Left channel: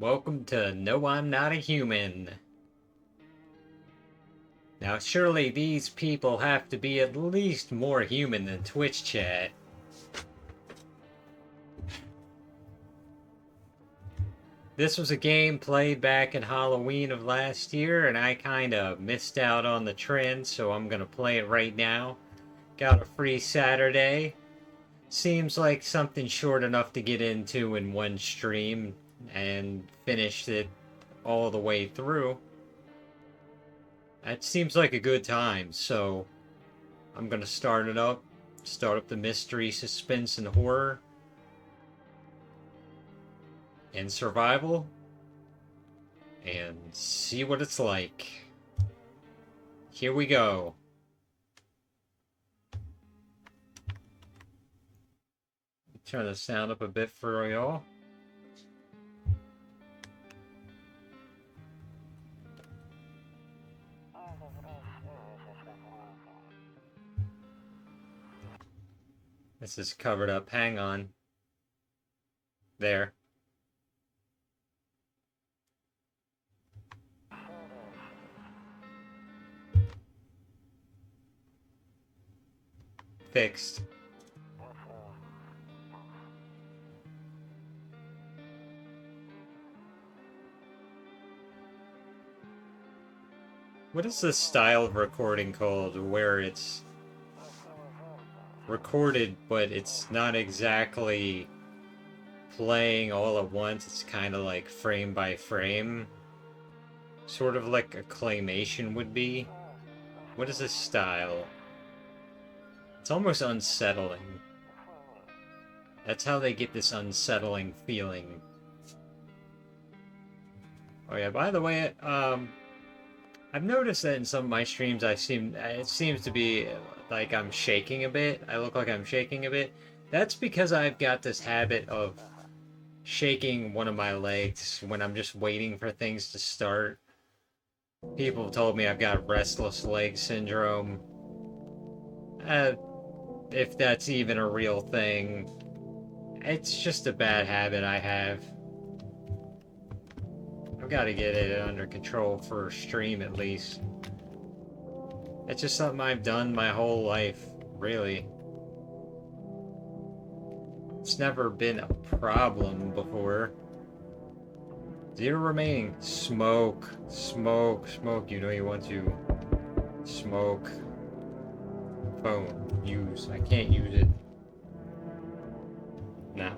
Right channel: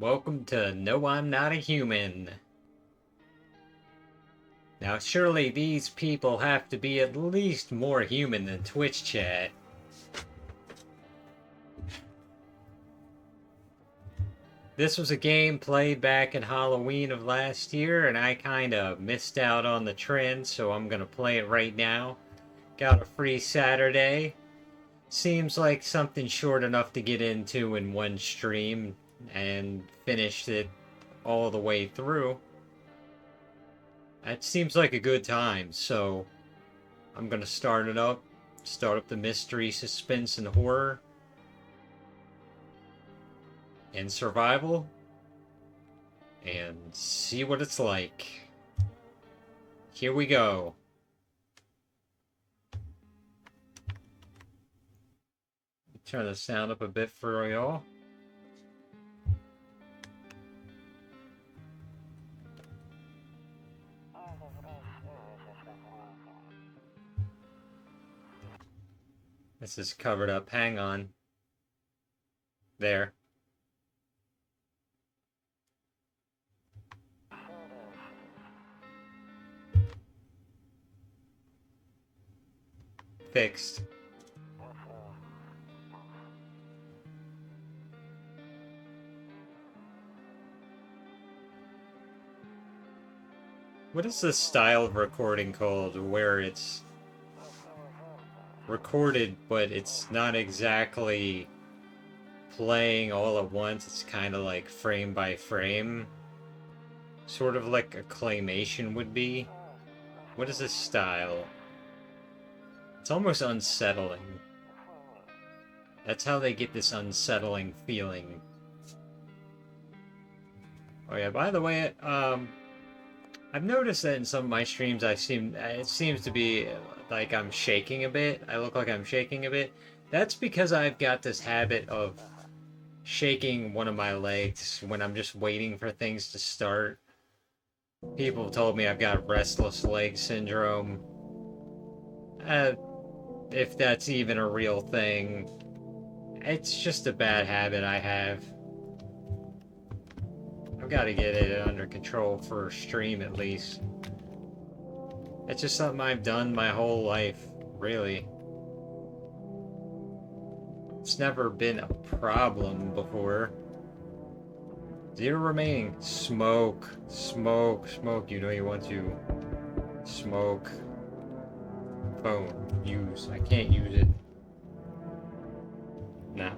Welcome to No, I'm Not a Human. Now, surely these people have to be at least more human than Twitch chat. This was a game played back in Halloween of last year, and I kinda missed out on the trend, so I'm gonna play it right now. Got a free Saturday. Seems like something short enough to get into in one stream, and finished it all the way through. That seems like a good time, so I'm gonna start up the mystery, suspense, and horror, and survival, and see what it's like. Here we go. Turn the sound up a bit for y'all. This is covered up. Hang on. There. Fixed. What is this style of recording called where it's recorded but it's not exactly playing all at once? It's kind of like frame by frame, sort of like a claymation would be. What is this style? It's almost unsettling. That's how they get this unsettling feeling. Oh yeah, by the way, I've noticed that in some of my streams it seems to be like I'm shaking a bit. I look like I'm shaking a bit. That's because I've got this habit of shaking one of my legs when I'm just waiting for things to start. People have told me I've got restless leg syndrome. Uh, if that's even a real thing, it's just a bad habit I have. I've got to get it under control for stream at least. It's just something I've done my whole life, really. It's never been a problem before. Zero remaining. Smoke, smoke, smoke. You know you want to smoke. Phone. Use. I can't use it. Now,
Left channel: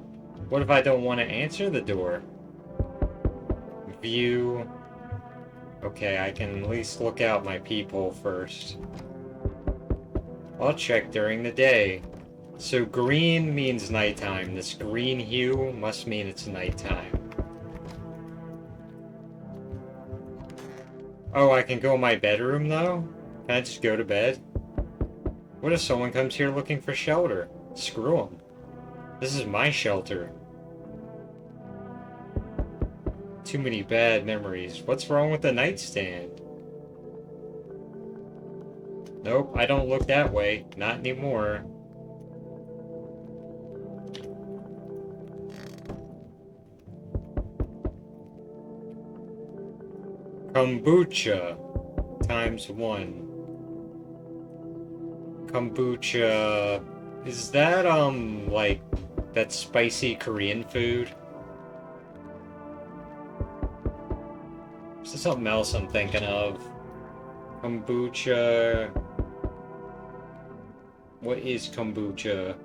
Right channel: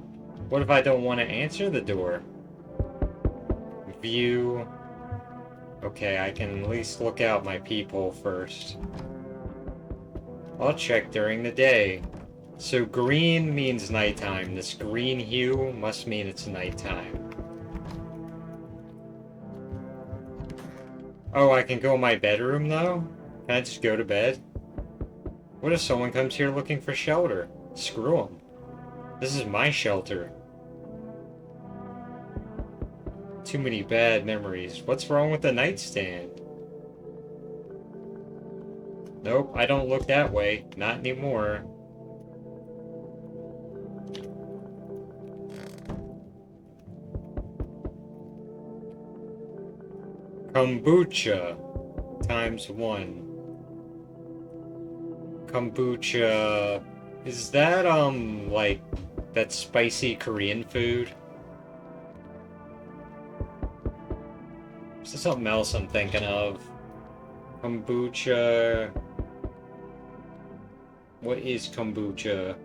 what if I don't want to answer the door? View. Okay, I can at least look out my people first. I'll check during the day. So green means nighttime. This green hue must mean it's nighttime. Oh, I can go in my bedroom though? Can I just go to bed? What if someone comes here looking for shelter? Screw them. This is my shelter. Too many bad memories. What's wrong with the nightstand? Nope, I don't look that way. Not anymore. Kombucha times 1. Kombucha. Is that, like, that spicy Korean food? Is there something else I'm thinking of? Kombucha. What is kombucha?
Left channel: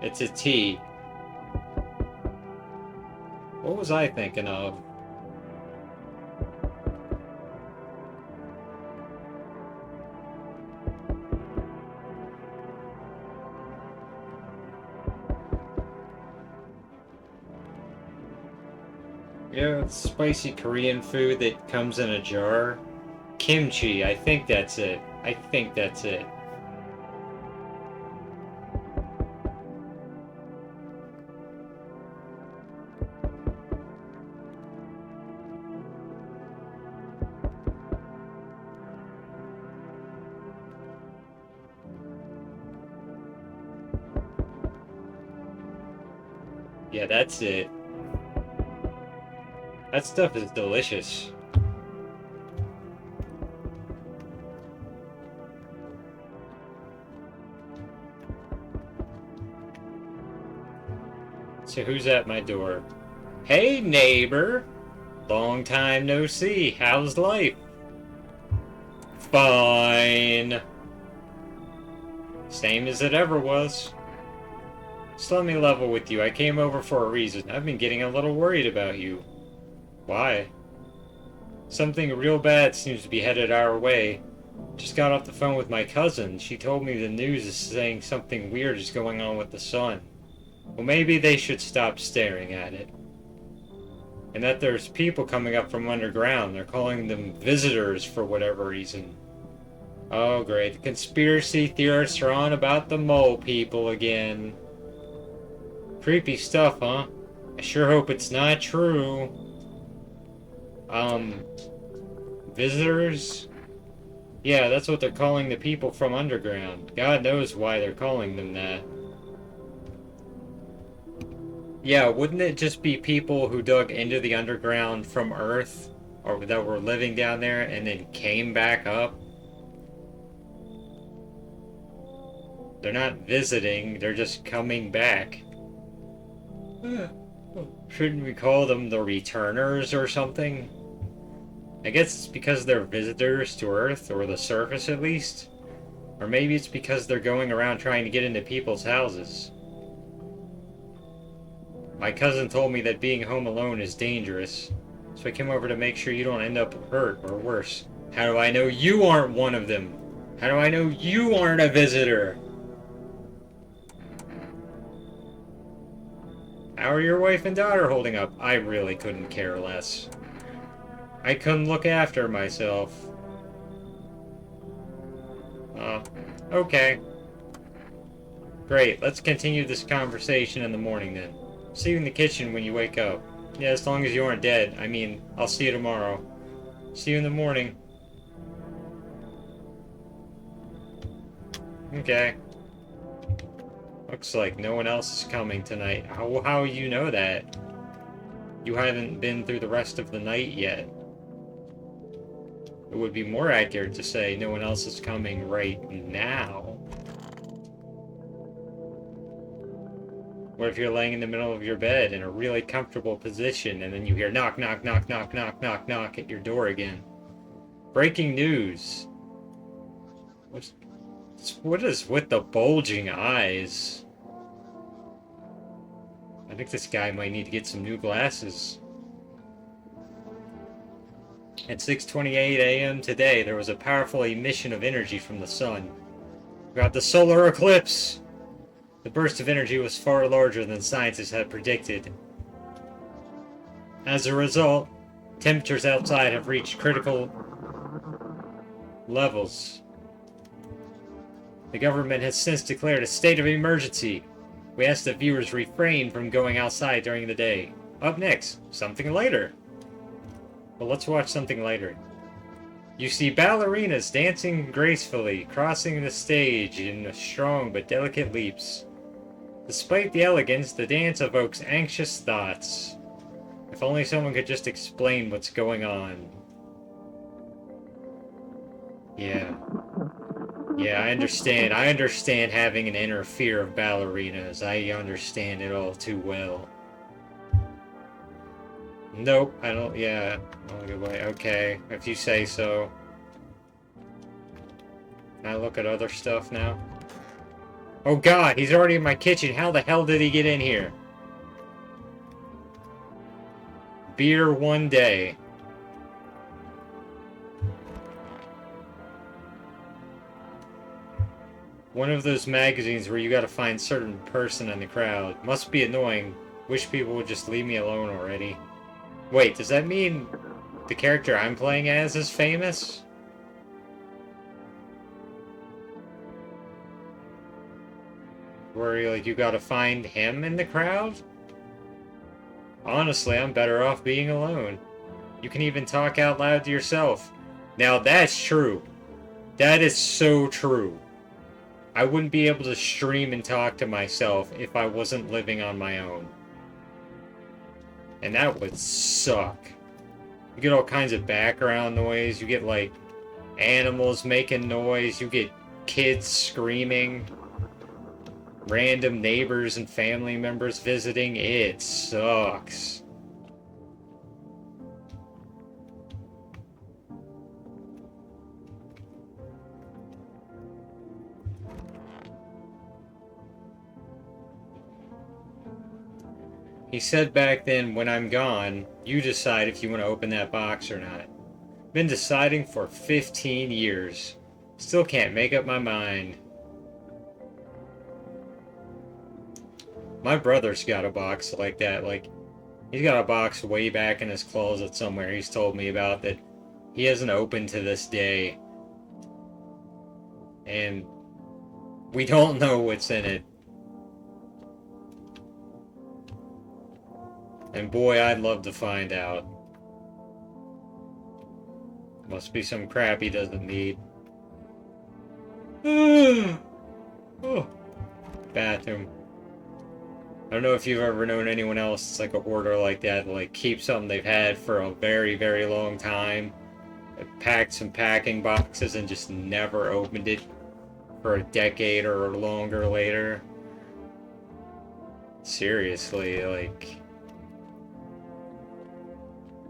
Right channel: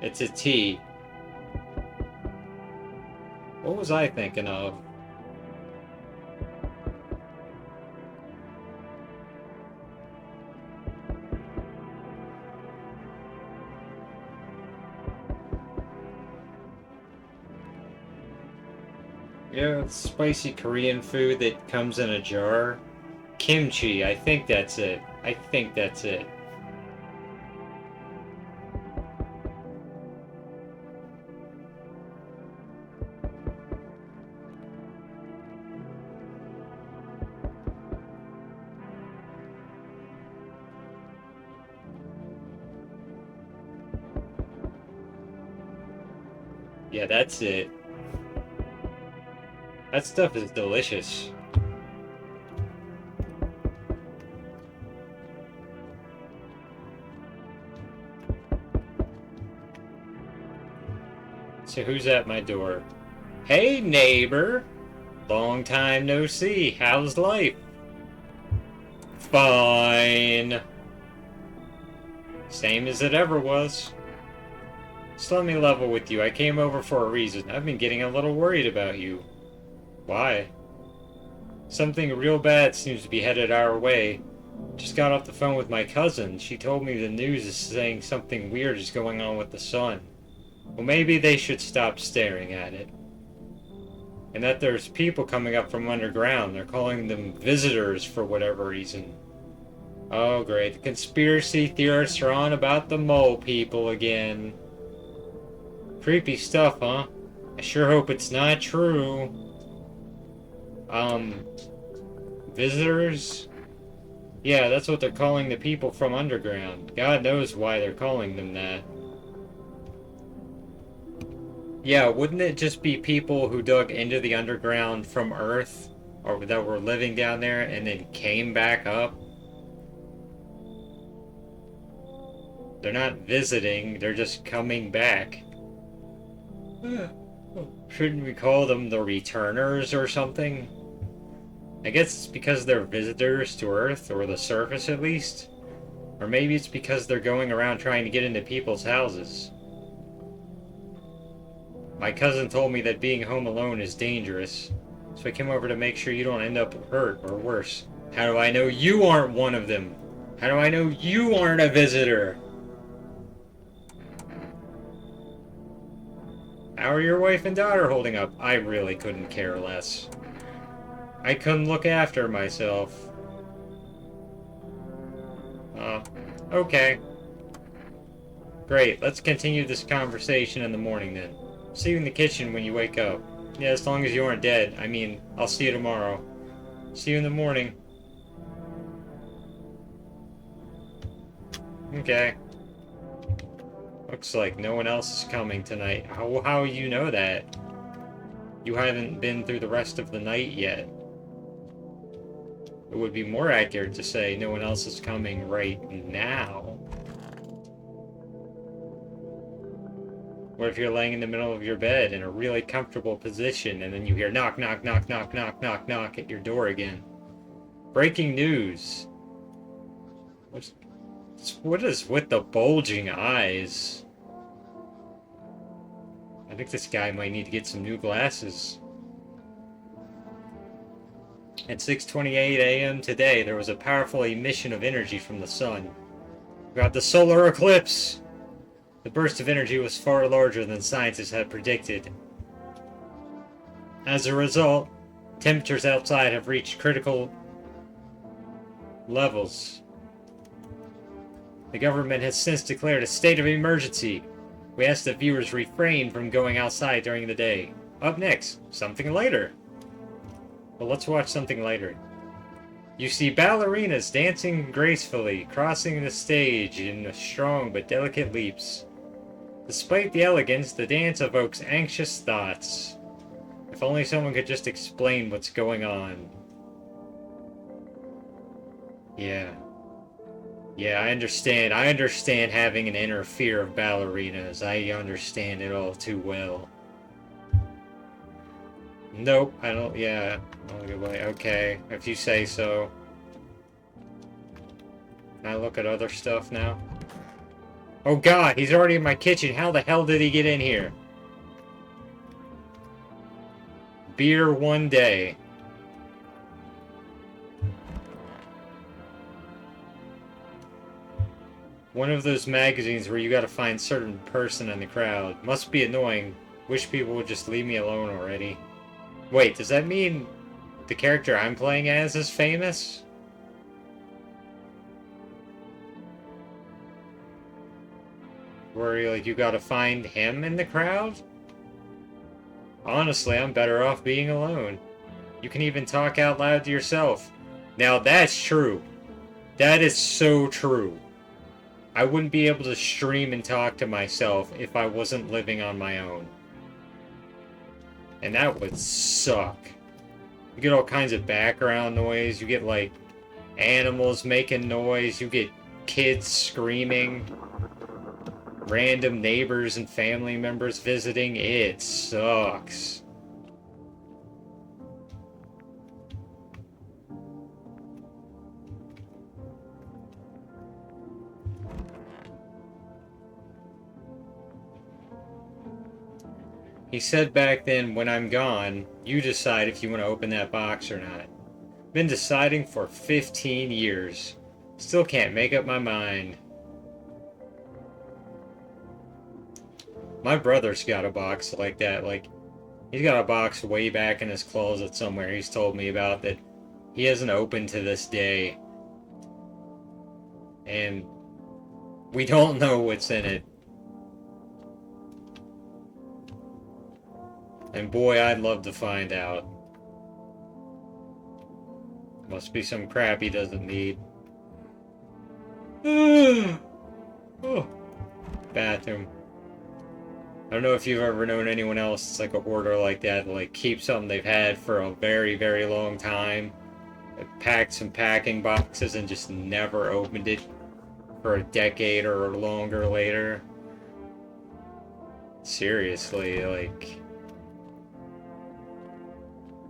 It's a tea. What was I thinking of? Yeah, it's spicy Korean food that comes in a jar. Kimchi, I think that's it. I think that's it. Yeah, that's it. That stuff is delicious. So who's at my door? Hey, neighbor. Long time no see. How's life? Fine. Same as it ever was. Just let me level with you. I came over for a reason. I've been getting a little worried about you. Why? Something real bad seems to be headed our way. Just got off the phone with my cousin. She told me the news is saying something weird is going on with the sun. Well, maybe they should stop staring at it. And that there's people coming up from underground. They're calling them visitors for whatever reason. Oh, great. The conspiracy theorists are on about the mole people again. Creepy stuff, huh? I sure hope it's not true. Visitors? Yeah, that's what they're calling the people from underground. God knows why they're calling them that. Yeah, wouldn't it just be people who dug into the underground from Earth, or that were living down there and then came back up? They're not visiting, they're just coming back. Shouldn't we call them the returners or something? I guess it's because they're visitors to Earth, or the surface at least. Or maybe it's because they're going around trying to get into people's houses. My cousin told me that being home alone is dangerous, so I came over to make sure you don't end up hurt or worse. How do I know you aren't one of them? How do I know you aren't a visitor? How are your wife and daughter holding up? I really couldn't care less. I couldn't look after myself. Okay. Great, let's continue this conversation in the morning then. See you in the kitchen when you wake up. Yeah, as long as you aren't dead. I mean, I'll see you tomorrow. See you in the morning. Okay. Looks like no one else is coming tonight. How you know that? You haven't been through the rest of the night yet. It would be more accurate to say no one else is coming right now. What if you're laying in the middle of your bed in a really comfortable position and then you hear knock, knock, knock, knock, knock, knock, knock at your door again? Breaking news. What is with the bulging eyes? I think this guy might need to get some new glasses. At 6:28 a.m. today, there was a powerful emission of energy from the sun. We got the solar eclipse! The burst of energy was far larger than scientists had predicted. As a result, temperatures outside have reached critical levels. The government has since declared a state of emergency. We ask that viewers refrain from going outside during the day. Up next, something lighter. Well, let's watch something lighter. You see ballerinas dancing gracefully, crossing the stage in strong but delicate leaps. Despite the elegance, the dance evokes anxious thoughts. If only someone could just explain what's going on. Yeah. Yeah, I understand. I understand having an inner fear of ballerinas. I understand it all too well. Nope, I don't. Yeah, okay, if you say so. Can I look at other stuff now? Oh god, he's already in my kitchen. How the hell did he get in here? Beer one day. One of those magazines where you gotta find a certain person in the crowd. Must be annoying. Wish people would just leave me alone already. Wait, does that mean the character I'm playing as is famous? Where you gotta find him in the crowd? Honestly, I'm better off being alone. You can even talk out loud to yourself. Now that's true. That is so true. I wouldn't be able to stream and talk to myself if I wasn't living on my own. And that would suck. You get all kinds of background noise. You get like animals making noise. You get kids screaming. Random neighbors and family members visiting. It sucks. He said back then, when I'm gone, you decide if you want to open that box or not. Been deciding for 15 years. Still can't make up my mind. My brother's got a box like that. Like, he's got a box way back in his closet somewhere he's told me about that he hasn't opened to this day. And we don't know what's in it. And boy, I'd love to find out. Must be some crap he doesn't need. Oh, bathroom. I don't know if you've ever known anyone else that's like a hoarder like that, like keep something they've had for a very, very long time, packed some packing boxes and just never opened it for a decade or longer later. Seriously, like,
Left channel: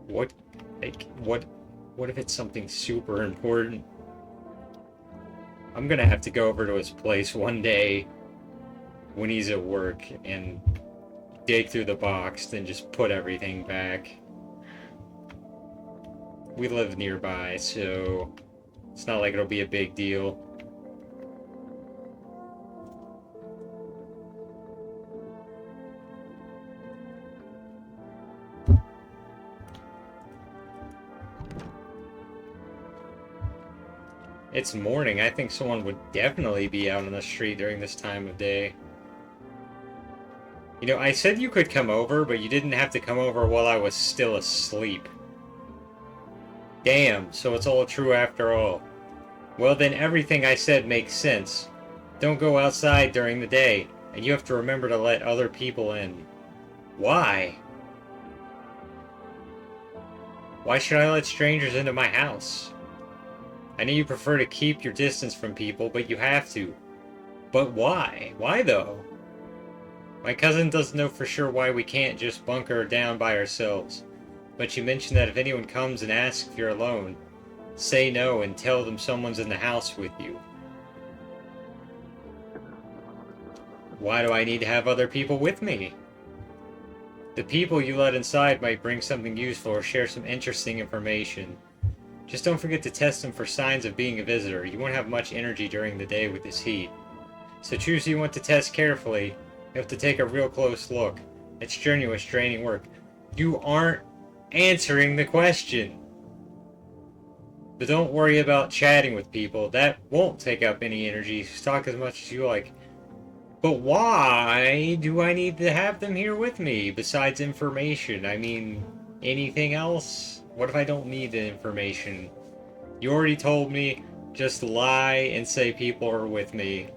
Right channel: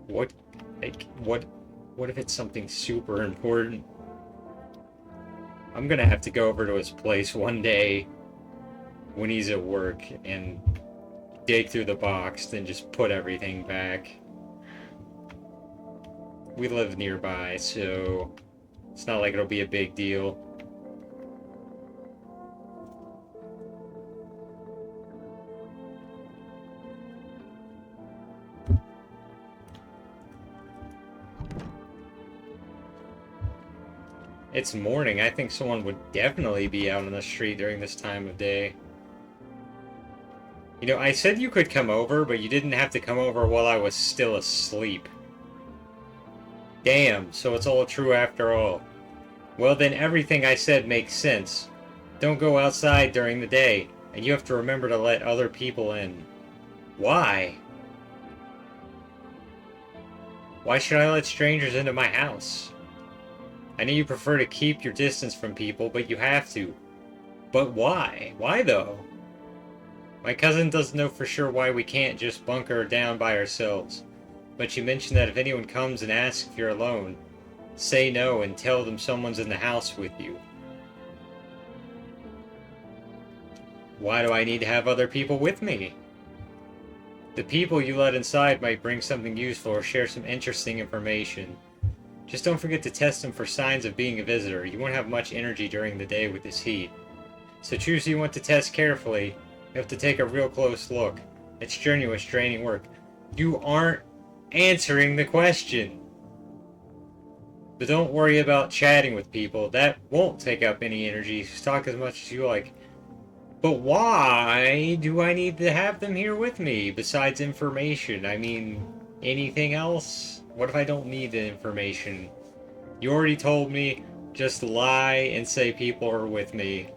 what if it's something super important? I'm gonna have to go over to his place one day when he's at work and dig through the box, then just put everything back. We live nearby, so it's not like it'll be a big deal. It's morning. I think someone would definitely be out on the street during this time of day. You know, I said you could come over, but you didn't have to come over while I was still asleep. Damn, so it's all true after all. Well, then everything I said makes sense. Don't go outside during the day, and you have to remember to let other people in. Why? Why should I let strangers into my house? I know you prefer to keep your distance from people, but you have to. But why? Why though? My cousin doesn't know for sure why we can't just bunker down by ourselves, but you mentioned that if anyone comes and asks if you're alone, say no and tell them someone's in the house with you. Why do I need to have other people with me? The people you let inside might bring something useful or share some interesting information. Just don't forget to test them for signs of being a visitor. You won't have much energy during the day with this heat. So choose who you want to test carefully. You have to take a real close look. It's strenuous, draining work. You aren't answering the question. But don't worry about chatting with people. That won't take up any energy. Just talk as much as you like. But why do I need to have them here with me, besides information? I mean, anything else? What if I don't need the information? You already told me, just lie and say people are with me.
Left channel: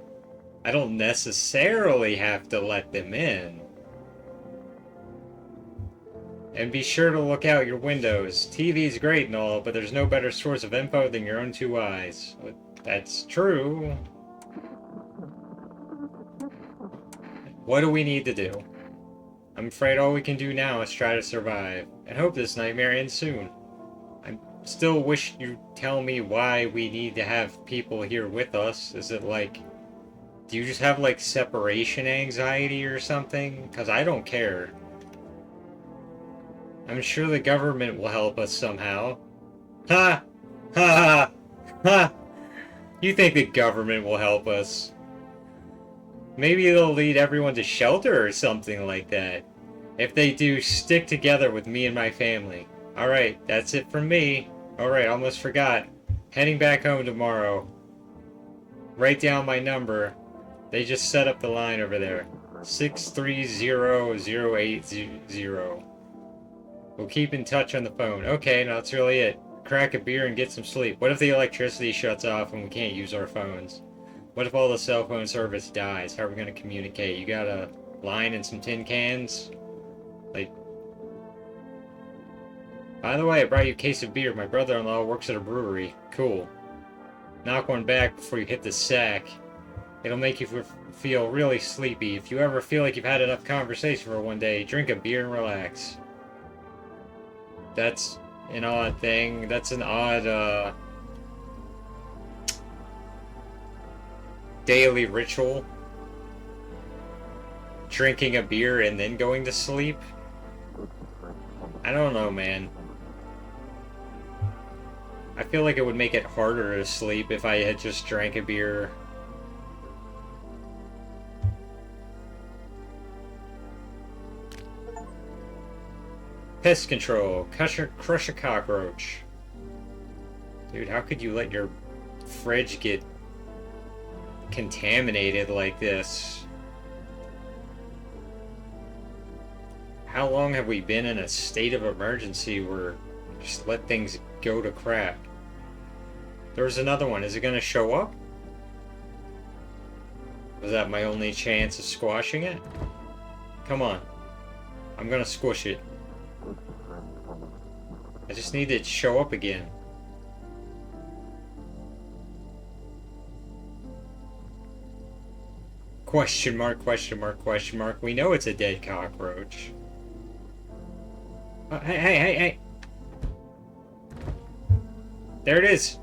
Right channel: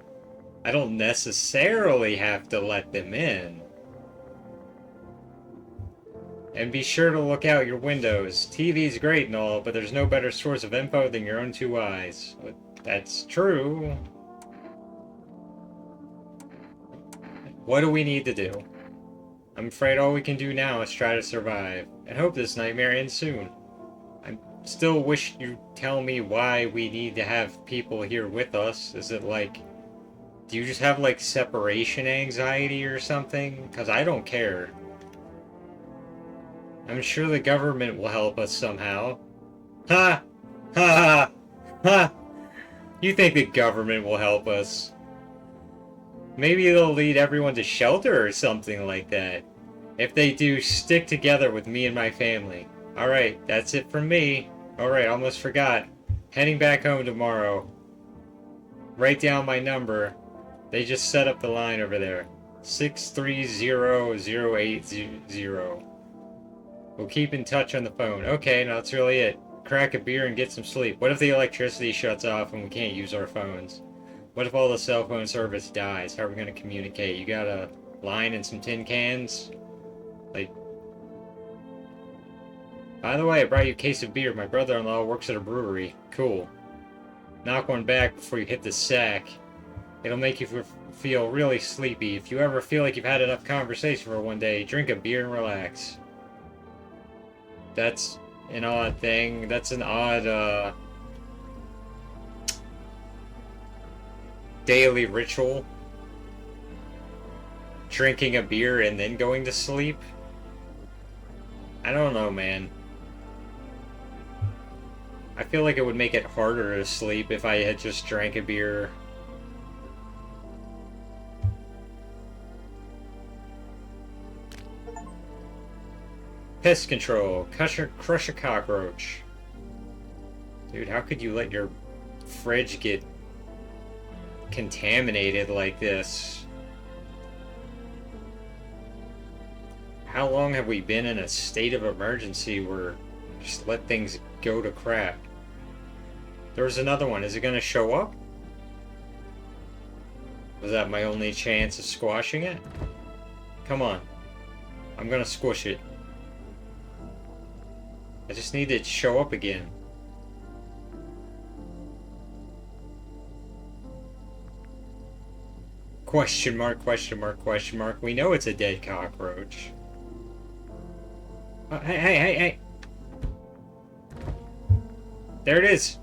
I don't necessarily have to let them in. And be sure to look out your windows. TV's great and all, but there's no better source of info than your own two eyes. But that's true. What do we need to do? I'm afraid all we can do now is try to survive, and hope this nightmare ends soon. I still wish you'd tell me why we need to have people here with us. Is it like, do you just have like separation anxiety or something? Because I don't care. I'm sure the government will help us somehow. Ha! Ha! Ha! You think the government will help us? Maybe they'll lead everyone to shelter or something like that. If they do, stick together with me and my family. Alright, that's it from me. Alright, almost forgot. Heading back home tomorrow. Write down my number. They just set up the line over there. 630-0800. We'll keep in touch on the phone. Okay, now that's really it. Crack a beer and get some sleep. What if the electricity shuts off and we can't use our phones? What if all the cell phone service dies? How are we going to communicate? You got a line and some tin cans? Like, By the way, I brought you a case of beer. My brother-in-law works at a brewery. Cool. Knock one back before you hit the sack. It'll make you feel really sleepy. If you ever feel like you've had enough conversation for one day, drink a beer and relax. That's an odd thing. That's an odd, daily ritual. Drinking a beer and then going to sleep? I don't know, man. I feel like it would make it harder to sleep if I had just drank a beer. Pest control. Crush a cockroach. Dude, how could you let your fridge get contaminated like this? How long have we been in a state of emergency where just let things go to crap? There's another one. Is it going to show up? Was that my only chance of squashing it? Come on. I'm going to squish it. I just need it to show up again. Question mark, question mark, question mark. We know it's a dead cockroach. Hey. There it is.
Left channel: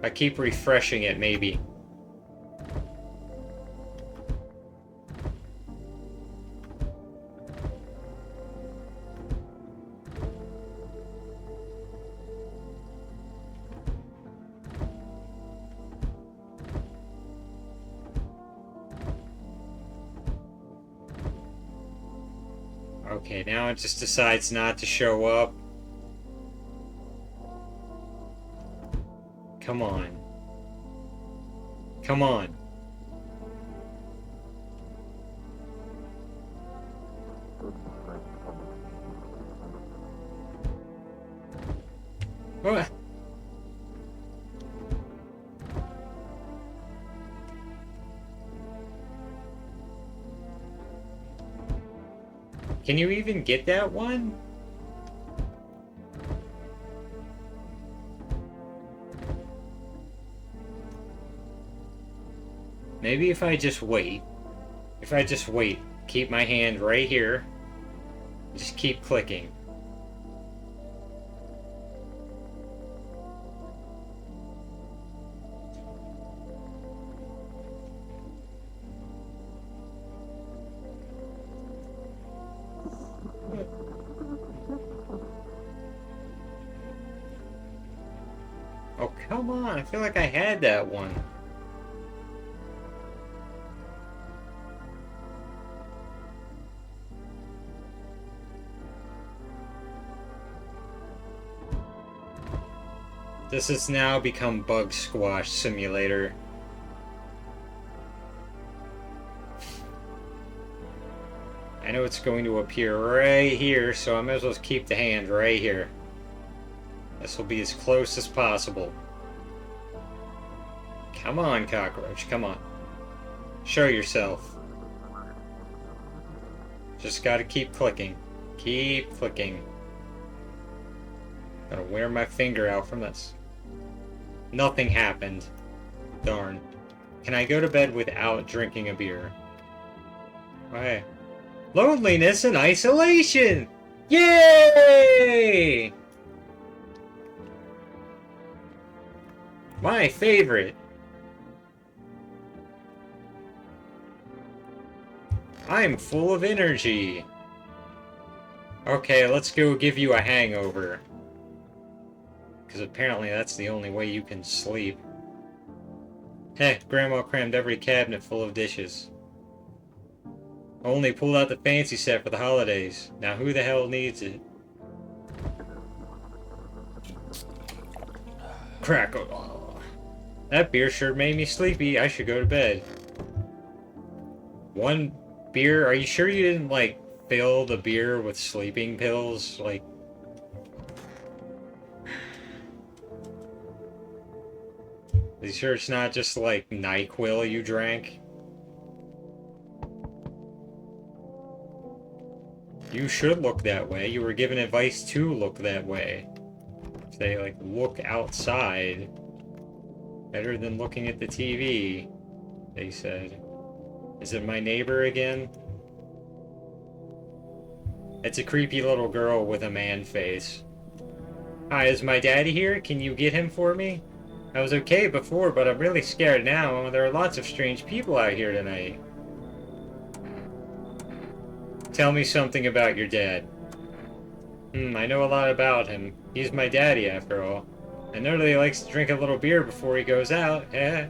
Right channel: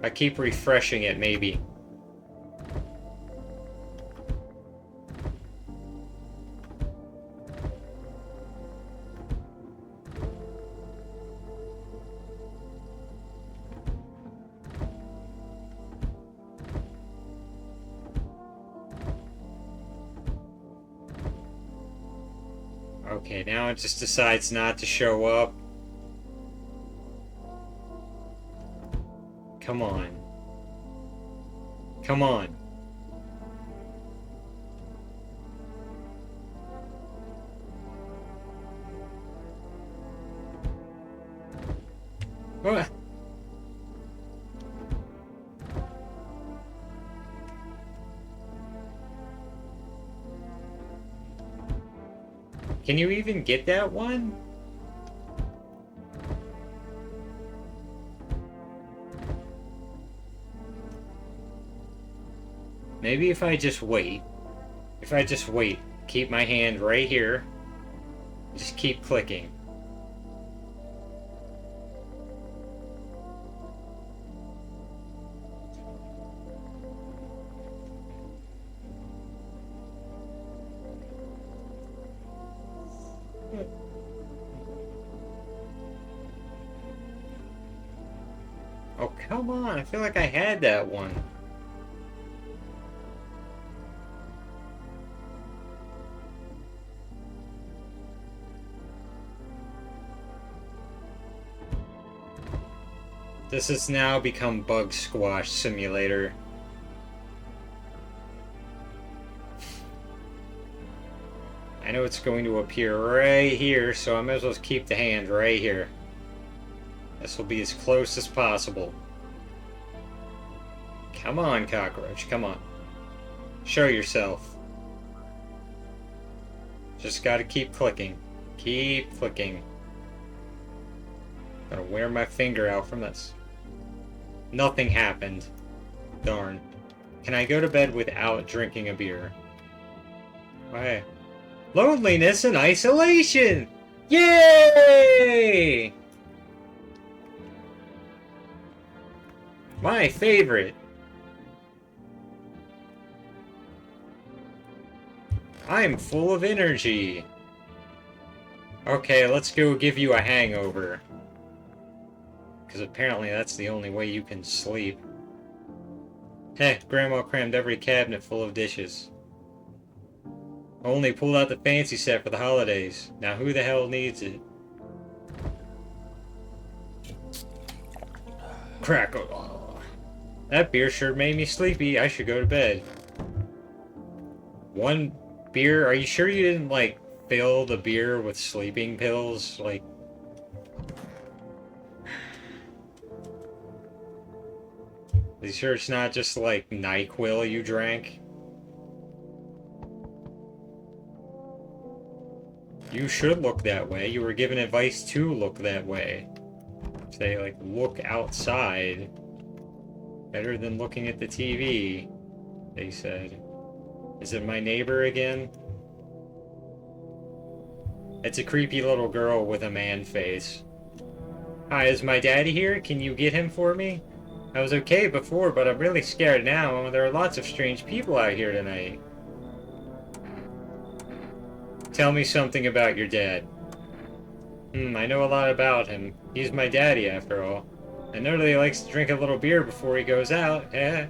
I keep refreshing it, maybe. Okay, now it just decides not to show up. Come on. Come on. What? Can you even get that one? Maybe if I just wait. If I just wait. Keep my hand right here. Just keep clicking. Oh, come on. I feel like I had that one. This has now become Bug Squash Simulator. I know it's going to appear right here, so I might as well keep the hand right here. This will be as close as possible. Come on, cockroach, come on. Show yourself. Just gotta keep clicking. Keep clicking. Gotta wear my finger out from this. Nothing happened. Darn. Can I go to bed without drinking a beer? Okay. Loneliness and isolation! Yay! My favorite. I'm full of energy. Okay, let's go give you a hangover. Because apparently that's the only way you can sleep. Heh, Grandma crammed every cabinet full of dishes. Only pulled out the fancy set for the holidays. Now who the hell needs it? Crackle. That beer sure made me sleepy. I should go to bed. One beer? Are you sure you didn't, like, fill the beer with sleeping pills? Like... Are you sure it's not just, like, NyQuil you drank? You should look that way. You were given advice to look that way. Say, like, look outside. Better than looking at the TV, they said. Is it my neighbor again? It's a creepy little girl with a man face. Hi, is my daddy here? Can you get him for me? I was okay before, but I'm really scared now. There are lots of strange people out here tonight. Tell me something about your dad. I know a lot about him. He's my daddy, after all. I know that he likes to drink a little beer before he goes out. When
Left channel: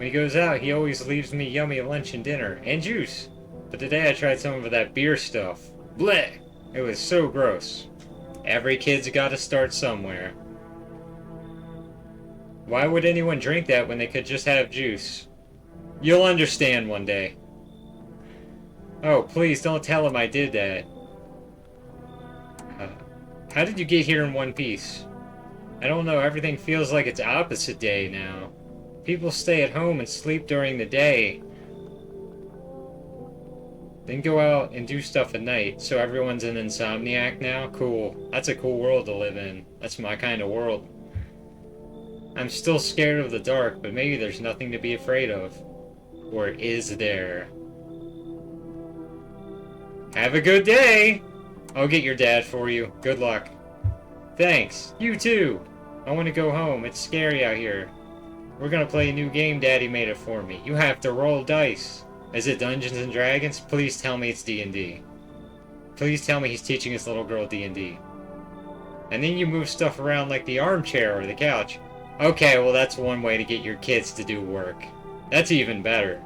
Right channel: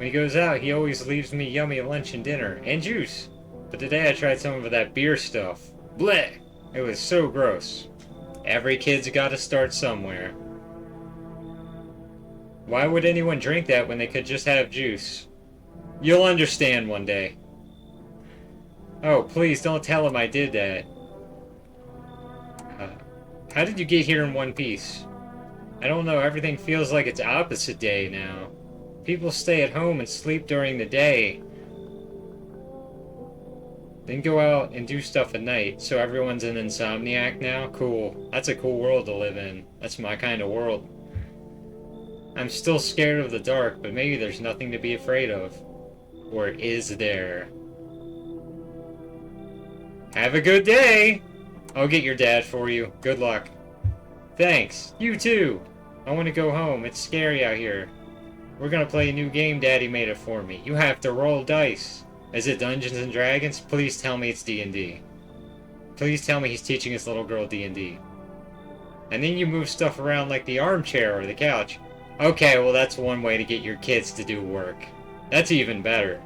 he goes out, he always leaves me yummy lunch and dinner. And juice. But today I tried some of that beer stuff. Blech! It was so gross. Every kid's gotta start somewhere. Why would anyone drink that when they could just have juice? You'll understand one day. Oh, please don't tell him I did that. How did you get here in one piece? I don't know, everything feels like it's opposite day now. People stay at home and sleep during the day. Then go out and do stuff at night, so everyone's an insomniac now? Cool. That's a cool world to live in. That's my kind of world. I'm still scared of the dark, but maybe there's nothing to be afraid of. Or is there? Have a good day! I'll get your dad for you. Good luck. Thanks. You too. I want to go home. It's scary out here. We're gonna play a new game Daddy made it for me. You have to roll dice. Is it Dungeons and Dragons? Please tell me it's D&D. Please tell me he's teaching his little girl D&D. And then you move stuff around like the armchair or the couch. Okay, well that's one way to get your kids to do work. That's even better.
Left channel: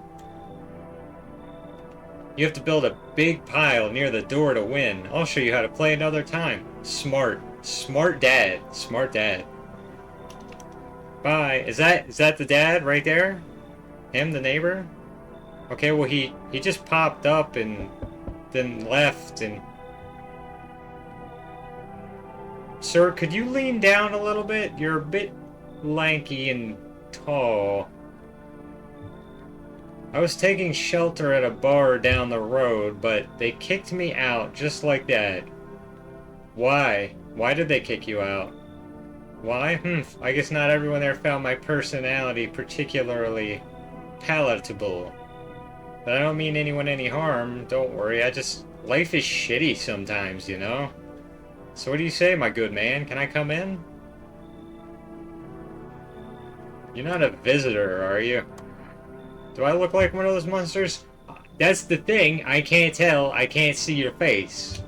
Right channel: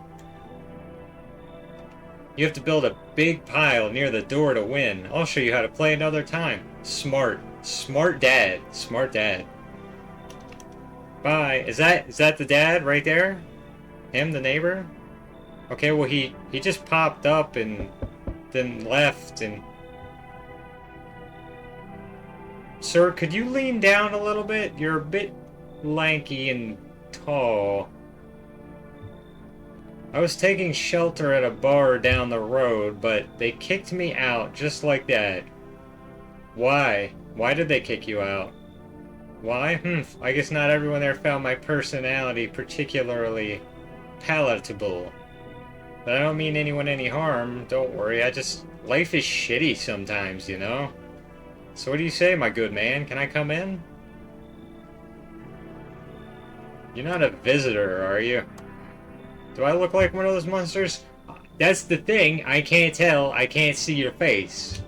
You have to build a big pile near the door to win. I'll show you how to play another time. Smart. Smart dad. Smart dad. Bye. Is that the dad right there? Him, the neighbor? Okay, well he just popped up and then left and... Sir, could you lean down a little bit? You're a bit lanky and tall. I was taking shelter at a bar down the road, but they kicked me out just like that. Why? Why did they kick you out? Why? I guess not everyone there found my personality particularly palatable. But I don't mean anyone any harm, don't worry, life is shitty sometimes, you know? So what do you say, my good man? Can I come in? You're not a visitor, are you? Do I look like one of those monsters? That's the thing, I can't tell, I can't see your face.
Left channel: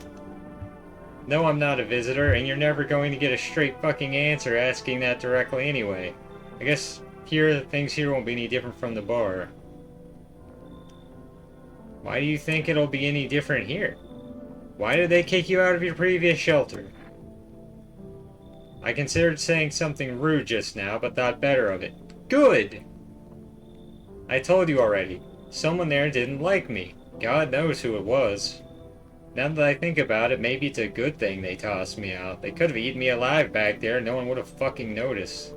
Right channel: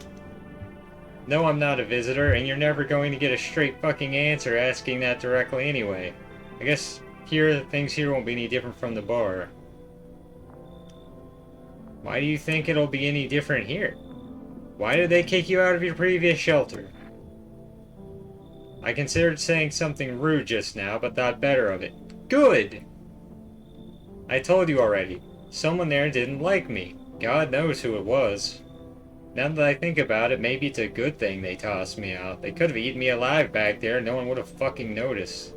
No, I'm not a visitor, and you're never going to get a straight fucking answer asking that directly anyway. I guess things here won't be any different from the bar. Why do you think it'll be any different here? Why did they kick you out of your previous shelter? I considered saying something rude just now, but thought better of it. Good! I told you already. Someone there didn't like me. God knows who it was. Now that I think about it, maybe it's a good thing they tossed me out. They could have eaten me alive back there, no one would have fucking noticed.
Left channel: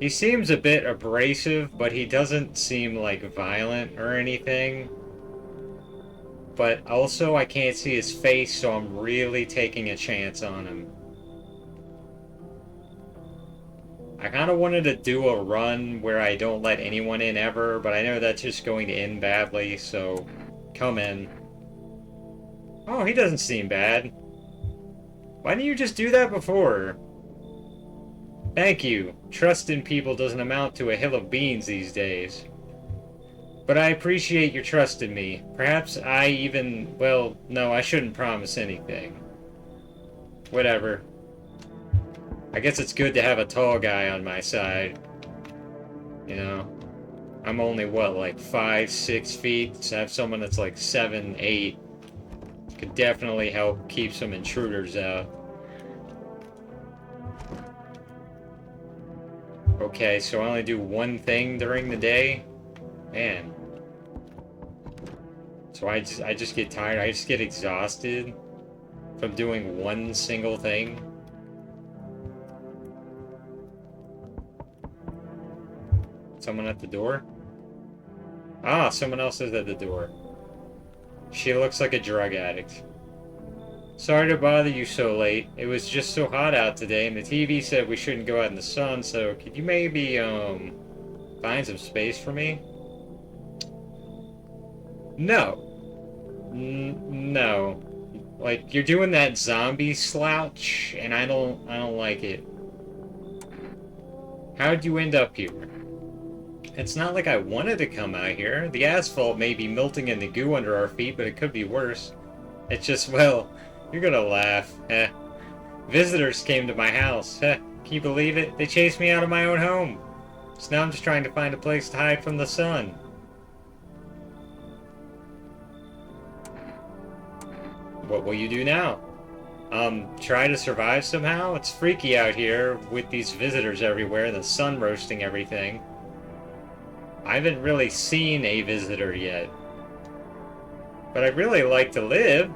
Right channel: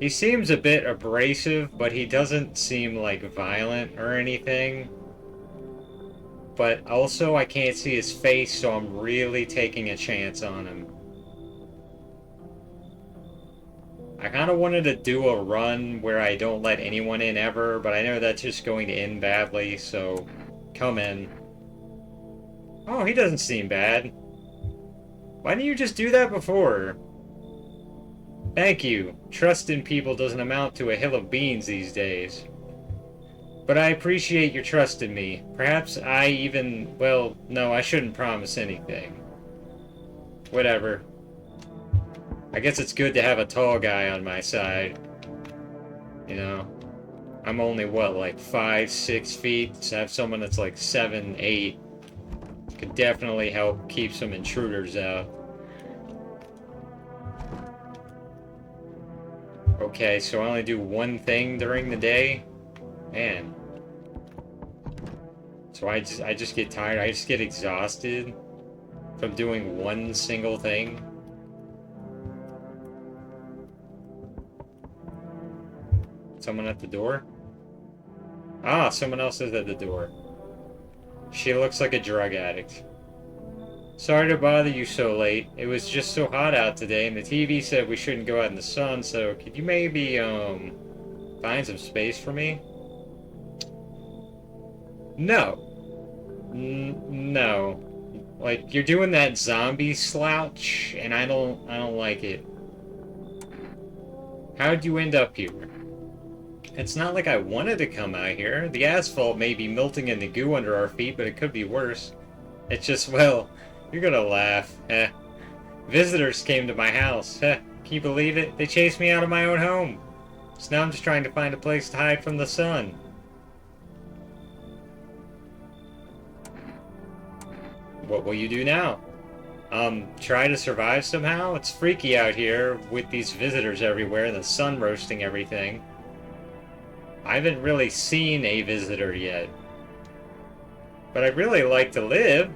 He seems a bit abrasive, but he doesn't seem, like, violent or anything. But also, I can't see his face, so I'm really taking a chance on him. I kind of wanted to do a run where I don't let anyone in ever, but I know that's just going to end badly, so come in. Oh, he doesn't seem bad. Why didn't you just do that before? Thank you. Trust in people doesn't amount to a hill of beans these days. But I appreciate your trust in me. Perhaps well, no, I shouldn't promise anything. Whatever. I guess it's good to have a tall guy on my side. You know? I'm only, like 5, 6 feet, so have someone that's like 7, 8 could definitely help keep some intruders out. Okay, so I only do one thing during the day? Man. So I just get tired, I just get exhausted from doing one single thing. Someone at the door? Ah, someone else is at the door. She looks like a drug addict. Sorry to bother you so late. It was just so hot out today, and the TV said we shouldn't go out in the sun, so could you maybe, find some space for me? No. No. Like, you're doing that zombie slouch, and I don't like it. How'd you end up here? It's not like I wanted to come out here. The asphalt may be melting in the goo under our feet, but it could be worse. It's just, well, you're gonna laugh. Visitors came to my house. Can you believe it? They chased me out of my own home. So now I'm just trying to find a place to hide from the sun. What will you do now? Try to survive somehow? It's freaky out here with these visitors everywhere and the sun roasting everything. I haven't really seen a visitor yet. But I'd really like to live.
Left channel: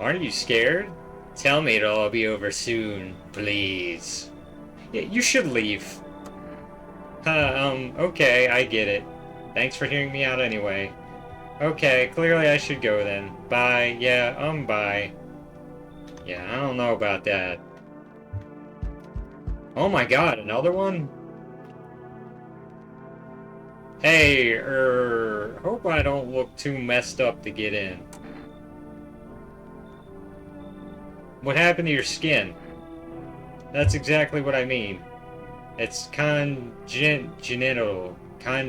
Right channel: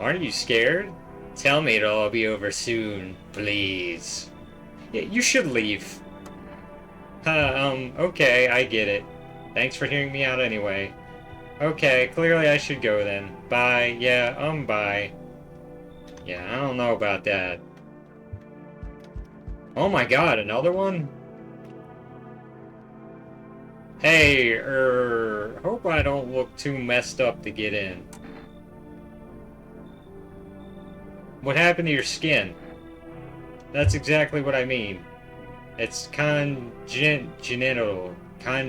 Aren't you scared? Tell me it'll all be over soon, please. Yeah, you should leave. Okay, I get it. Thanks for hearing me out anyway. Okay, clearly I should go then. Bye. Yeah, bye. Yeah, I don't know about that. Oh my god, another one? Hey, hope I don't look too messed up to get in. What happened to your skin? That's exactly what I mean. It's congenital. How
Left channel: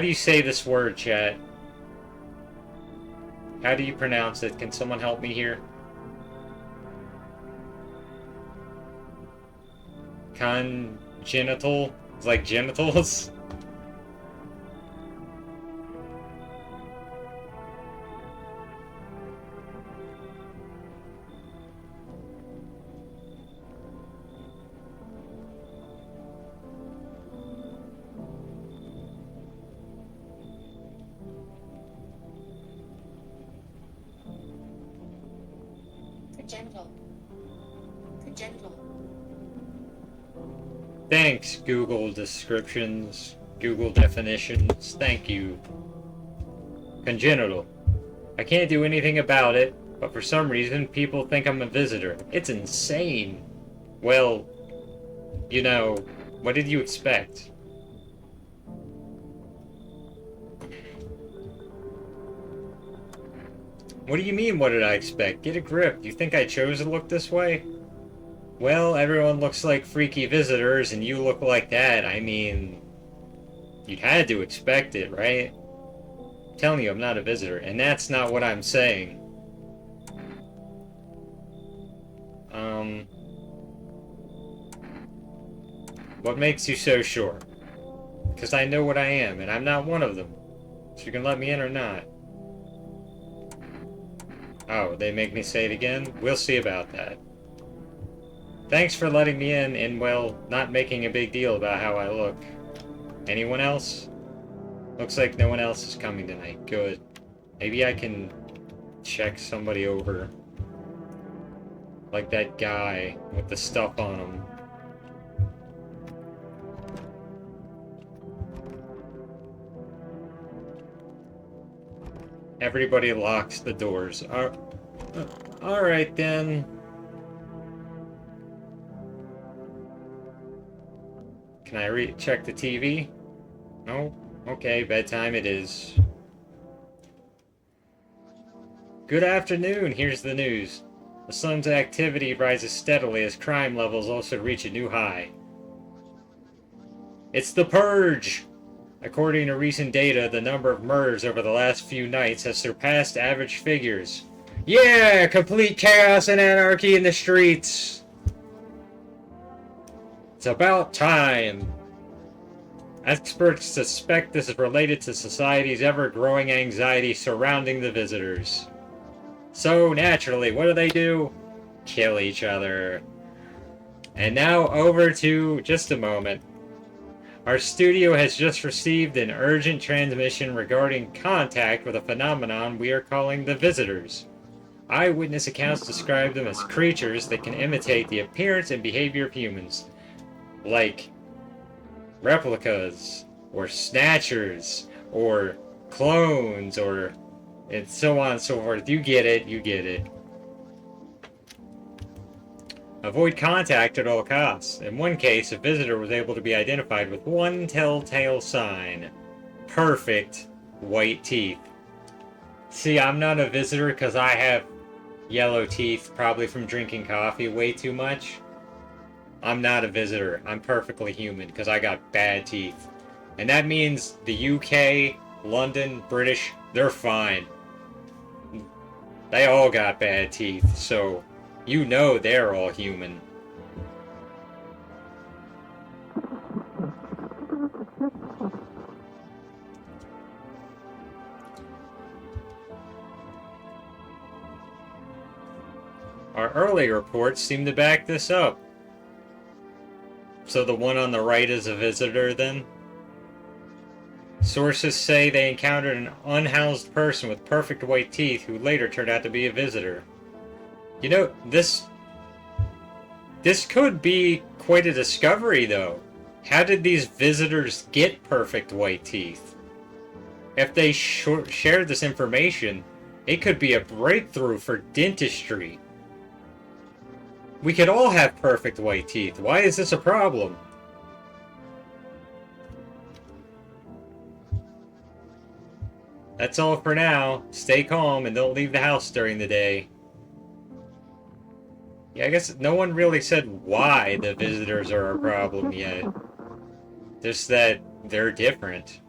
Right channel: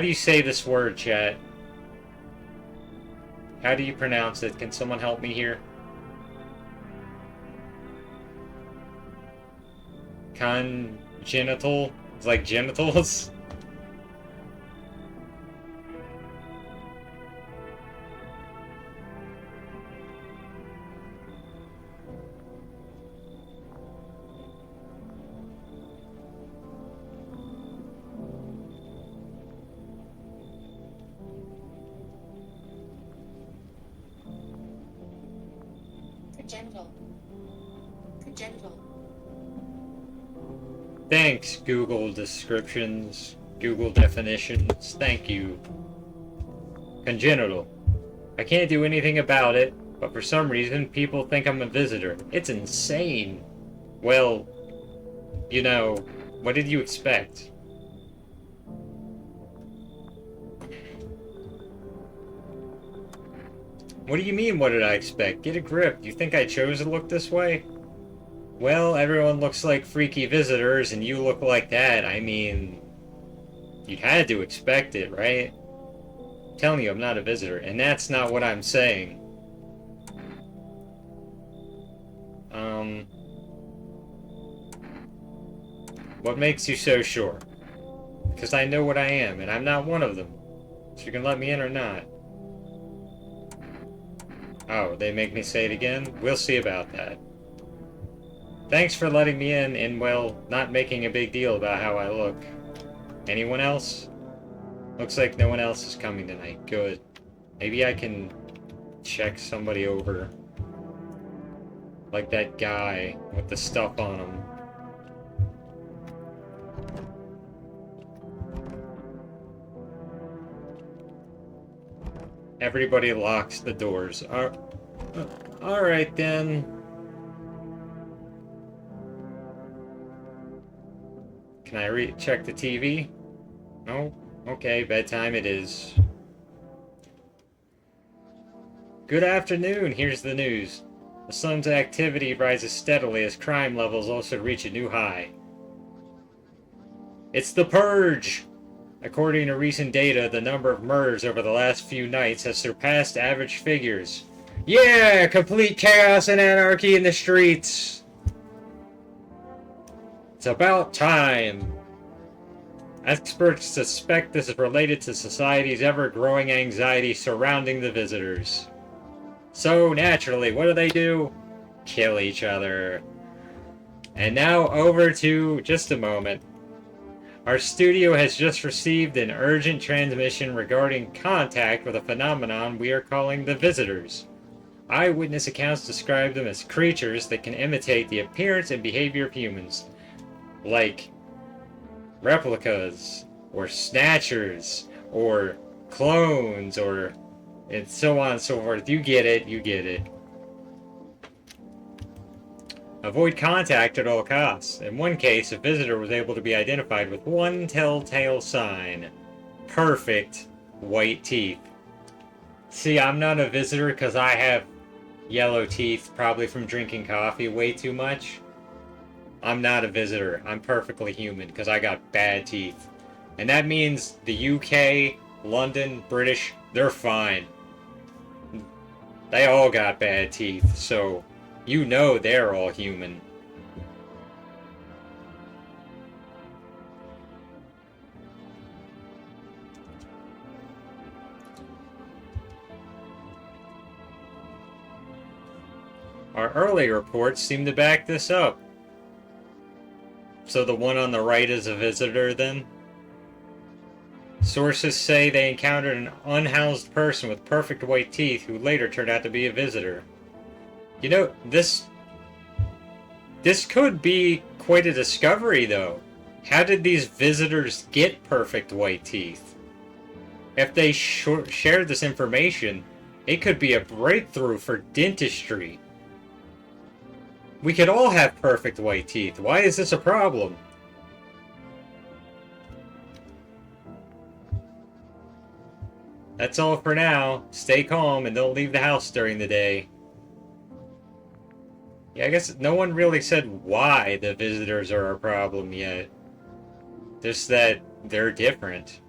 do you say this word, chat? How do you pronounce it? Can someone help me here? Congenital? It's like genitals? Congenital. Thanks, Google descriptions, Google definitions, thank you. Congenital. I can't do anything about it, but for some reason people think I'm a visitor. It's insane. Well, you know, what did you expect? What do you mean, what did I expect? Get a grip. Do you think I chose to look this way? Well, everyone looks like freaky visitors, and you look like that. I mean, you'd had to expect it, right? I'm telling you, I'm not a visitor, and that's not what I'm saying. What makes you so sure? Because I know what I am, and I'm not one of them. So you can let me in or not. Oh, they make me say it again? We'll see about that. Thanks for letting me in and, well, not making a big deal about how I look. Anyone else? Looks like no one else is coming tonight. Good. Maybe I can check somebody over. Like that guy with the stuff on him. Everybody locks the doors. Alright then. Can I check the TV? No? Okay, bedtime it is. Good afternoon, here's the news. The sun's activity rises steadily as crime levels also reach a new high. It's the Purge! According to recent data, the number of murders over the last few nights has surpassed average figures. Yeah! Complete chaos and anarchy in the streets! It's about time. Experts suspect this is related to society's ever-growing anxiety surrounding the visitors. So, naturally, what do? Kill each other. And now over to just a moment. Our studio has just received an urgent transmission regarding contact with a phenomenon we are calling the visitors. Eyewitness accounts describe them as creatures that can imitate the appearance and behavior of humans, like replicas, or snatchers, or clones, or and so on and so forth. You get it, you get it. Avoid contact at all costs. In one case, a visitor was able to be identified with one telltale sign. Perfect white teeth. See, I'm not a visitor because I have yellow teeth, probably from drinking coffee way too much. I'm not a visitor. I'm perfectly human because I got bad teeth. And that means the UK, London, British, they're fine. They all got bad teeth, so you know they're all human. Our early reports seem to back this up. So the one on the right is a visitor then? Sources say they encountered an unhoused person with perfect white teeth who later turned out to be a visitor. You know, this could be quite a discovery, though. How did these visitors get perfect white teeth? If they shared this information, it could be a breakthrough for dentistry. We could all have perfect white teeth. Why is this a problem? That's all for now. Stay calm and don't leave the house during the day. Yeah, I guess no one really said why the visitors are a problem yet. Just that they're different.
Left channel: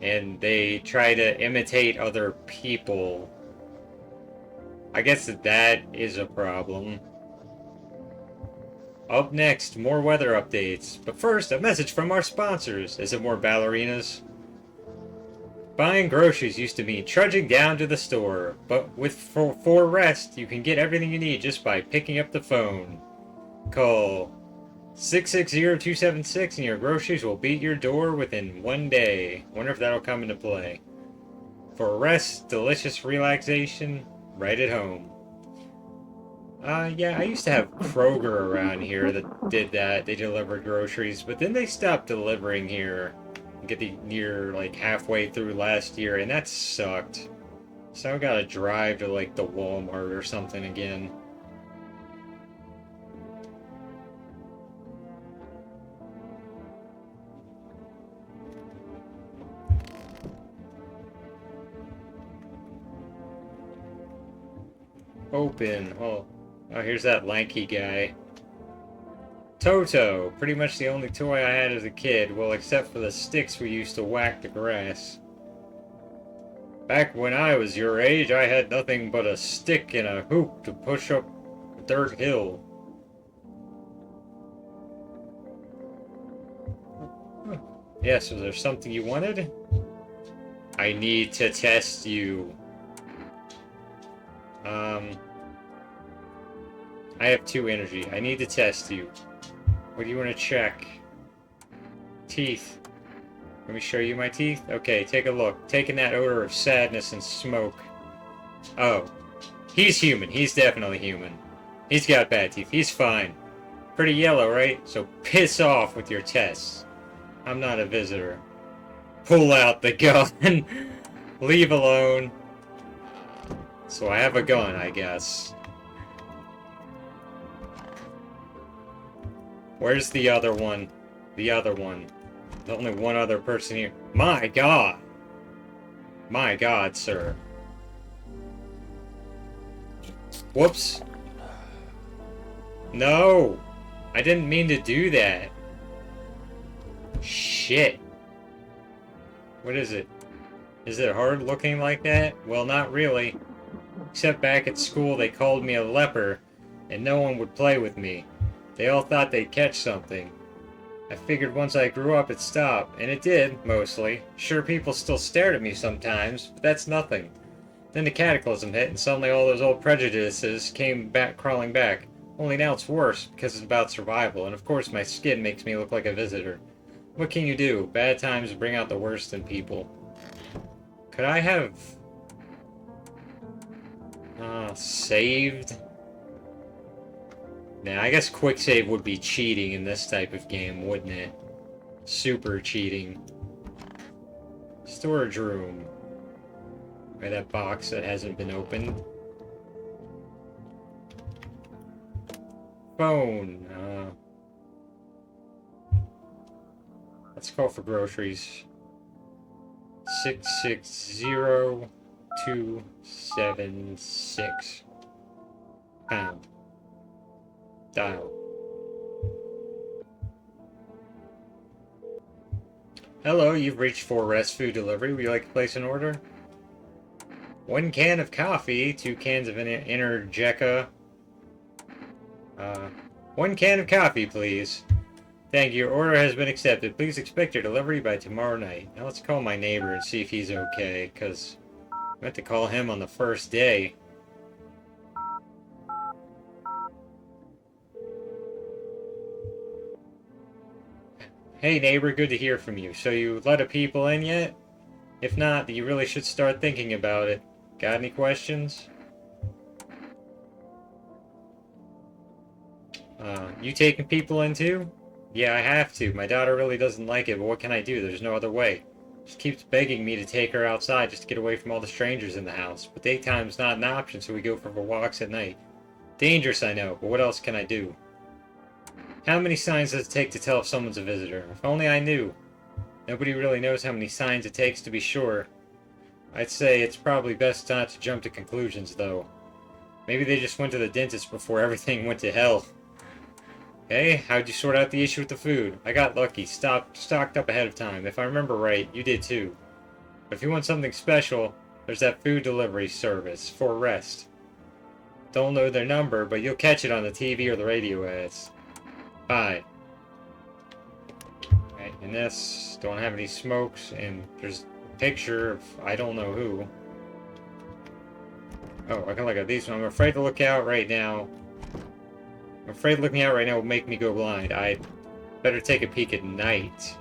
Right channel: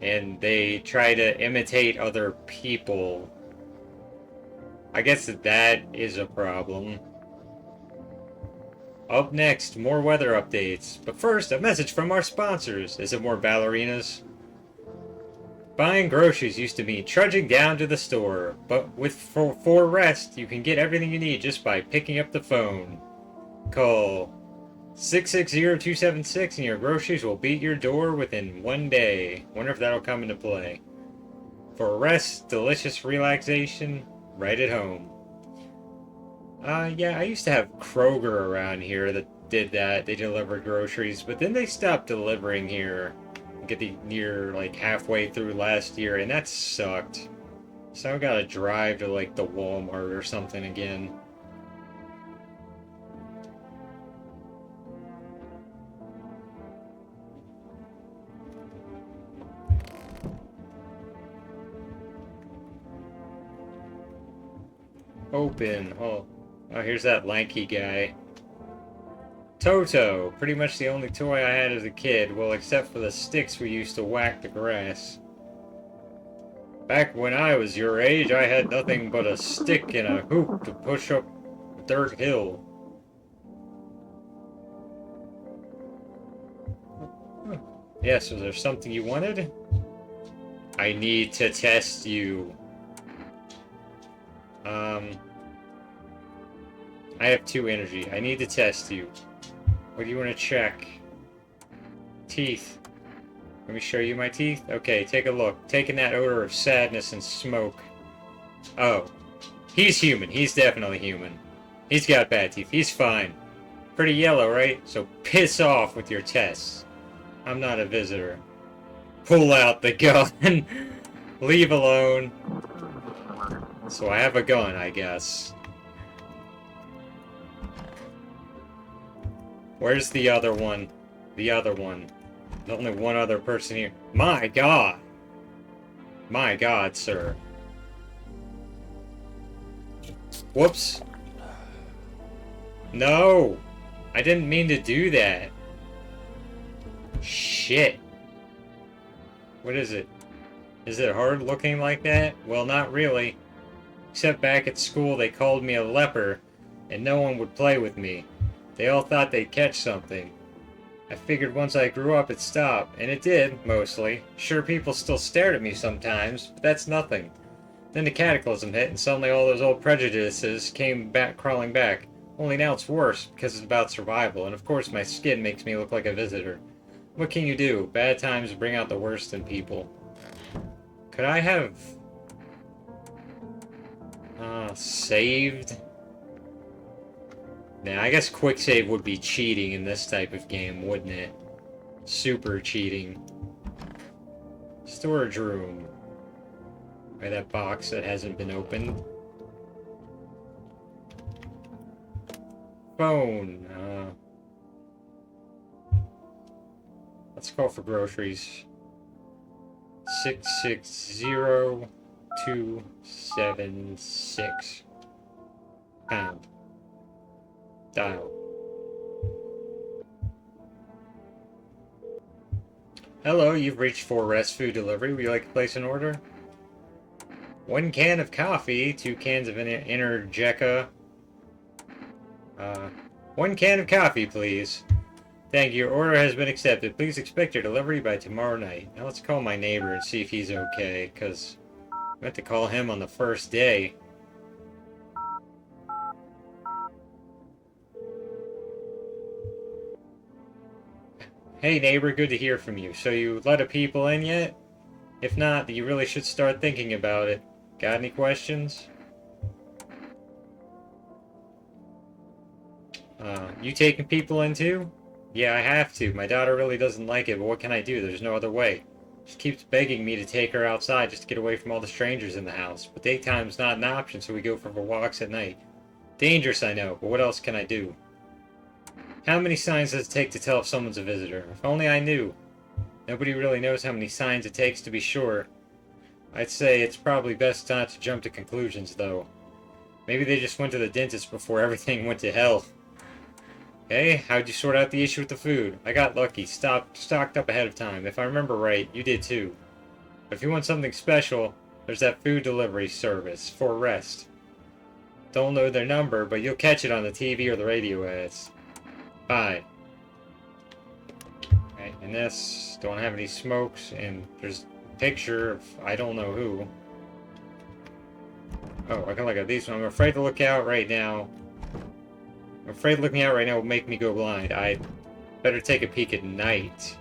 And they try to imitate other people. I guess that is a problem. Up next, more weather updates. But first, a message from our sponsors. Is it more ballerinas? Buying groceries used to mean trudging down to the store, but with for Rest, you can get everything you need just by picking up the phone. Call 660-276 and your groceries will be at your door within 1 day. Wonder if that'll come into play. For Rest, delicious relaxation, right at home. Yeah, I used to have Kroger around here that did that. They delivered groceries, but then they stopped delivering here. Getting near like halfway through last year, and that sucked. So I gotta drive to like the Walmart or something again. Open. Oh, here's that lanky guy. Toto, pretty much the only toy I had as a kid, well, except for the sticks we used to whack the grass. Back when I was your age, I had nothing but a stick and a hoop to push up dirt hill. Yes, was there something you wanted? I need to test you. I have 2 energy. I need to test you. What do you want to check? Teeth. Let me show you my teeth. Okay, take a look. Taking that odor of sadness and smoke. Oh. He's human. He's definitely human. He's got bad teeth. He's fine. Pretty yellow, right? So piss off with your tests. I'm not a visitor. Pull out the gun. Leave alone. So I have a gun, I guess. Where's the other one? The other one. There's only one other person here. My God! My God, sir. Whoops. No! I didn't mean to do that. Shit. What is it? Is it hard looking like that? Well, not really. Except back at school they called me a leper, and no one would play with me. They all thought they'd catch something. I figured once I grew up it'd stop, and it did, mostly. Sure, people still stared at me sometimes, but that's nothing. Then the cataclysm hit, and suddenly all those old prejudices came back crawling back. Only now it's worse, because it's about survival, and of course my skin makes me look like a visitor. What can you do? Bad times bring out the worst in people. Could I have... Saved. Now, I guess quick save would be cheating in this type of game, wouldn't it? Super cheating. Storage room. Right, that box that hasn't been opened. Phone. Let's call for groceries. 660276. Pound. Dial. Hello, you've reached for Rest Food Delivery. Would you like to place an order? 1 can of coffee, 2 cans of Energeca. 1 can of coffee, please. Thank you. Your order has been accepted. Please expect your delivery by tomorrow night. Now let's call my neighbor and see if he's okay, because I meant to call him on the first day. Hey neighbor, good to hear from you. So you let a people in yet? If not, you really should start thinking about it. Got any questions? You taking people in too? Yeah, I have to. My daughter really doesn't like it, but what can I do? There's no other way. She keeps begging me to take her outside just to get away from all the strangers in the house. But daytime's not an option, so we go for walks at night. Dangerous, I know, but what else can I do? How many signs does it take to tell if someone's a visitor? If only I knew. Nobody really knows how many signs it takes to be sure. I'd say it's probably best not to jump to conclusions, though. Maybe they just went to the dentist before everything went to hell. Hey, how'd you sort out the issue with the food? I got lucky, stocked up ahead of time. If I remember right, you did too. But if you want something special, there's that food delivery service, for Rest. Don't know their number, but you'll catch it on the TV or the radio ads. Bye. Right, and this, don't have any smokes, and there's a picture of I don't know who. Oh, I can look at these. I'm afraid to look out right now. I'm afraid looking out right now will make me go blind. I better take a peek at night.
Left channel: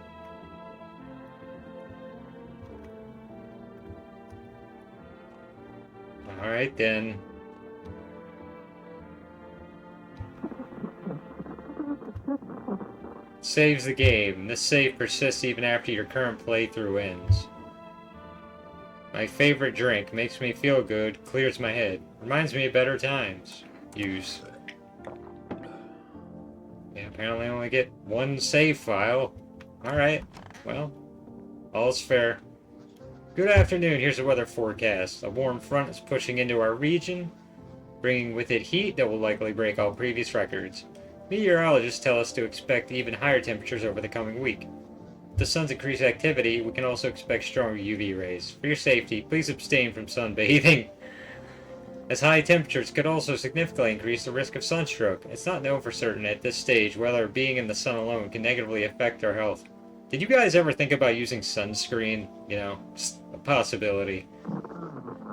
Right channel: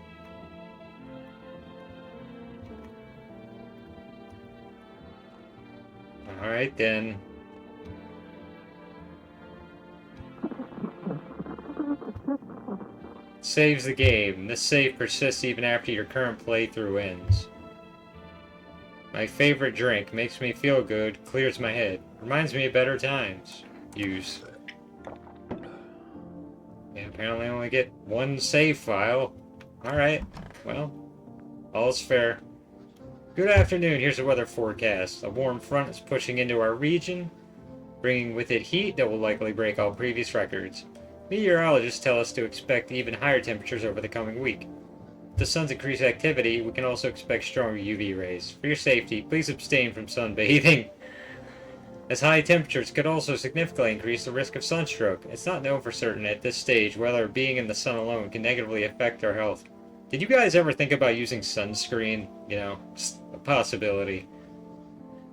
Alright then. Saves the game. This save persists even after your current playthrough ends. My favorite drink. Makes me feel good. Clears my head. Reminds me of better times. Use. Yeah, apparently I only get 1 save file. Alright. Well, all's fair. Good afternoon. Here's the weather forecast. A warm front is pushing into our region, bringing with it heat that will likely break all previous records. Meteorologists tell us to expect even higher temperatures over the coming week. With the sun's increased activity, we can also expect stronger UV rays. For your safety, please abstain from sunbathing, as high temperatures could also significantly increase the risk of sunstroke. It's not known for certain at this stage whether being in the sun alone can negatively affect our health. Did you guys ever think about using sunscreen? You know, just a possibility.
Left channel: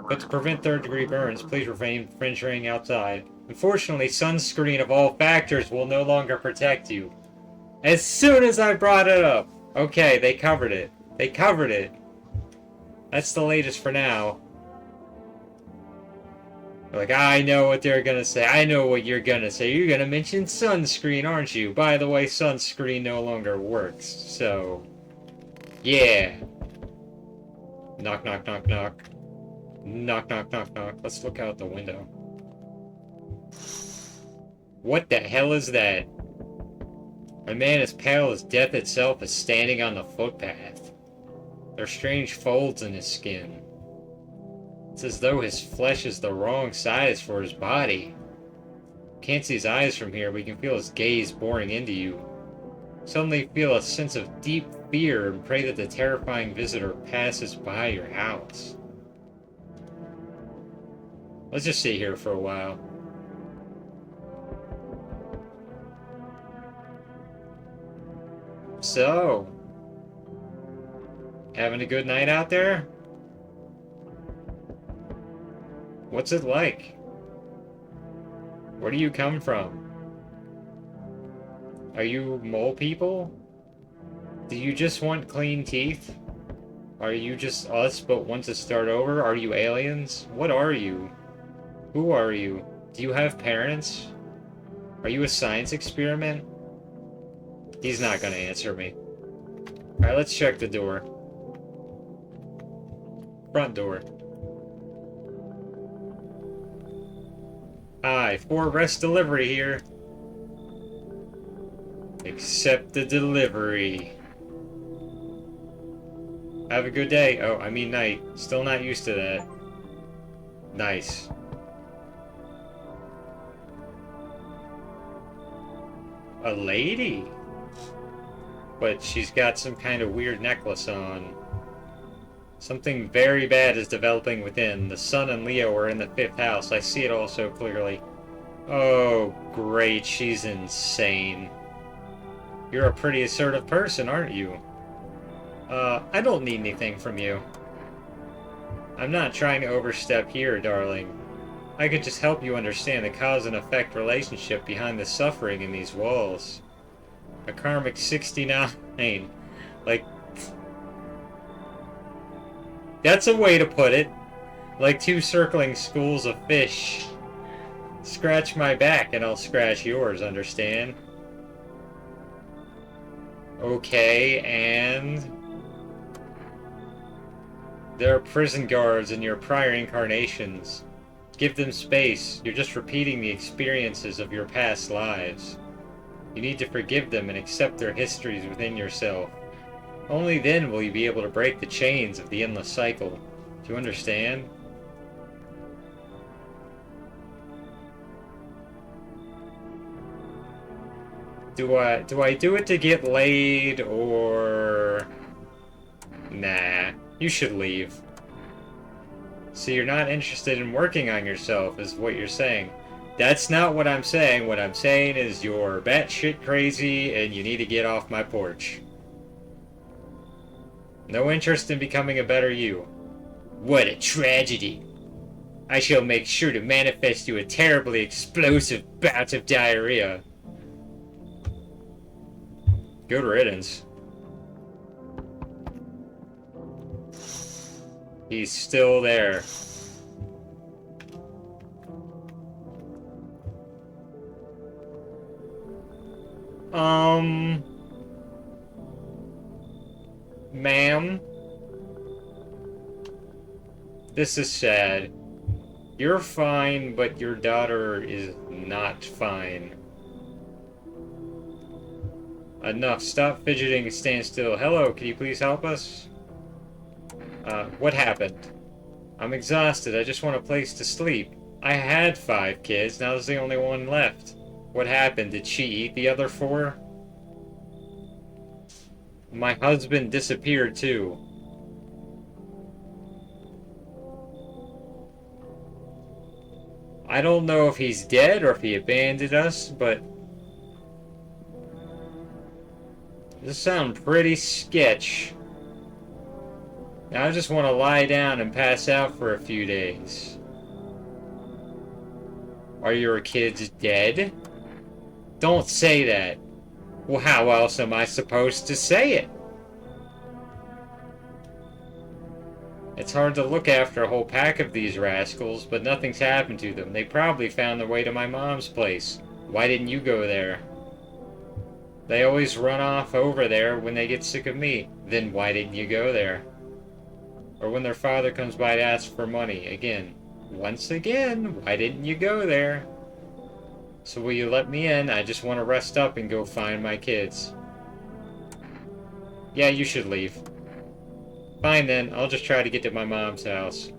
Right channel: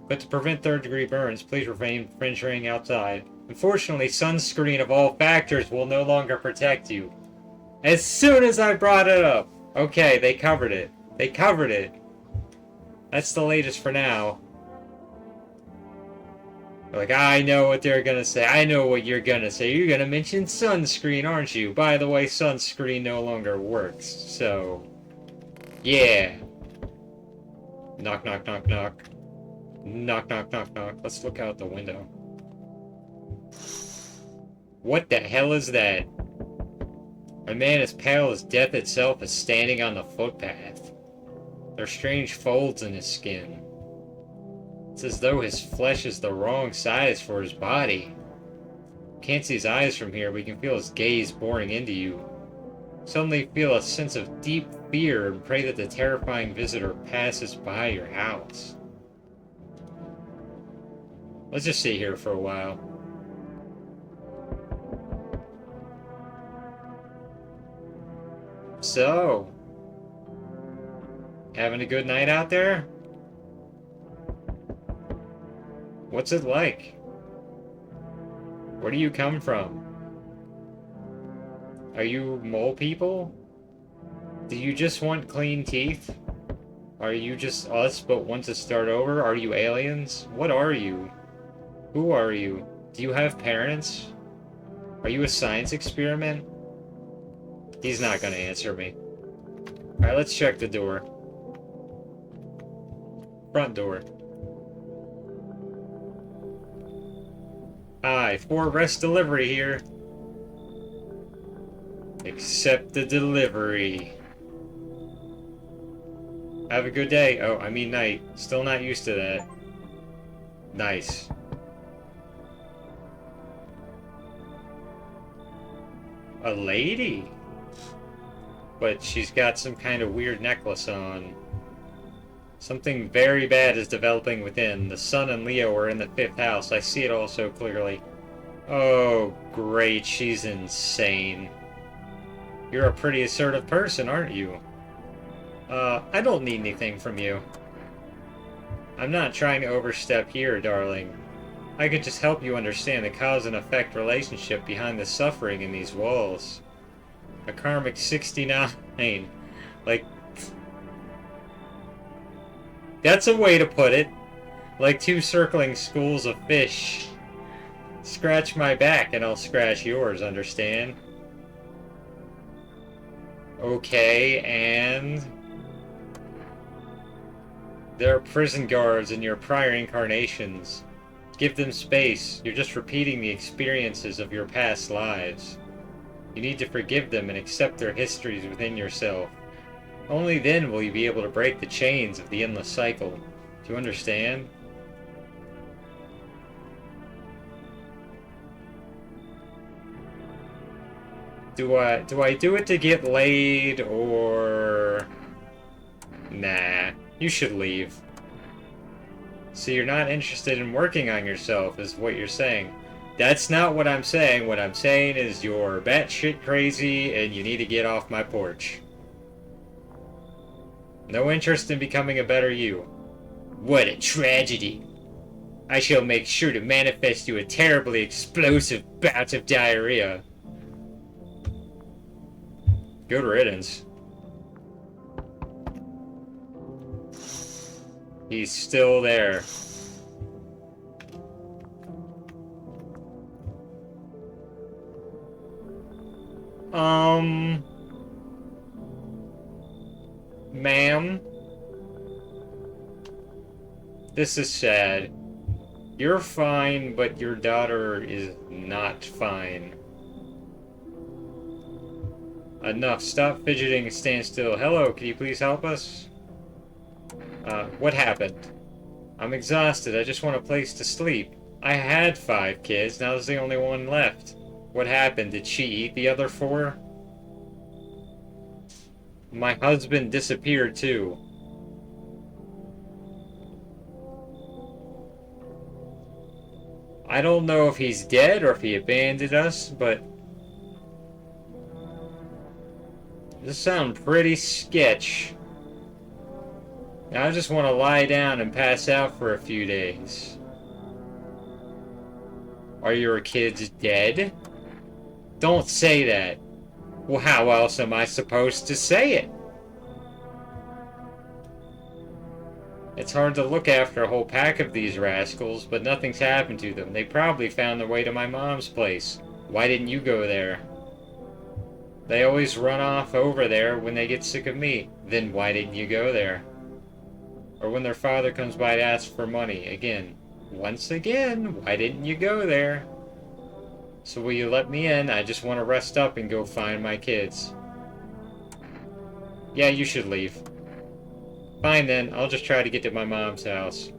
But to prevent third-degree burns, please refrain from venturing outside. Unfortunately, sunscreen of all factors will no longer protect you. As soon as I brought it up! Okay, they covered it. They covered it. That's the latest for now. Like, I know what they're gonna say. I know what you're gonna say. You're gonna mention sunscreen, aren't you? By the way, sunscreen no longer works. So, yeah. Knock, knock, knock, knock. Knock, knock, knock, knock. Let's look out the window. What the hell is that? A man as pale as death itself is standing on the footpath. There are strange folds in his skin. It's as though his flesh is the wrong size for his body. Can't see his eyes from here, but you can feel his gaze boring into you. Suddenly feel a sense of deep fear and pray that the terrifying visitor passes by your house. Let's just sit here for a while. So, having a good night out there? What's it like? Where do you come from? Are you mole people? Do you just want clean teeth? Are you just us but want to start over? Are you aliens? What are you? Who are you? Do you have parents? Are you a science experiment? He's not gonna answer me. Alright, let's check the door. Front door. Hi, 4 rest delivery here. Accept the delivery. Have a good day. Oh, I mean night. Still not used to that. Nice. A lady? But she's got some kind of weird necklace on. Something very bad is developing within. The sun and Leo are in the 5th house. I see it all so clearly. Oh, great. She's insane. You're a pretty assertive person, aren't you? I don't need anything from you. I'm not trying to overstep here, darling. I could just help you understand the cause and effect relationship behind the suffering in these walls. A karmic 69. Like, that's a way to put it. Like 2 circling schools of fish. Scratch my back and I'll scratch yours, understand? Okay, and... there are prison guards in your prior incarnations. Give them space. You're just repeating the experiences of your past lives. You need to forgive them and accept their histories within yourself. Only then will you be able to break the chains of the endless cycle. Do you understand? Do I do it to get laid, or... Nah, you should leave. So you're not interested in working on yourself, is what you're saying. That's not what I'm saying. What I'm saying is you're batshit crazy and you need to get off my porch. No interest in becoming a better you. What a tragedy. I shall make sure to manifest you a terribly explosive bout of diarrhea. Good riddance. He's still there. Ma'am? This is sad. You're fine, but your daughter is not fine. Enough. Stop fidgeting and stand still. Hello, can you please help us? What happened? I'm exhausted. I just want a place to sleep. I had 5 kids. Now there's the only one left. What happened? Did she eat the other 4? My husband disappeared too. I don't know if he's dead or if he abandoned us, but this sounds pretty sketch. Now I just want to lie down and pass out for a few days. Are your kids dead? Don't say that. Well, how else am I supposed to say it? It's hard to look after a whole pack of these rascals, but nothing's happened to them. They probably found their way to my mom's place. Why didn't you go there? They always run off over there when they get sick of me. Then why didn't you go there? Or when their father comes by to ask for money. Again. Once again, why didn't you go there? So will you let me in? I just want to rest up and go find my kids. Yeah, you should leave. Fine then, I'll just try to get to my mom's house.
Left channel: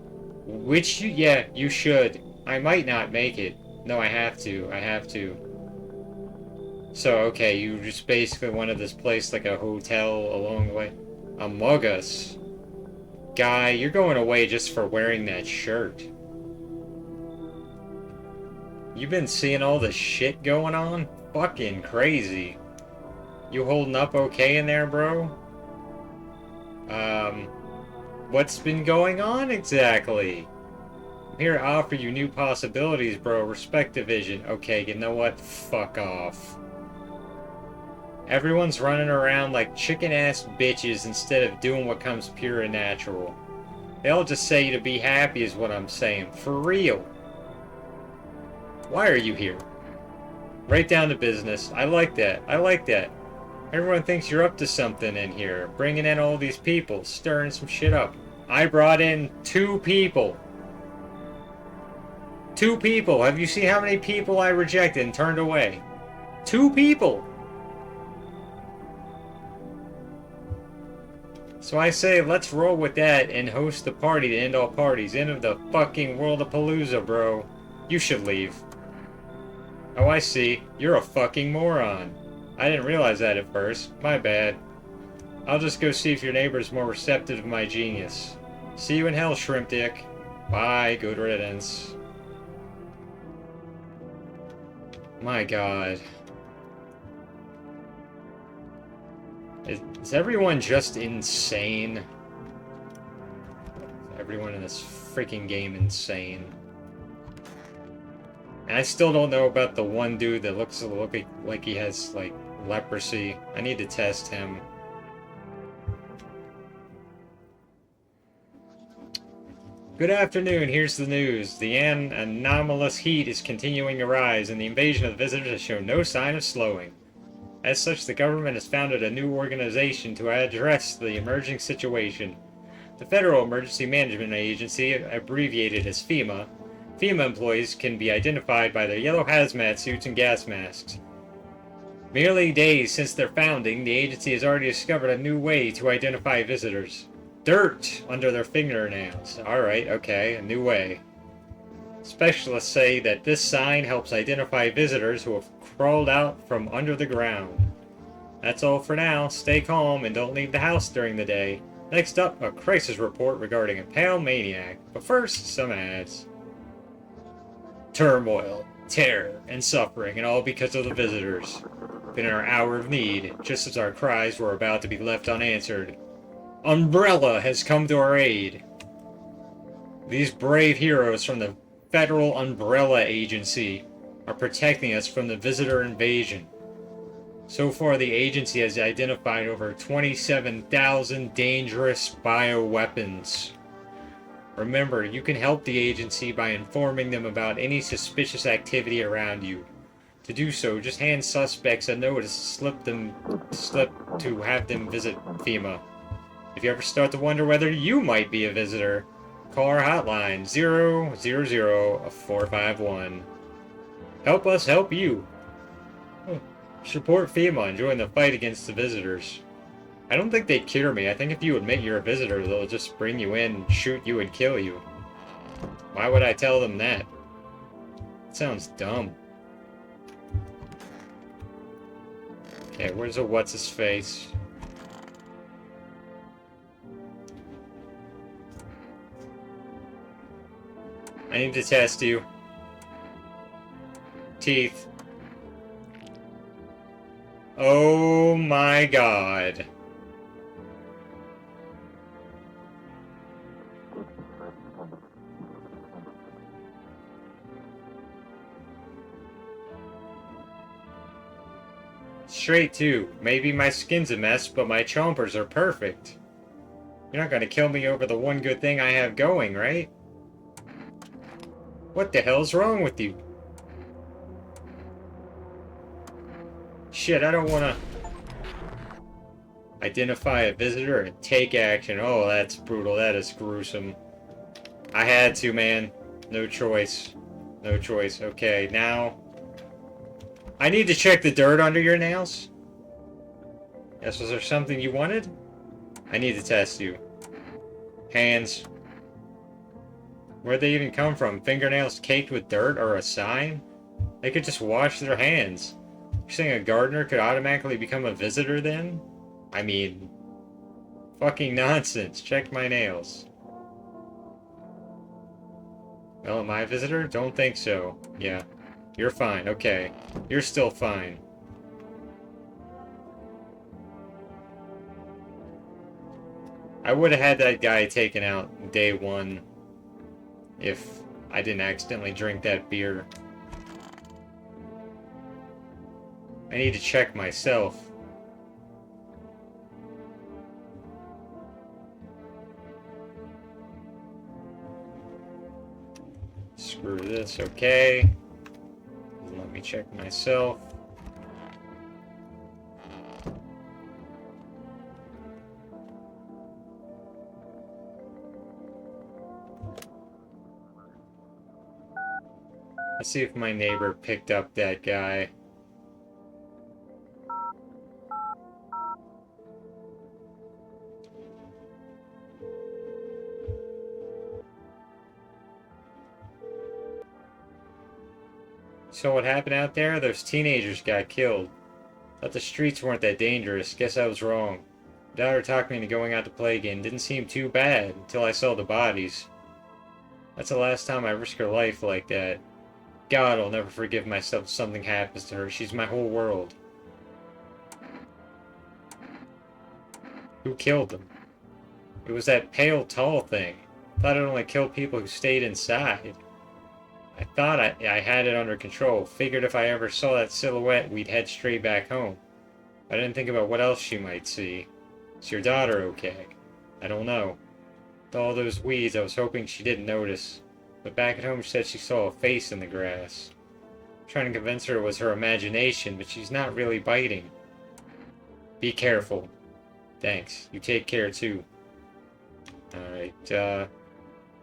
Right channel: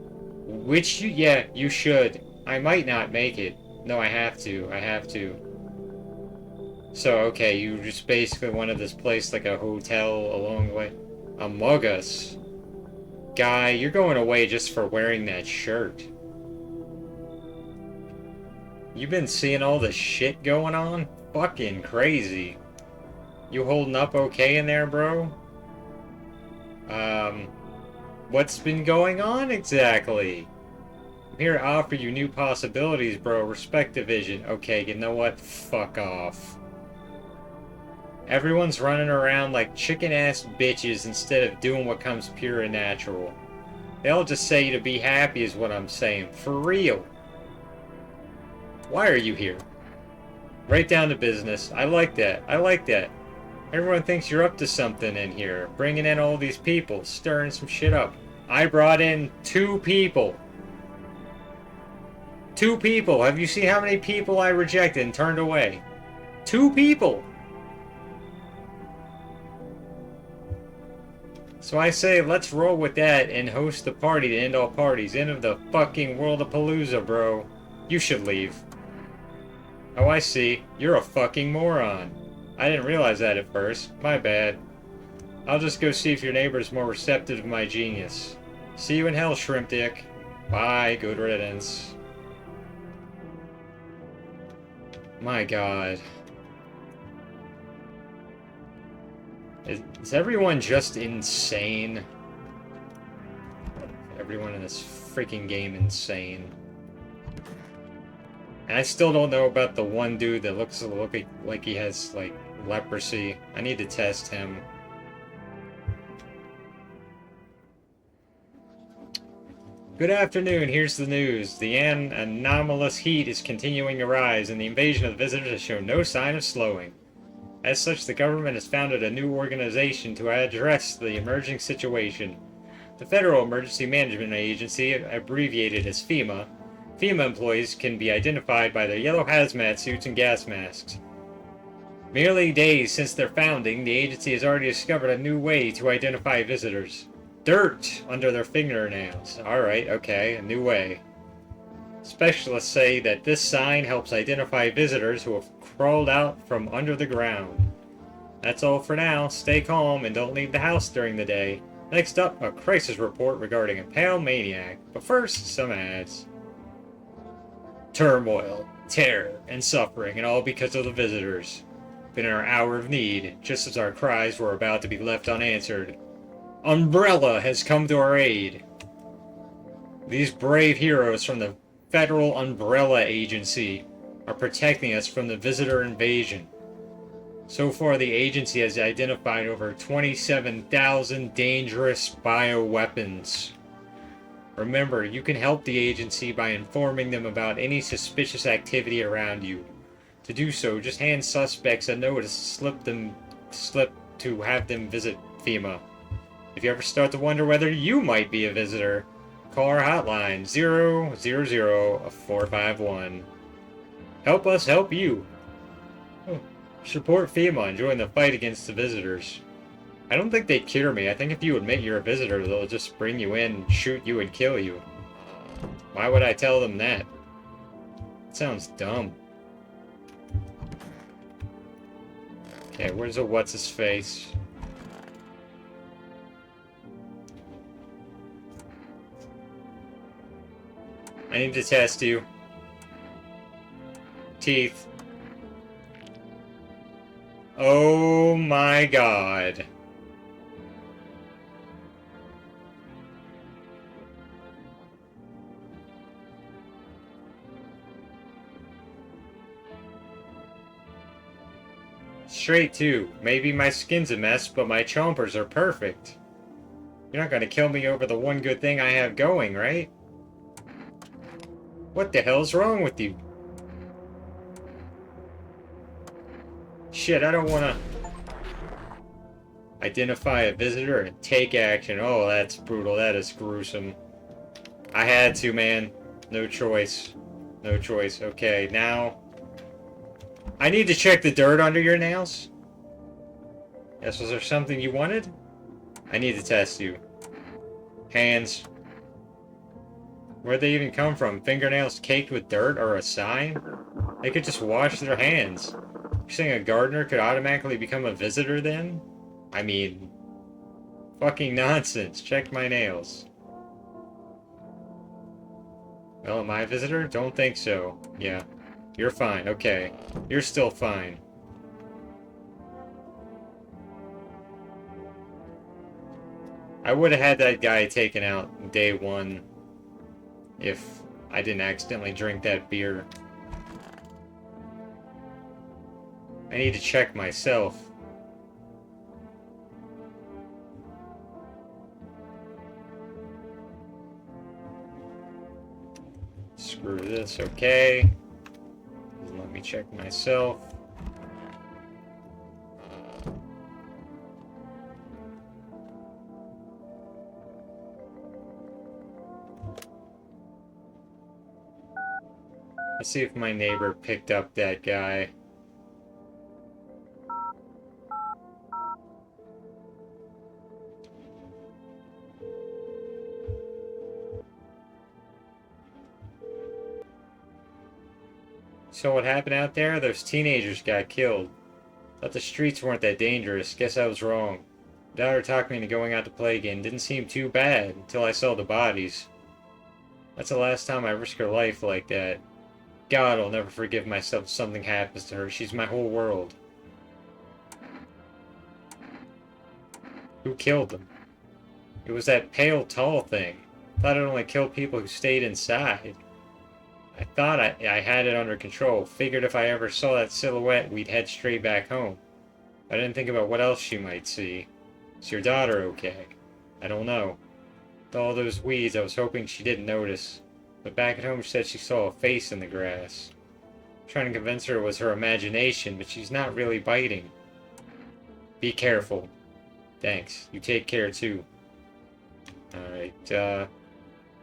Yeah, you should. I might not make it. No, I have to. So, okay, you just basically wanted this place like a hotel along the way. Among Us. Guy, you're going away just for wearing that shirt. You been seeing all this shit going on? Fucking crazy. You holding up okay in there, bro? What's been going on exactly? I'm here to offer you new possibilities, bro. Respect the vision. Okay, you know what? Fuck off. Everyone's running around like chicken-ass bitches instead of doing what comes pure and natural. They all just say to be happy is what I'm saying. For real. Why are you here? Right down to business. I like that. I like that. Everyone thinks you're up to something in here. Bringing in all these people, stirring some shit up. I brought in 2 people. 2 people. Have you seen how many people I rejected and turned away? 2 people. So I say, let's roll with that and host the party to end all parties. End of the fucking world of Palooza, bro. You should leave. Oh, I see. You're a fucking moron. I didn't realize that at first. My bad. I'll just go see if your neighbor's more receptive to my genius. See you in hell, shrimp dick. Bye, good riddance. My god. Is everyone just insane? Everyone in this freaking game insane. And I still don't know about the one dude that looks like he has, like, leprosy. I need to test him. Good afternoon, here's the news. The anomalous heat is continuing to rise, and the invasion of visitors has shown no sign of slowing. As such, the government has founded a new organization to address the emerging situation. The Federal Emergency Management Agency, abbreviated as FEMA. FEMA employees can be identified by their yellow hazmat suits and gas masks. Merely days since their founding, the agency has already discovered a new way to identify visitors. Dirt under their fingernails. Alright, okay, a new way. Specialists say that this sign helps identify visitors who have crawled out from under the ground. That's all for now. Stay calm and don't leave the house during the day. Next up, a crisis report regarding a pale maniac. But first, some ads. Turmoil, terror, and suffering, and all because of the visitors. In our hour of need, just as our cries were about to be left unanswered, Umbrella has come to our aid. These brave heroes from the Federal Umbrella Agency are protecting us from the visitor invasion. So far, the agency has identified over 27,000 dangerous bioweapons. Remember, you can help the agency by informing them about any suspicious activity around you. To do so, just hand suspects a notice slip to have them visit FEMA. If you ever start to wonder whether you might be a visitor, call our hotline 000-451. Help us help you. Support FEMA and join the fight against the visitors. I don't think they'd cure me. I think if you admit you're a visitor, they'll just bring you in, shoot you, and kill you. Why would I tell them that? It sounds dumb. Okay, where's a what's-his-face? I need to test you. Teeth. Oh my god. Straight too. Maybe my skin's a mess, but my chompers are perfect. You're not gonna kill me over the one good thing I have going, right? What the hell's wrong with you? Shit, I don't wanna... Identify a visitor and take action. Oh, that's brutal. That is gruesome. I had to, man. No choice. No choice. Okay, now... I need to check the dirt under your nails. Yes, was there something you wanted? I need to test you. Hands. Where'd they even come from? Fingernails caked with dirt or a sign? They could just wash their hands. You're saying a gardener could automatically become a visitor then? I mean... Fucking nonsense. Check my nails. Oh, am I a visitor? Don't think so. Yeah. You're fine. Okay. You're still fine. I would have had that guy taken out day one if I didn't accidentally drink that beer. I need to check myself. Screw this, okay. check myself. Let's see if my neighbor picked up that guy. So what happened out there? Those teenagers got killed. Thought the streets weren't that dangerous. Guess I was wrong. Daughter talked me into going out to play again. Didn't seem too bad until I saw the bodies. That's the last time I risk her life like that. God, I'll never forgive myself if something happens to her. She's my whole world. Who killed them? It was that pale, tall thing. Thought it only killed people who stayed inside. I thought I had it under control. Figured if I ever saw that silhouette, we'd head straight back home. I didn't think about what else she might see. Is your daughter okay? I don't know. With all those weeds, I was hoping she didn't notice. But back at home, she said she saw a face in the grass. Trying to convince her it was her imagination, but she's not really biting. Be careful. Thanks. You take care, too. Alright,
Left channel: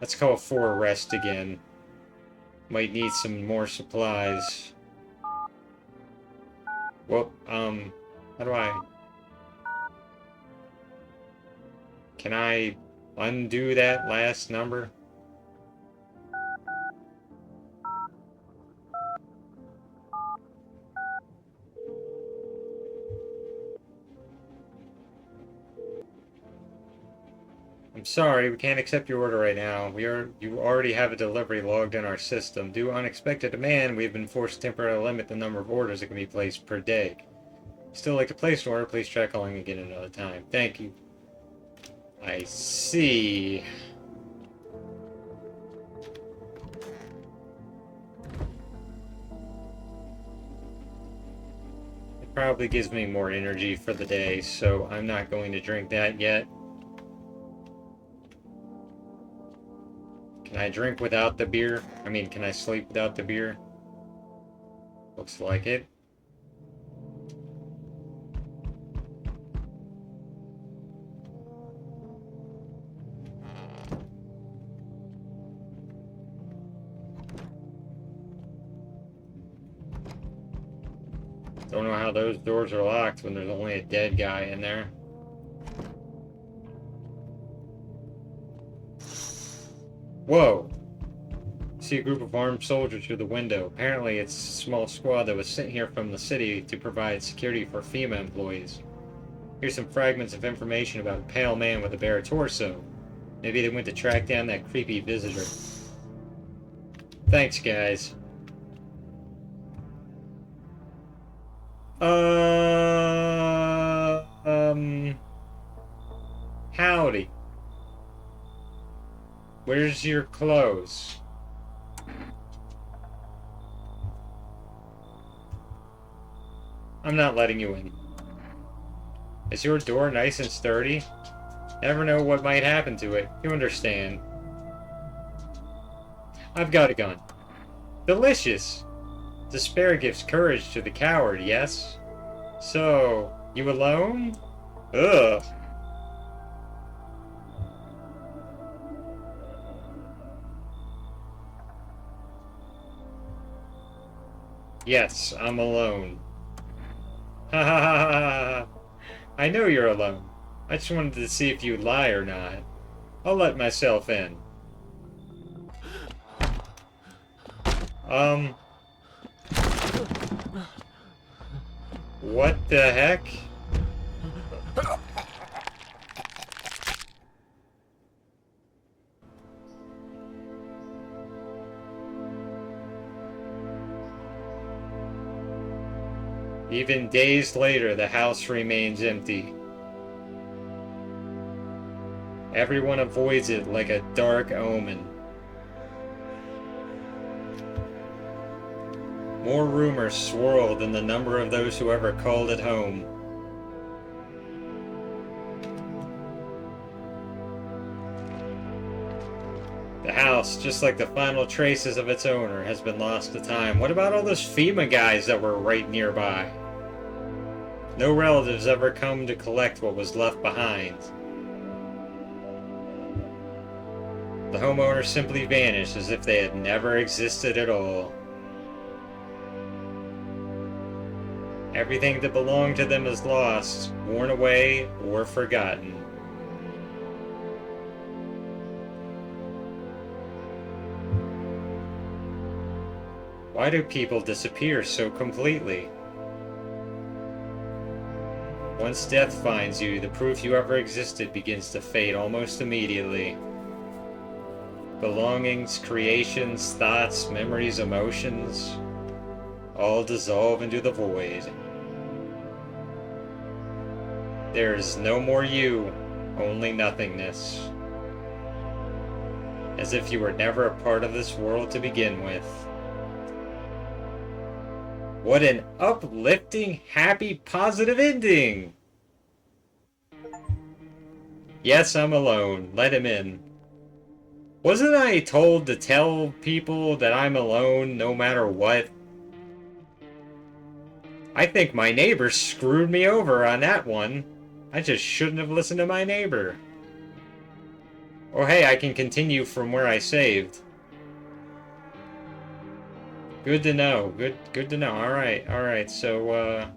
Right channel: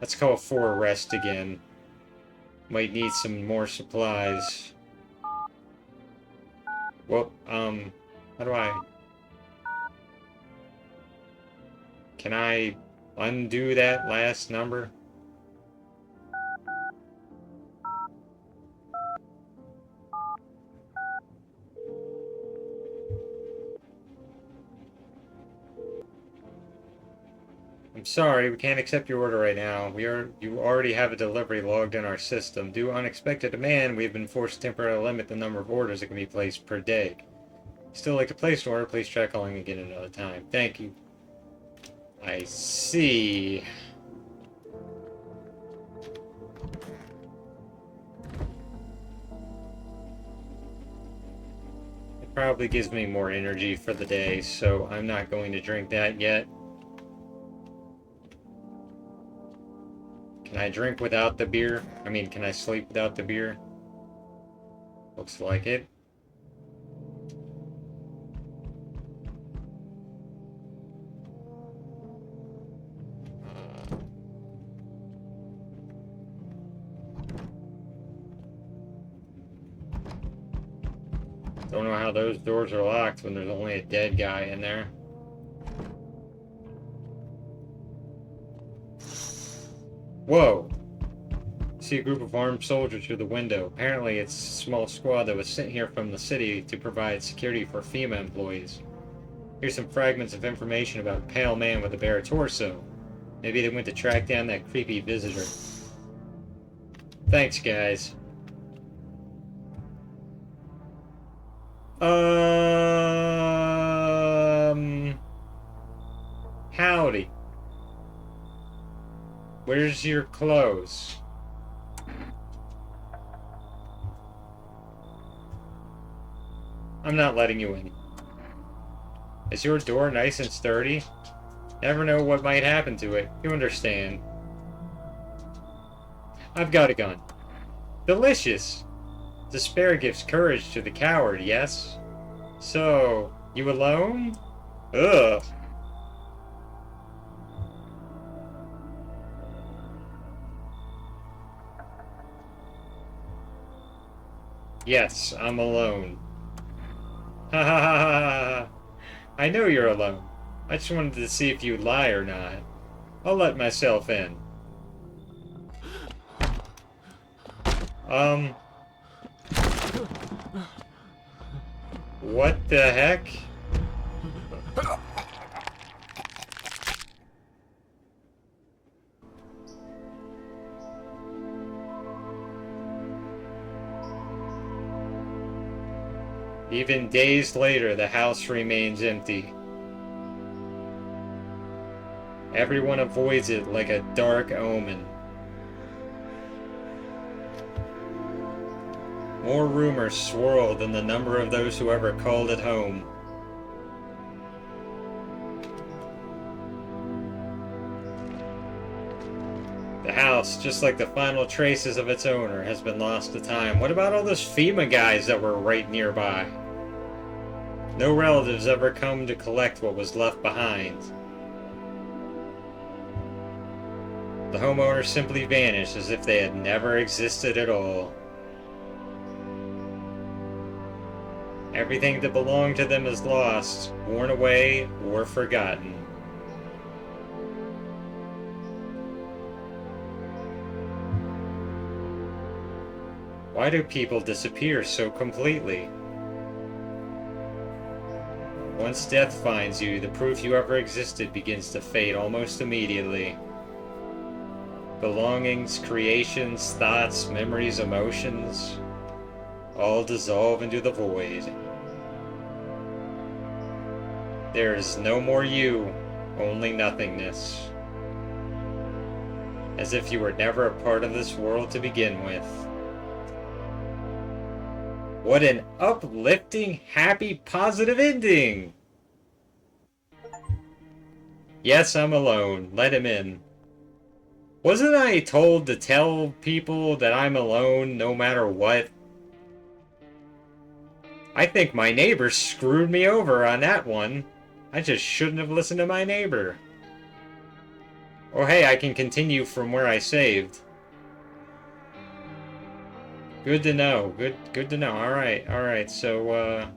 let's call for a rest again. Might need some more supplies. Well, how do I... Can I undo that last number? I'm sorry, we can't accept your order right now. You already have a delivery logged in our system. Due to unexpected demand, we've been forced to temporarily limit the number of orders that can be placed per day. Still like to place an order, please try calling again another time. Thank you. I see. It probably gives me more energy for the day, so I'm not going to drink that yet. Can I drink without the beer? I mean, can I sleep without the beer? Looks like it. Don't know how those doors are locked when there's only a dead guy in there. Whoa! See a group of armed soldiers through the window. Apparently it's a small squad that was sent here from the city to provide security for FEMA employees. Here's some fragments of information about a pale man with a bare torso. Maybe they went to track down that creepy visitor. Thanks, guys. Howdy. Where's your clothes? I'm not letting you in. Is your door nice and sturdy? Never know what might happen to it. You understand. I've got a gun. Delicious! Despair gives courage to the coward, yes? So, you alone? Ugh. Yes, I'm alone. Ha ha ha ha ha. I know you're alone. I just wanted to see if you'd lie or not. I'll let myself in. What the heck? Even days later, the house remains empty. Everyone avoids it like a dark omen. More rumors swirl than the number of those who ever called it home. The house house, just like the final traces of its owner, has been lost to time. What about all those FEMA guys that were right nearby? No relatives ever come to collect what was left behind. The homeowners simply vanished as if they had never existed at all. Everything that belonged to them is lost, worn away, or forgotten. Why do people disappear so completely? Once death finds you, the proof you ever existed begins to fade almost immediately. Belongings, creations, thoughts, memories, emotions, all dissolve into the void. There is no more you, only nothingness. As if you were never a part of this world to begin with. What an uplifting, happy, positive ending! Yes, I'm alone. Let him in. Wasn't I told to tell people that I'm alone no matter what? I think my neighbor screwed me over on that one. I just shouldn't have listened to my neighbor. Oh hey, I can continue from where I saved. Good to know. Good to know. Alright, so,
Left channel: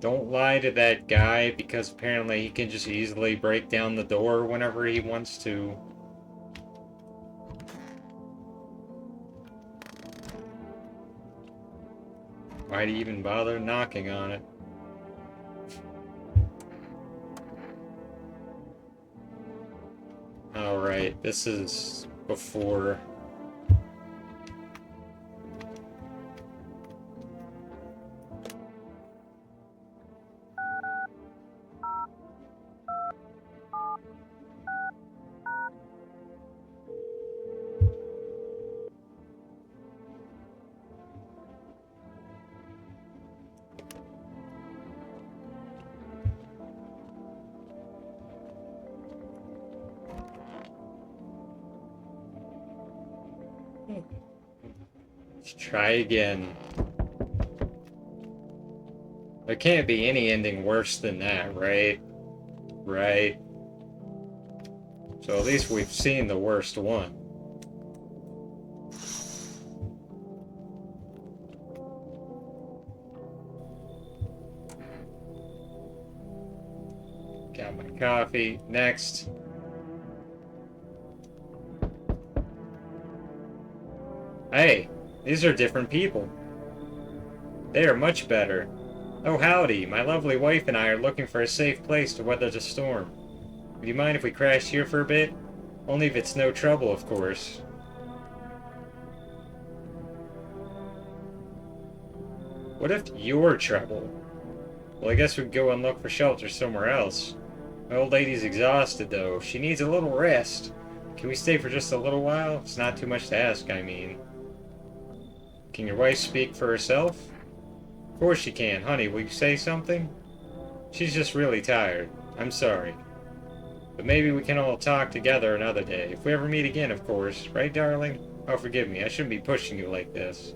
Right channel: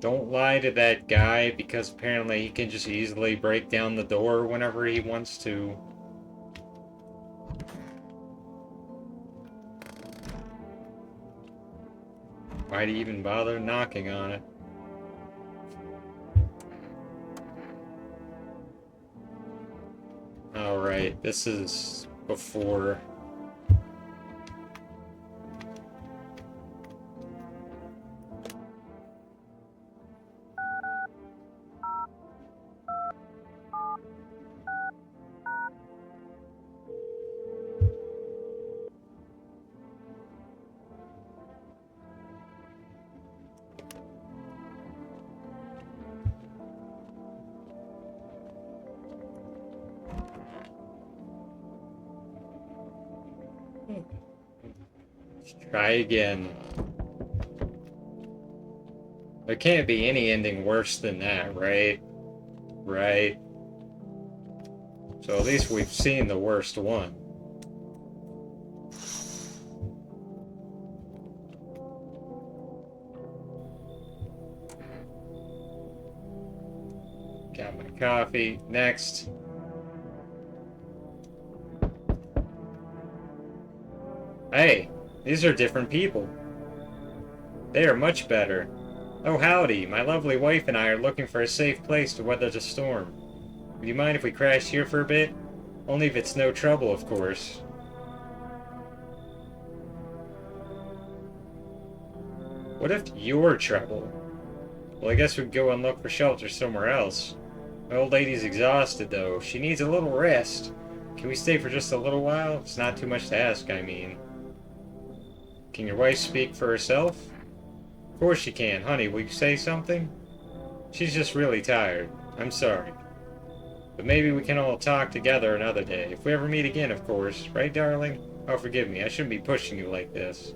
don't lie to that guy, because apparently he can just easily break down the door whenever he wants to. Why'd he even bother knocking on it? Alright, this is before. Let's try again. There can't be any ending worse than that, right? Right. So at least we've seen the worst one. Got my coffee. Next. Hey, these are different people. They are much better. Oh howdy, my lovely wife and I are looking for a safe place to weather the storm. Would you mind if we crash here for a bit? Only if it's no trouble, of course. What if you're trouble? Well, I guess we could go and look for shelter somewhere else. My old lady's exhausted, though. She needs a little rest. Can we stay for just a little while? It's not too much to ask, I mean. Can your wife speak for herself? Of course she can. Honey, will you say something? She's just really tired. I'm sorry. But maybe we can all talk together another day. If we ever meet again, of course. Right, darling? Oh, forgive me. I shouldn't be pushing you like this.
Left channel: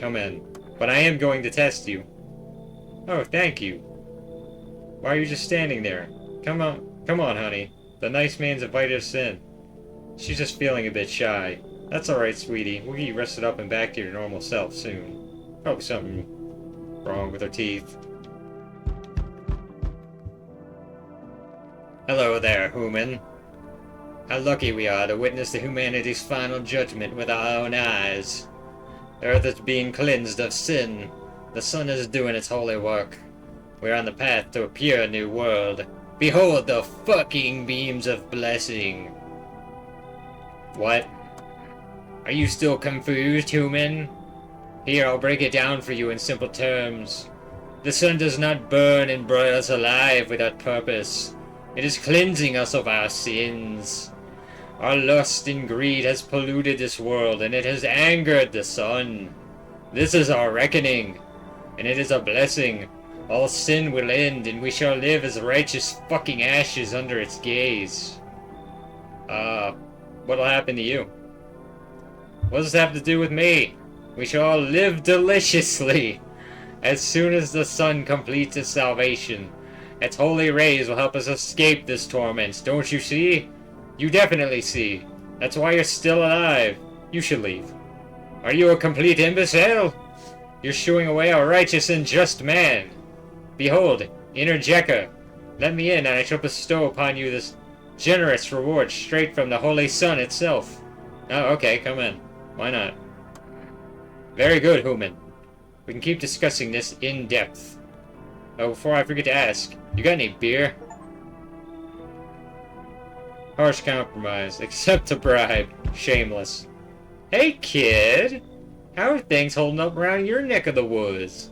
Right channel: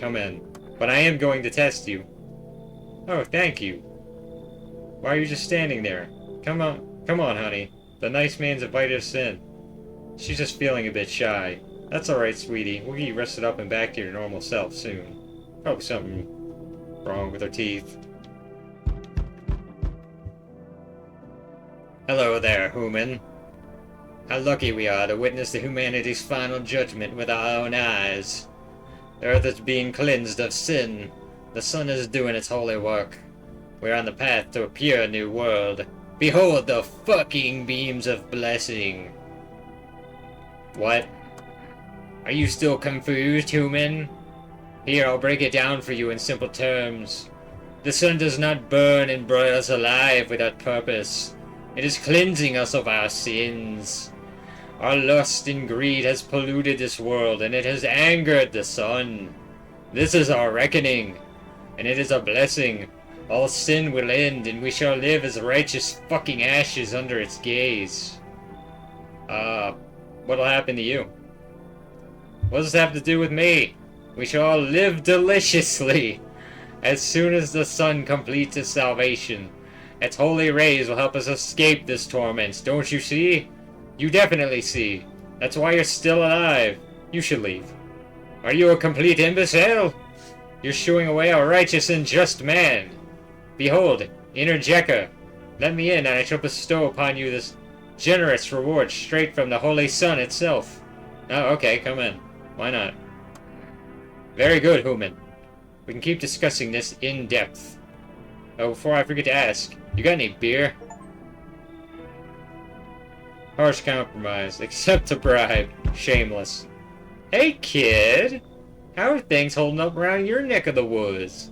Come in. But I am going to test you. Oh, thank you. Why are you just standing there? Come on, honey. The nice man's invited us in. She's just feeling a bit shy. That's alright, sweetie. We'll get you rested up and back to your normal self soon. Probably something wrong with her teeth. Hello there, human. How lucky we are to witness the humanity's final judgment with our own eyes. The earth is being cleansed of sin. The sun is doing its holy work. We're on the path to a pure new world. Behold the fucking beams of blessing. What? Are you still confused, human? Here, I'll break it down for you in simple terms. The sun does not burn and broil us alive without purpose. It is cleansing us of our sins. Our lust and greed has polluted this world, and it has angered the sun. This is our reckoning, and it is a blessing. All sin will end, and we shall live as righteous fucking ashes under its gaze. What'll happen to you? What does this have to do with me? We shall all live deliciously. As soon as the sun completes its salvation, its holy rays will help us escape this torment. Don't you see? You definitely see. That's why you're still alive. You should leave. Are you a complete imbecile? You're shooing away a righteous and just man. Behold, Inner Jekka. Let me in, and I shall bestow upon you this generous reward straight from the Holy Sun itself. Oh, okay, come in. Why not? Very good, human. We can keep discussing this in depth. Oh, before I forget to ask, you got any beer? Harsh compromise. Accept a bribe. Shameless. Hey, kid! How are things holding up around your neck of the woods?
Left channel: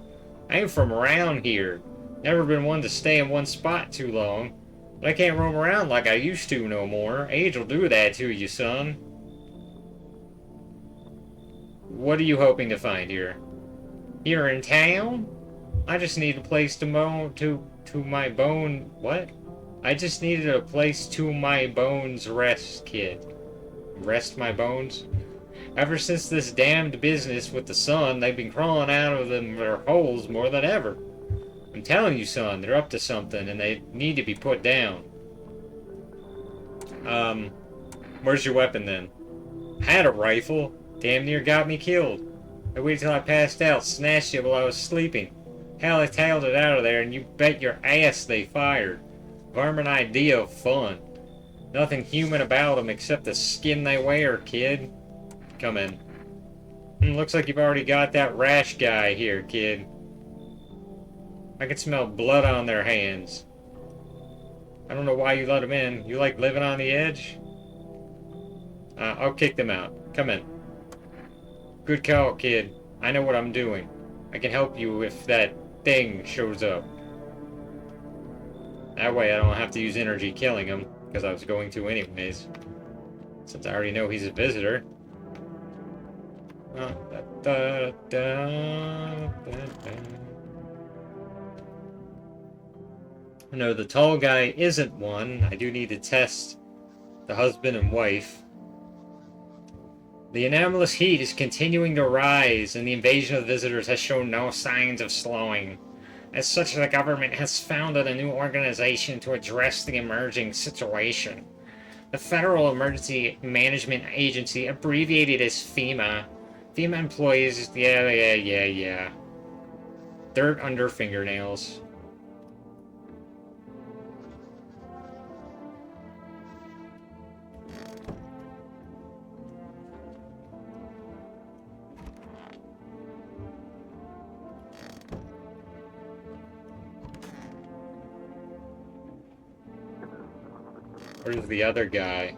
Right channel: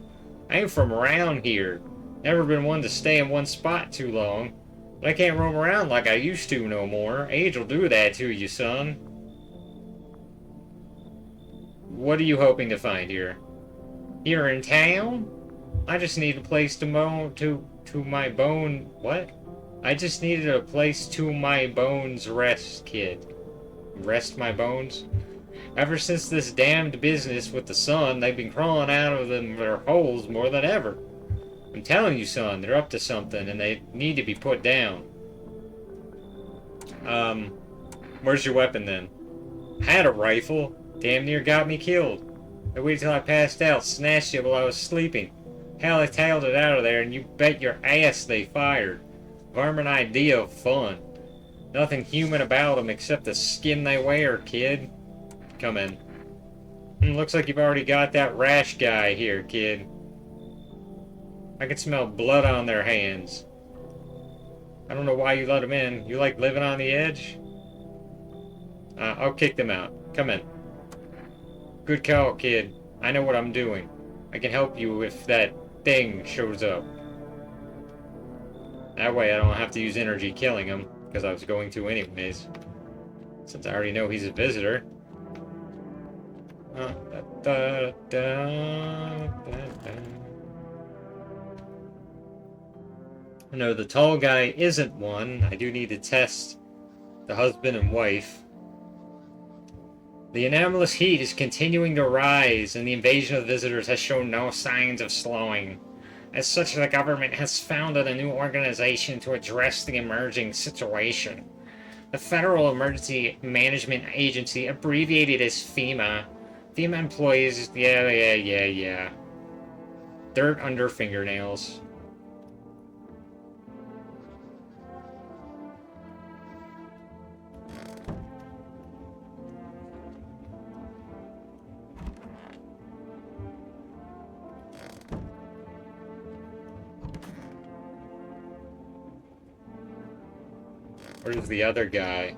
I ain't from around here. Never been one to stay in one spot too long. But I can't roam around like I used to no more. Age will do that to you, son. What are you hoping to find here? Here in town? I just need a place to my bone... What? I just needed a place to my bones rest, kid. Rest my bones? Ever since this damned business with the sun, they've been crawling out of their holes more than ever. I'm telling you, son, they're up to something, and they need to be put down. Where's your weapon, then? I had a rifle. Damn near got me killed. I waited till I passed out, snatched it while I was sleeping. Hell, I tailed it out of there, and you bet your ass they fired. Varmint idea of fun. Nothing human about them except the skin they wear, kid. Come in. Looks like you've already got that rash guy here, kid. I can smell blood on their hands. I don't know why you let them in. You like living on the edge? I'll kick them out. Come in. Good call, kid. I know what I'm doing. I can help you if that thing shows up. That way I don't have to use energy killing him, because I was going to anyways. Since I already know he's a visitor. No, the tall guy isn't one. I do need to test the husband and wife. The anomalous heat is continuing to rise, and the invasion of visitors has shown no signs of slowing. As such, the government has founded a new organization to address the emerging situation. The Federal Emergency Management Agency, abbreviated as FEMA. FEMA employees, yeah. Dirt under fingernails. Where's the other guy?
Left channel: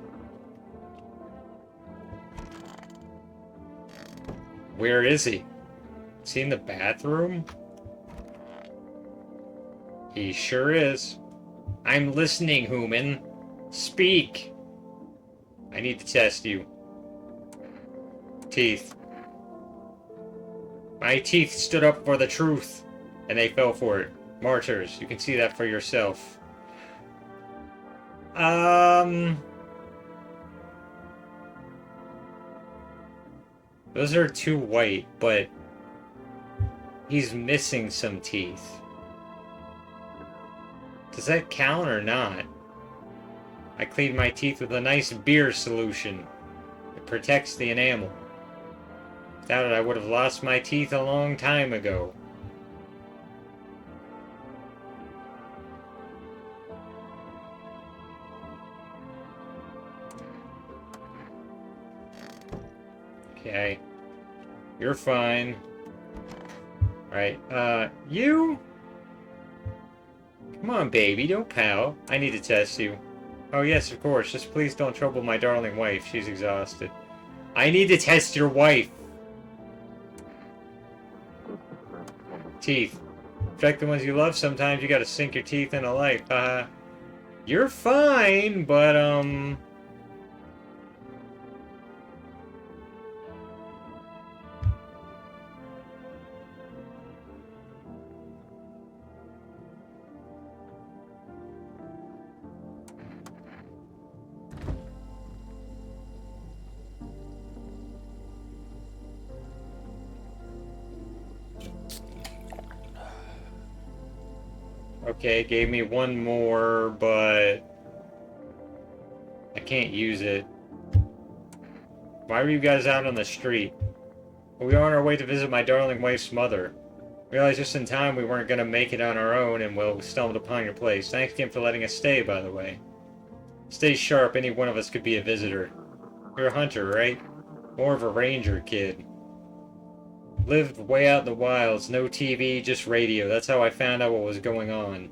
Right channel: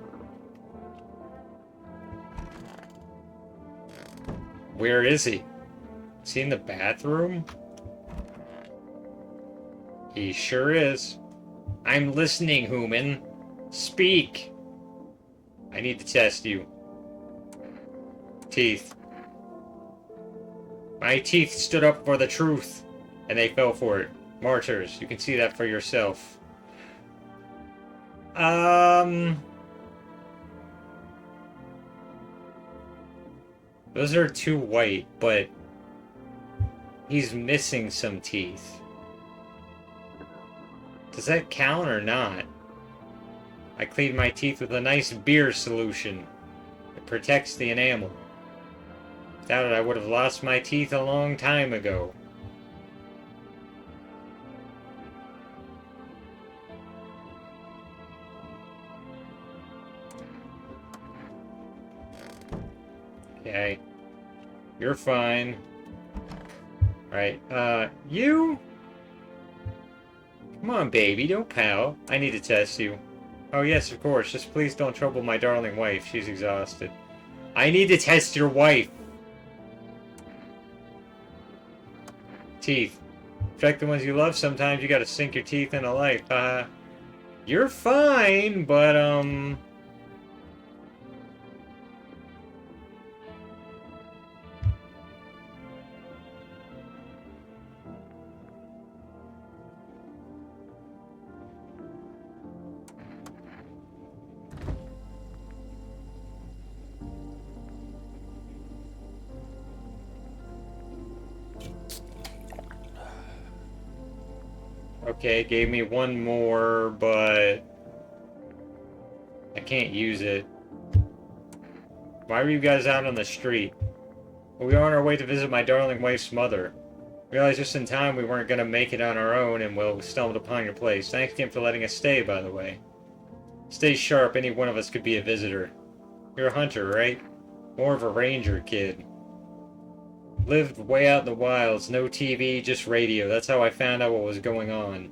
Where is he? Is he in the bathroom? He sure is. I'm listening, human. Speak. I need to test you. Teeth. My teeth stood up for the truth, and they fell for it. Martyrs, you can see that for yourself. Those are too white, but he's missing some teeth. Does that count or not? I cleaned my teeth with a nice beer solution. It protects the enamel. Without it, I would have lost my teeth a long time ago. Okay. You're fine. Right, you? Come on, baby, don't pout. I need to test you. Oh, yes, of course. Just please don't trouble my darling wife. She's exhausted. I need to test your wife. Teeth. Protect the ones you love. Sometimes you gotta sink your teeth into life. You're fine, but, Okay, gave me one more, but I can't use it. Why were you guys out on the street? Well, we were on our way to visit my darling wife's mother. Realized just in time we weren't going to make it on our own, and we stumbled upon your place. Thanks again for letting us stay, by the way. Stay sharp, any one of us could be a visitor. You're a hunter, right? More of a ranger, kid. Lived way out in the wilds, no TV, just radio. That's how I found out what was going on.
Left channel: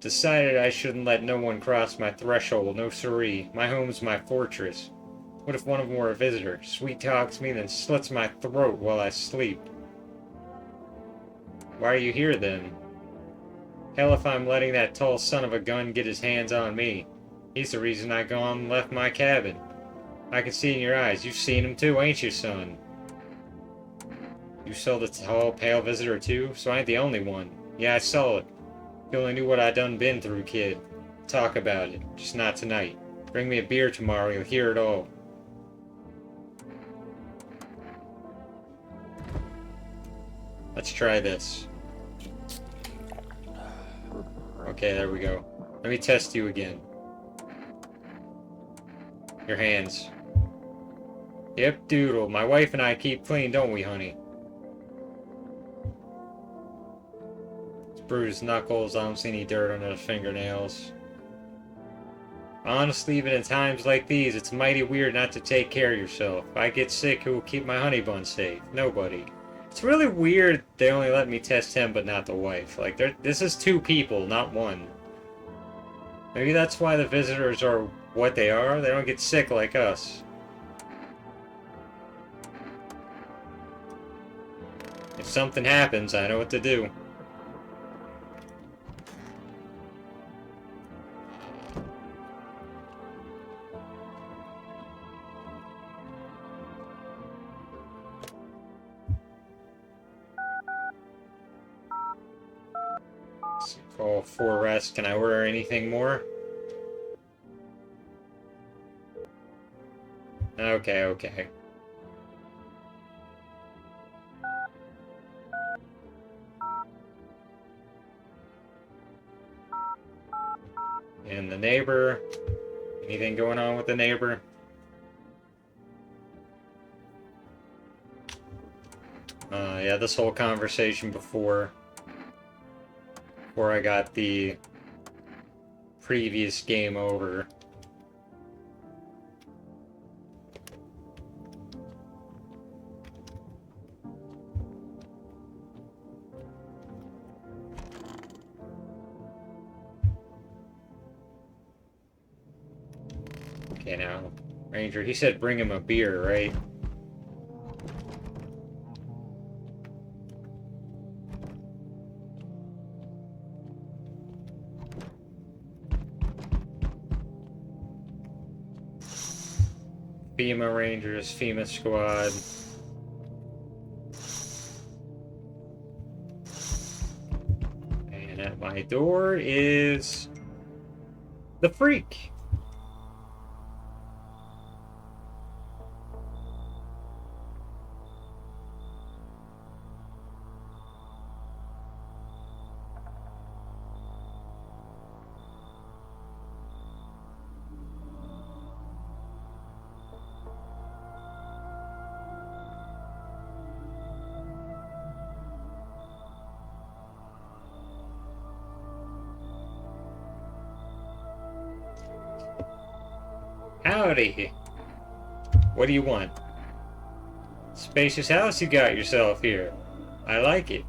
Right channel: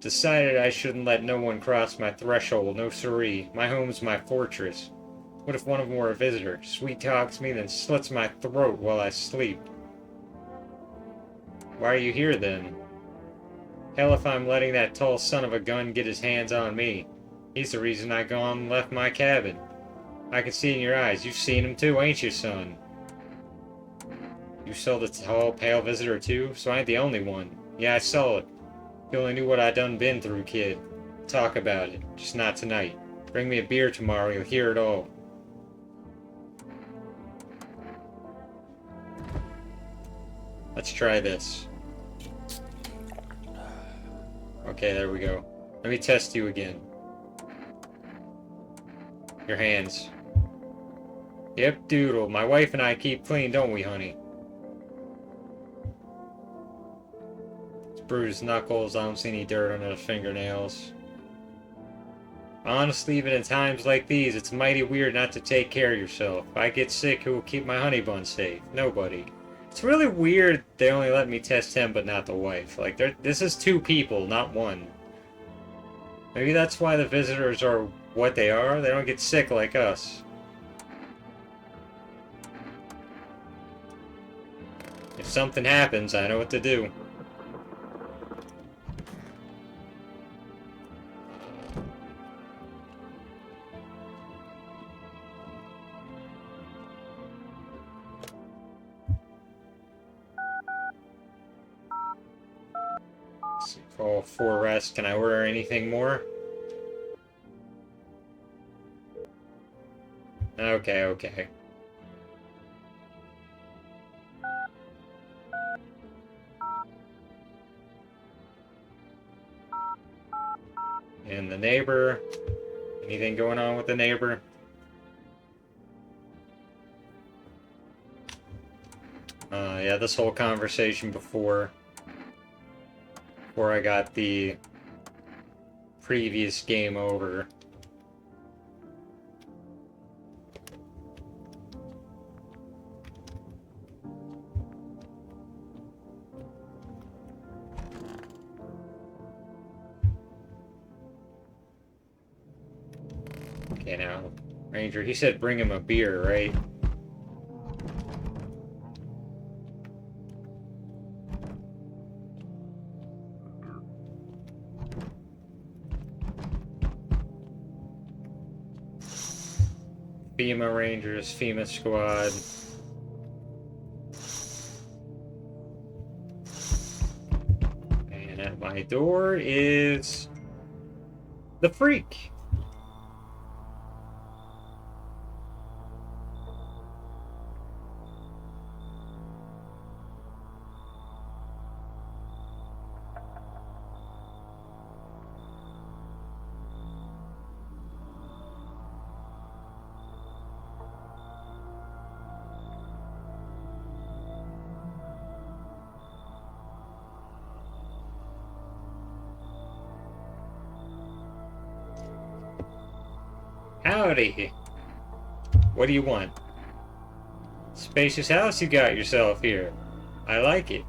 Decided I shouldn't let no one cross my threshold, no siree. My home's my fortress. What if one of them were a visitor? Sweet talks me, then slits my throat while I sleep. Why are you here, then? Hell if I'm letting that tall son of a gun get his hands on me. He's the reason I gone and left my cabin. I can see in your eyes. You've seen him too, ain't you, son? You saw the tall, pale visitor too? So I ain't the only one. Yeah, I saw it. You only knew what I done been through, kid. Talk about it. Just not tonight. Bring me a beer tomorrow, you'll hear it all. Let's try this. Okay, there we go. Let me test you again. Your hands. Yep, doodle. My wife and I keep clean, don't we, honey? It's bruised knuckles. I don't see any dirt under the fingernails. Honestly, even in times like these, it's mighty weird not to take care of yourself. If I get sick, who will keep my honey bun safe? Nobody. It's really weird they only let me test him but not the wife. Like, this is two people, not one. Maybe that's why the visitors are what they are. They don't get sick like us. If something happens, I know what to do. Call for rest. Can I order anything more? Okay, okay. And the neighbor. Anything going on with the neighbor? Yeah, this whole conversation before I got the previous game over. Okay, now, Ranger, he said bring him a beer, right? FEMA Rangers, FEMA Squad. And at my door is the freak. Howdy. What do you want? Spacious house you got yourself here. I like it.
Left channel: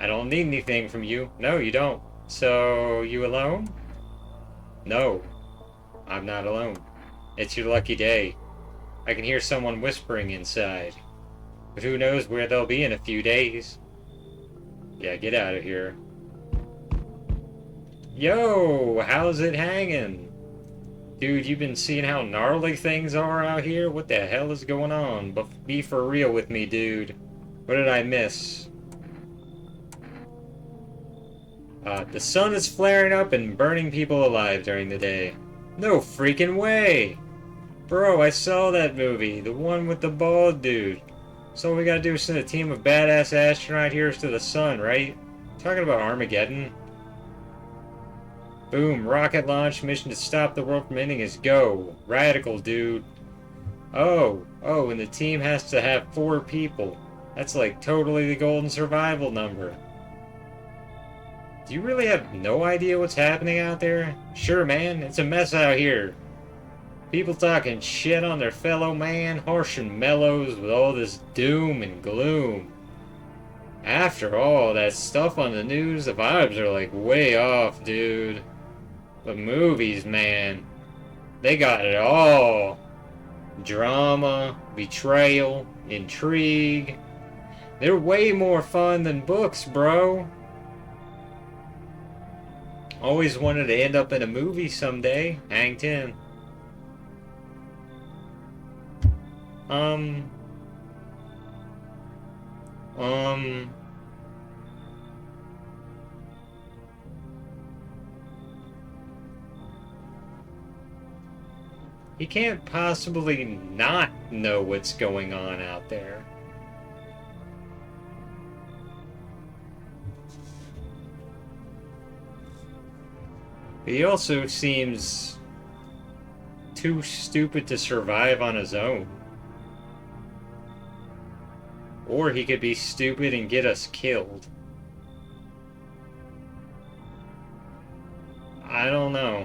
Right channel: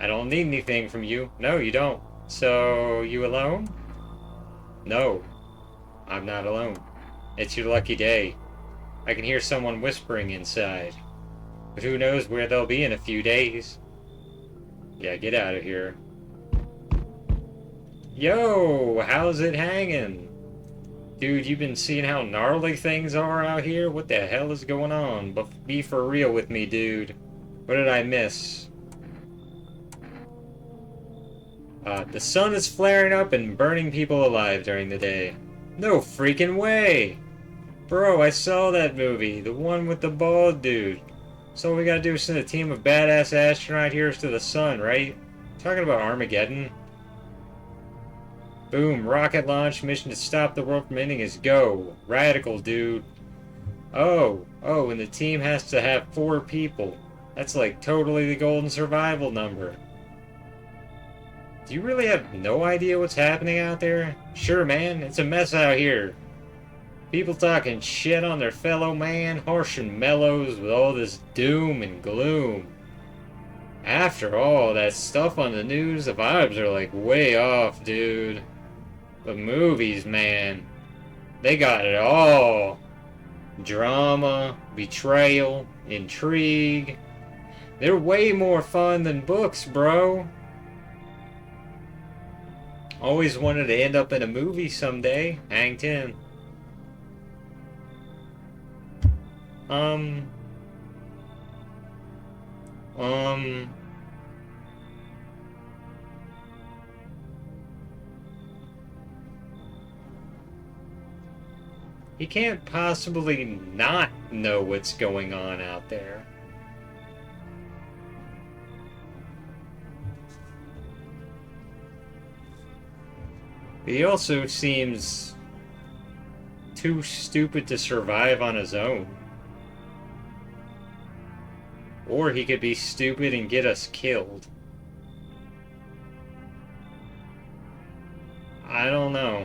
I don't need anything from you. No, you don't. So, you alone? No, I'm not alone. It's your lucky day. I can hear someone whispering inside. But who knows where they'll be in a few days. Yeah, get out of here. Yo, how's it hanging? Dude, you've been seeing how gnarly things are out here? What the hell is going on? But be for real with me, dude. What did I miss? The sun is flaring up and burning people alive during the day. No freaking way! Bro, I saw that movie. The one with the bald dude. So all we gotta do is send a team of badass astronauts here to the sun, right? Talking about Armageddon. Boom, rocket launch, mission to stop the world from ending is go. Radical, dude. Oh, and the team has to have 4 people. That's like totally the golden survival number. Do you really have no idea what's happening out there? Sure, man, it's a mess out here. People talking shit on their fellow man, harsh and mellows with all this doom and gloom. After all that stuff on the news, the vibes are like way off, dude. But movies, man, they got it all. Drama, betrayal, intrigue. They're way more fun than books, bro. Always wanted to end up in a movie someday. Hang 10. He can't possibly not know what's going on out there. He also seems too stupid to survive on his own. Or he could be stupid and get us killed. I don't know.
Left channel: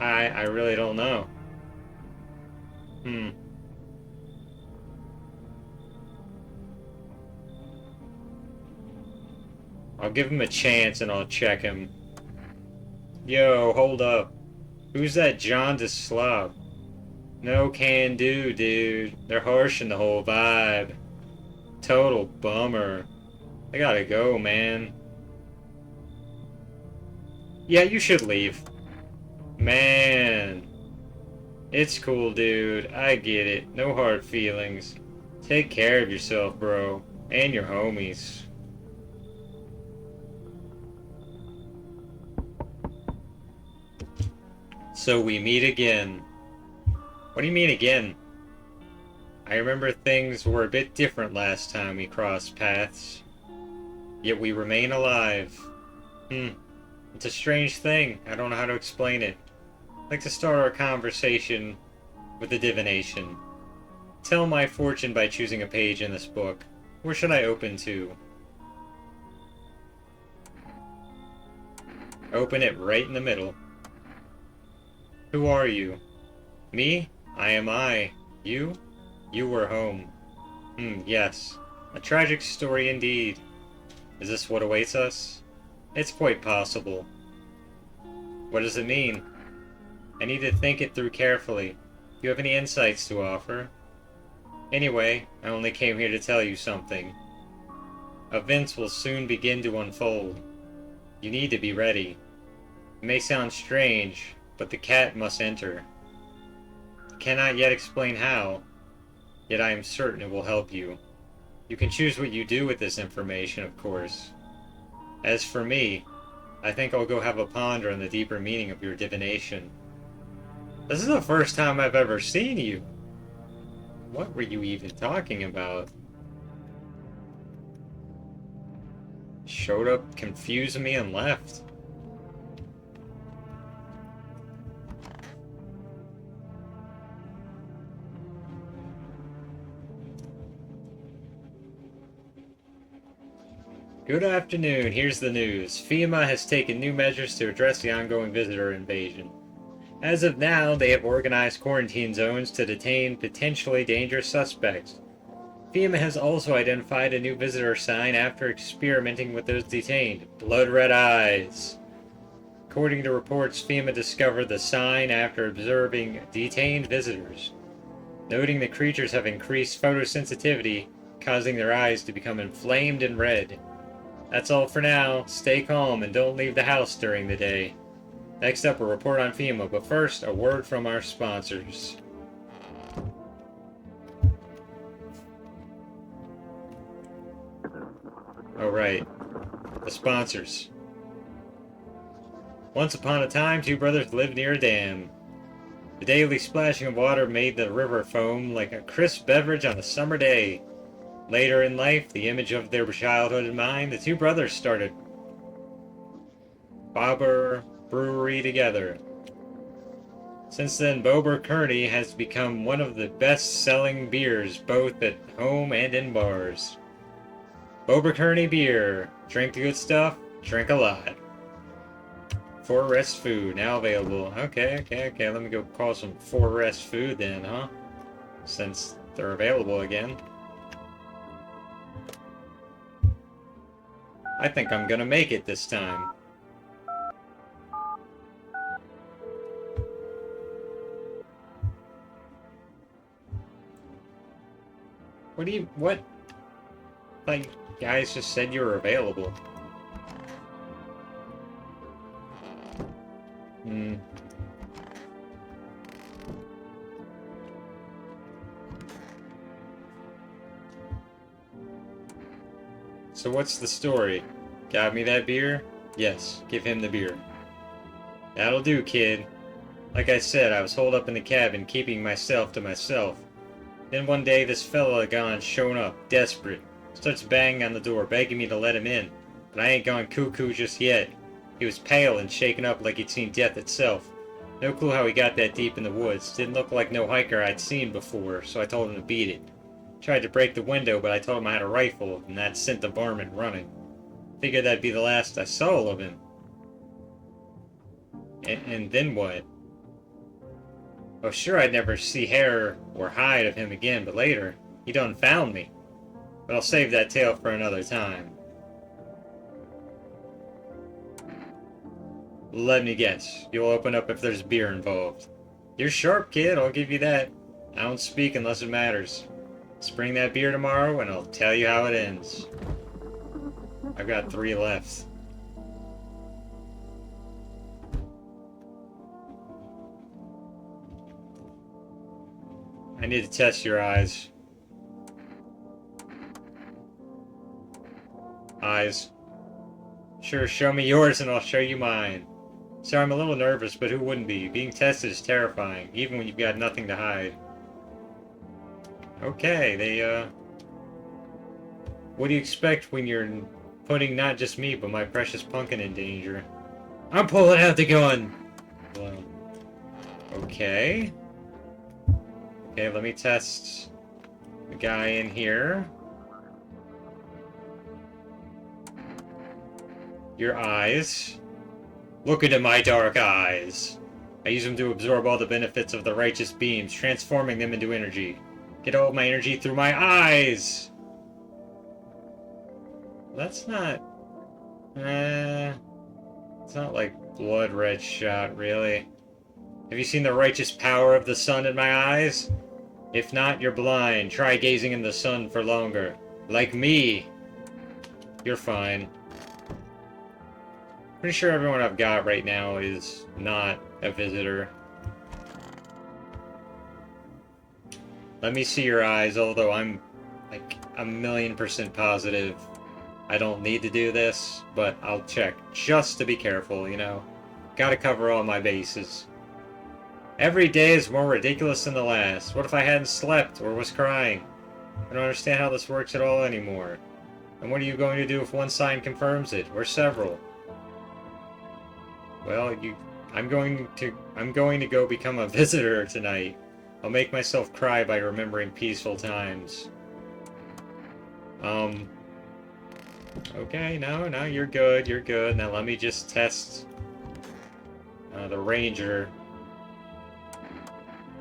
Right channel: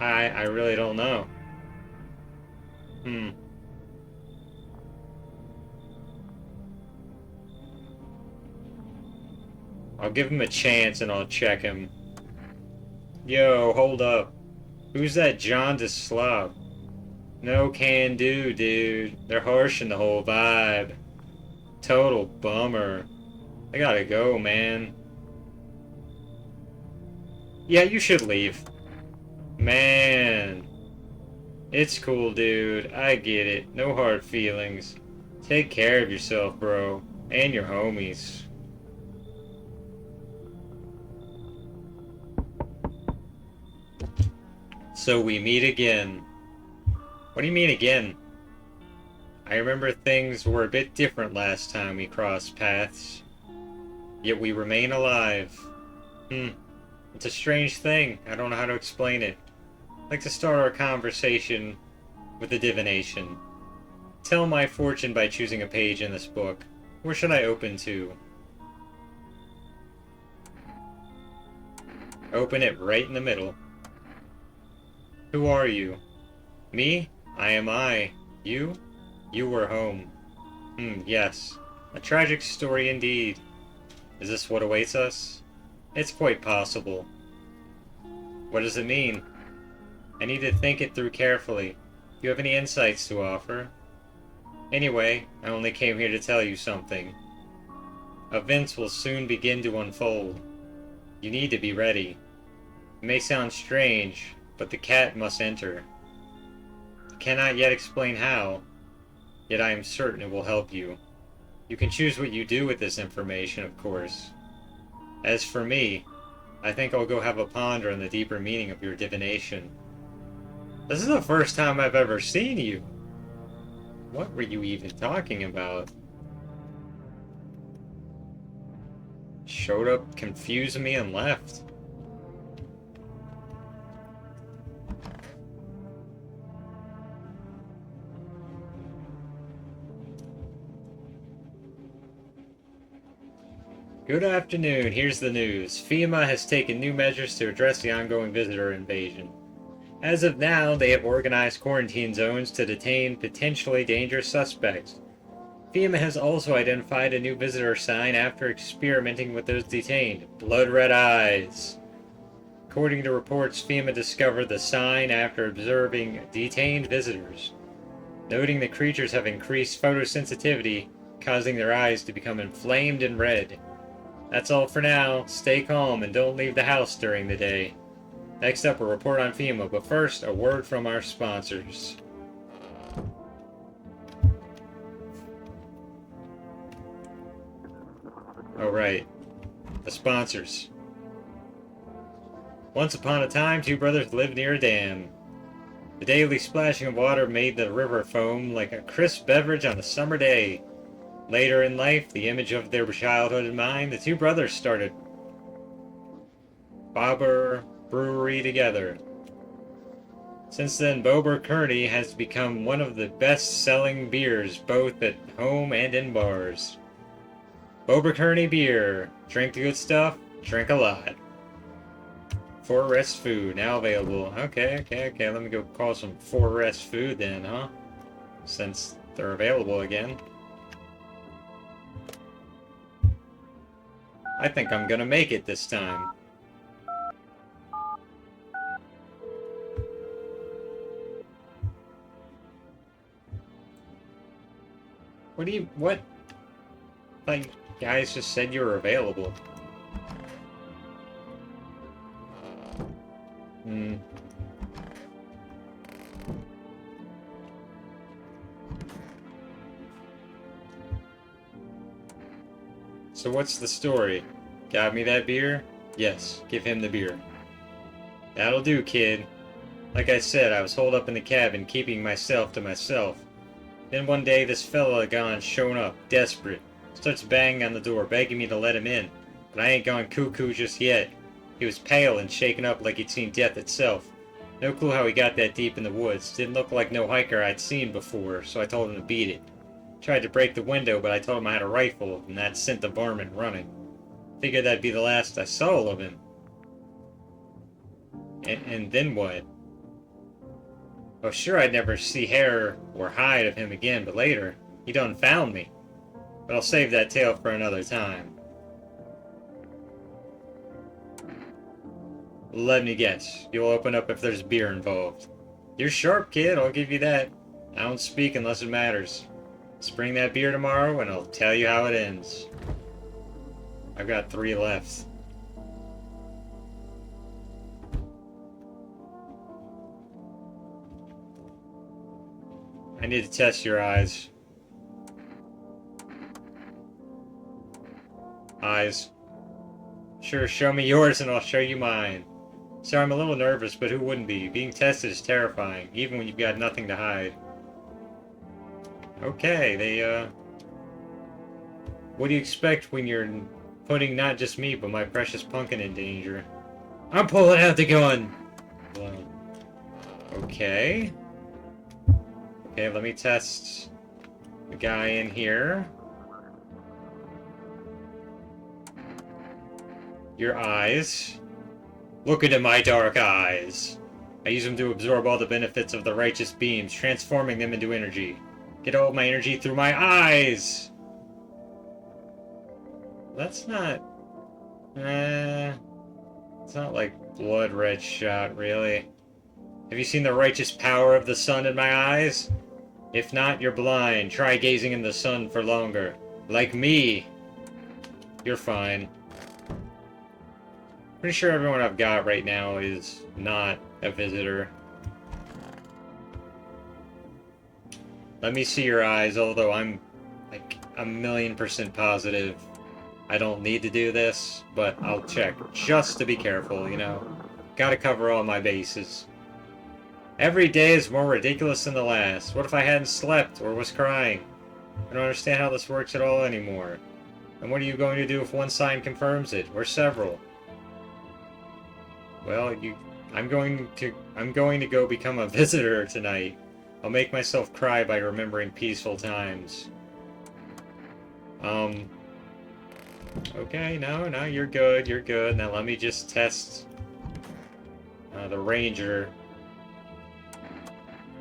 I really don't know. I'll give him a chance and I'll check him. Yo, hold up. Who's that jaundiced slob? No can do, dude. They're harshing the whole vibe. Total bummer. I gotta go, man. Yeah, you should leave. Man. It's cool, dude. I get it. No hard feelings. Take care of yourself, bro. And your homies. So we meet again. What do you mean again? I remember things were a bit different last time we crossed paths. Yet we remain alive. It's a strange thing. I don't know how to explain it. I'd like to start our conversation with a divination. Tell my fortune by choosing a page in this book. Where should I open to? Open it right in the middle. Who are you? Me? I am I. You? You were home. Yes. A tragic story indeed. Is this what awaits us? It's quite possible. What does it mean? I need to think it through carefully. Do you have any insights to offer? Anyway, I only came here to tell you something. Events will soon begin to unfold. You need to be ready. It may sound strange, but the cat must enter. I cannot yet explain how, yet I am certain it will help you. You can choose what you do with this information, of course. As for me, I think I'll go have a ponder on the deeper meaning of your divination. This is the first time I've ever seen you. What were you even talking about? Showed up, confused me, and left. Good afternoon, here's the news. FEMA has taken new measures to address the ongoing visitor invasion. As of now, they have organized quarantine zones to detain potentially dangerous suspects. FEMA has also identified a new visitor sign after experimenting with those detained. Blood red eyes. According to reports, FEMA discovered the sign after observing detained visitors, noting the creatures have increased photosensitivity, causing their eyes to become inflamed and red. That's all for now. Stay calm and don't leave the house during the day. Next up, a report on FEMA, but first, a word from our sponsors. Alright, the sponsors. Once upon a time, two brothers lived near a dam. The daily splashing of water made the river foam like a crisp beverage on a summer day. Later in life, the image of their childhood in mind, the two brothers started Bobber Brewery together. Since then, Bober Kearney has become one of the best-selling beers both at home and in bars. Bober Kearney beer. Drink the good stuff, drink a lot. Forest food, now available. Okay, let me go call some Forest food then, huh? Since they're available again. I think I'm gonna make it this time. What? Like, guys just said you were available. So what's the story? Got me that beer? Yes, give him the beer. That'll do, kid. Like I said, I was holed up in the cabin, keeping myself to myself. Then one day, this fella gone shown up, desperate. Starts banging on the door, begging me to let him in. But I ain't gone cuckoo just yet. He was pale and shaken up like he'd seen death itself. No clue how he got that deep in the woods. Didn't look like no hiker I'd seen before, so I told him to beat it. Tried to break the window, but I told him I had a rifle, and that sent the varmint running. Figured that'd be the last I saw of him. And then what? Well, sure, I'd never see hair or hide of him again, but later, he done found me. But I'll save that tale for another time. Let me guess, you'll open up if there's beer involved. You're sharp, kid, I'll give you that. I don't speak unless it matters. Let's bring that beer tomorrow, and I'll tell you how it ends. I've got 3 left. I need to test your eyes. Eyes. Sure, show me yours and I'll show you mine. So I'm a little nervous, but who wouldn't be? Being tested is terrifying, even when you've got nothing to hide. Okay, what do you expect when you're putting not just me, but my precious pumpkin in danger? I'm pulling out the gun! Okay. Okay, let me test the guy in here. Your eyes. Look into my dark eyes. I use them to absorb all the benefits of the righteous beams, transforming them into energy. Get all of my energy through my eyes! That's not... it's not like blood red shot, really. Have you seen the righteous power of the sun in my eyes? If not, you're blind. Try gazing in the sun for longer. Like me. You're fine. Pretty sure everyone I've got right now is not a visitor. Let me see your eyes, although I'm like a 1,000,000% positive I don't need to do this, but I'll check just to be careful, you know. Gotta cover all my bases. Every day is more ridiculous than the last. What if I hadn't slept or was crying? I don't understand how this works at all anymore. And what are you going to do if one sign confirms it, or several? Well, I'm going to go become a visitor tonight. I'll make myself cry by remembering peaceful times. Okay, no, you're good, Now let me just test the ranger.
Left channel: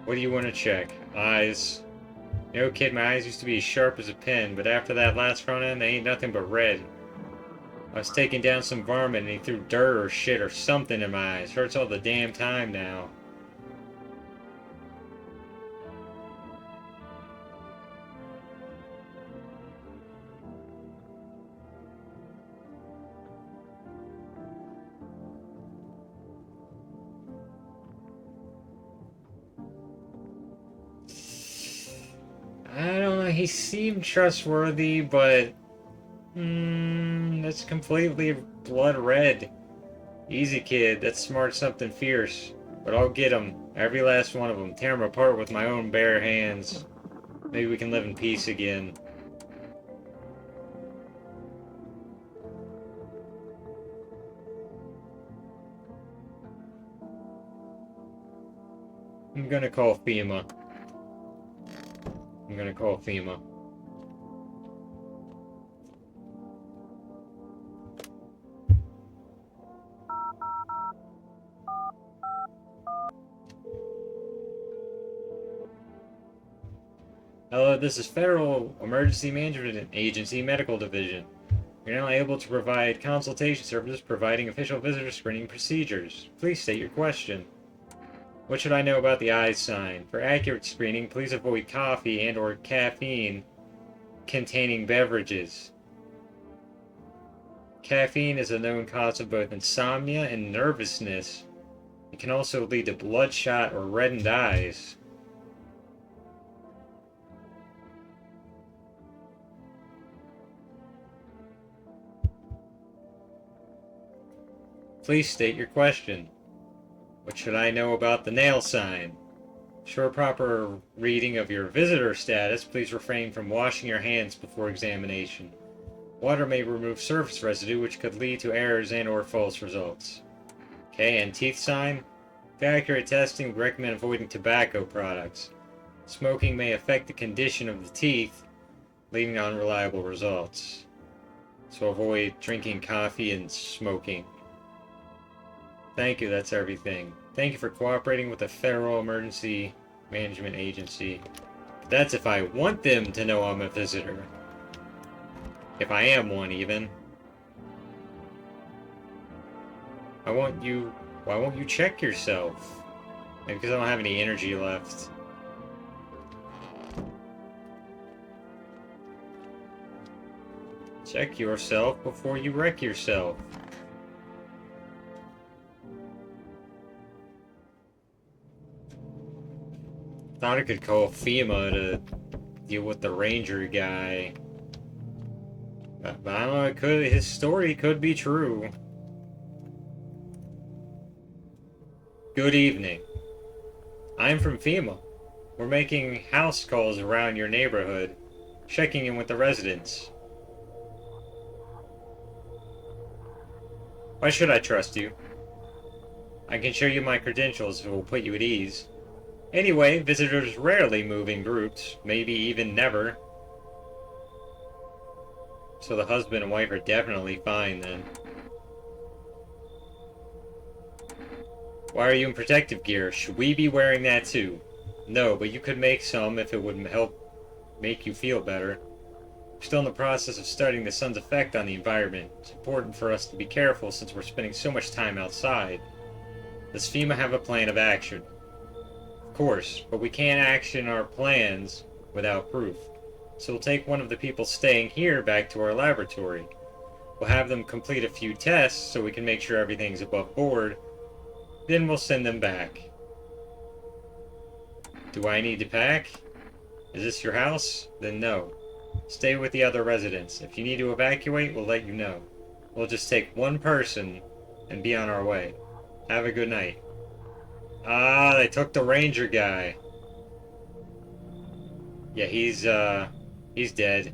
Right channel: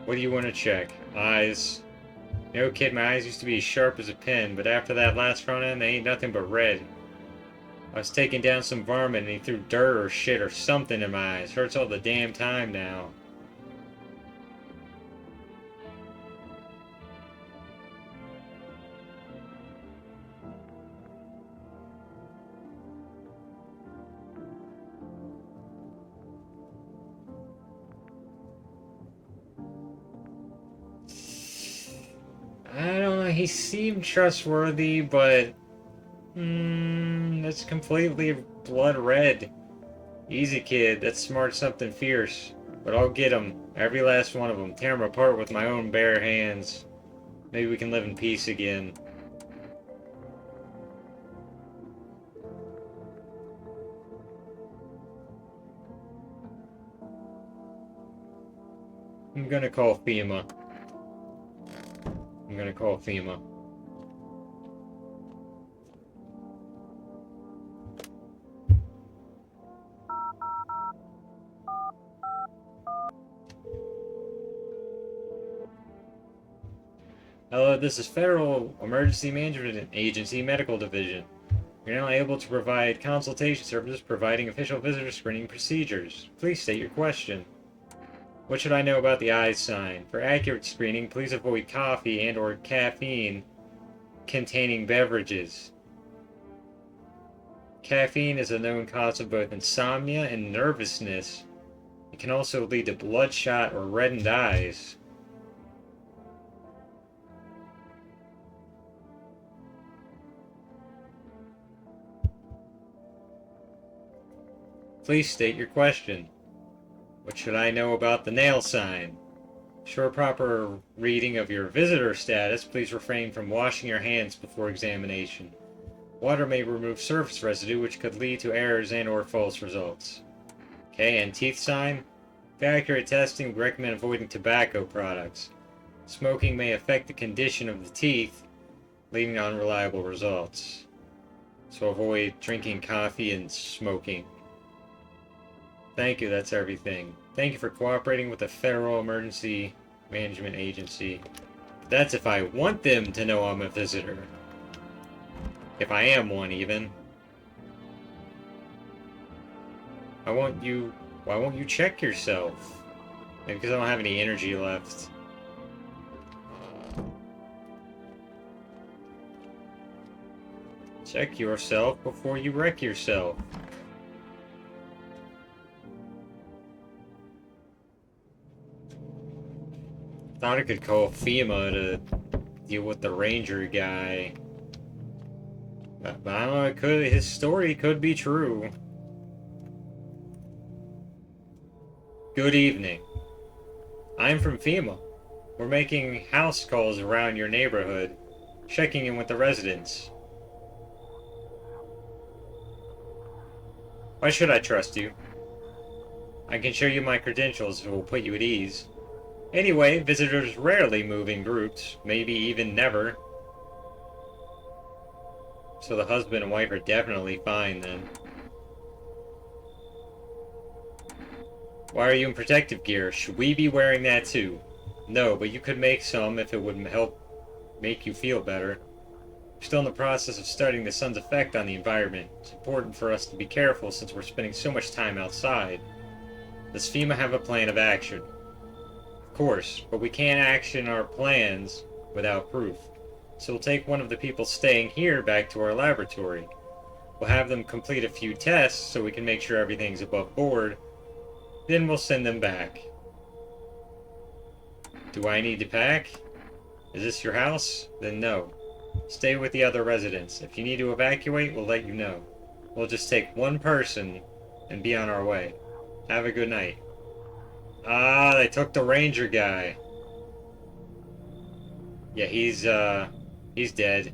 What do you want to check? Eyes. You know, kid, my eyes used to be as sharp as a pin, but after that last run-in, they ain't nothing but red. I was taking down some varmint and he threw dirt or shit or something in my eyes. Hurts all the damn time now. I don't know, he seemed trustworthy, but... it's completely blood red. Easy, kid, that's smart something fierce. But I'll get them, every last one of them, tear them apart with my own bare hands. Maybe we can live in peace again. I'm gonna call FEMA. I'm gonna call FEMA. Hello, this is Federal Emergency Management Agency Medical Division. You're now able to provide consultation services providing official visitor screening procedures. Please state your question. What should I know about the eyes sign? For accurate screening, please avoid coffee and or caffeine containing beverages. Caffeine is a known cause of both insomnia and nervousness. It can also lead to bloodshot or reddened eyes. Please state your question. What should I know about the nail sign? For proper reading of your visitor status, please refrain from washing your hands before examination. Water may remove surface residue, which could lead to errors and or false results. Okay, and teeth sign? For accurate testing, we recommend avoiding tobacco products. Smoking may affect the condition of the teeth, leading to unreliable results. So avoid drinking coffee and smoking. Thank you, that's everything. Thank you for cooperating with the Federal Emergency Management Agency. But that's if I want them to know I'm a visitor. If I am one, even. Why won't you check yourself? Maybe because I don't have any energy left. Check yourself before you wreck yourself. Thought I could call FEMA to deal with the ranger guy. But I don't know, his story could be true. Good evening. I'm from FEMA. We're making house calls around your neighborhood, checking in with the residents. Why should I trust you? I can show you my credentials if it will put you at ease. Anyway, visitors rarely move in groups, maybe even never. So the husband and wife are definitely fine then. Why are you in protective gear? Should we be wearing that too? No, but you could make some if it would help make you feel better. We're still in the process of studying the sun's effect on the environment. It's important for us to be careful since we're spending so much time outside. Does FEMA have a plan of action? Of course, but we can't action our plans without proof. So we'll take one of the people staying here back to our laboratory. We'll have them complete a few tests so we can make sure everything's above board. Then we'll send them back. Do I need to pack? Is this your house? Then no. Stay with the other residents. If you need to evacuate, we'll let you know. We'll just take one person and be on our way. Have a good night. Ah, they took the ranger guy. Yeah, he's dead.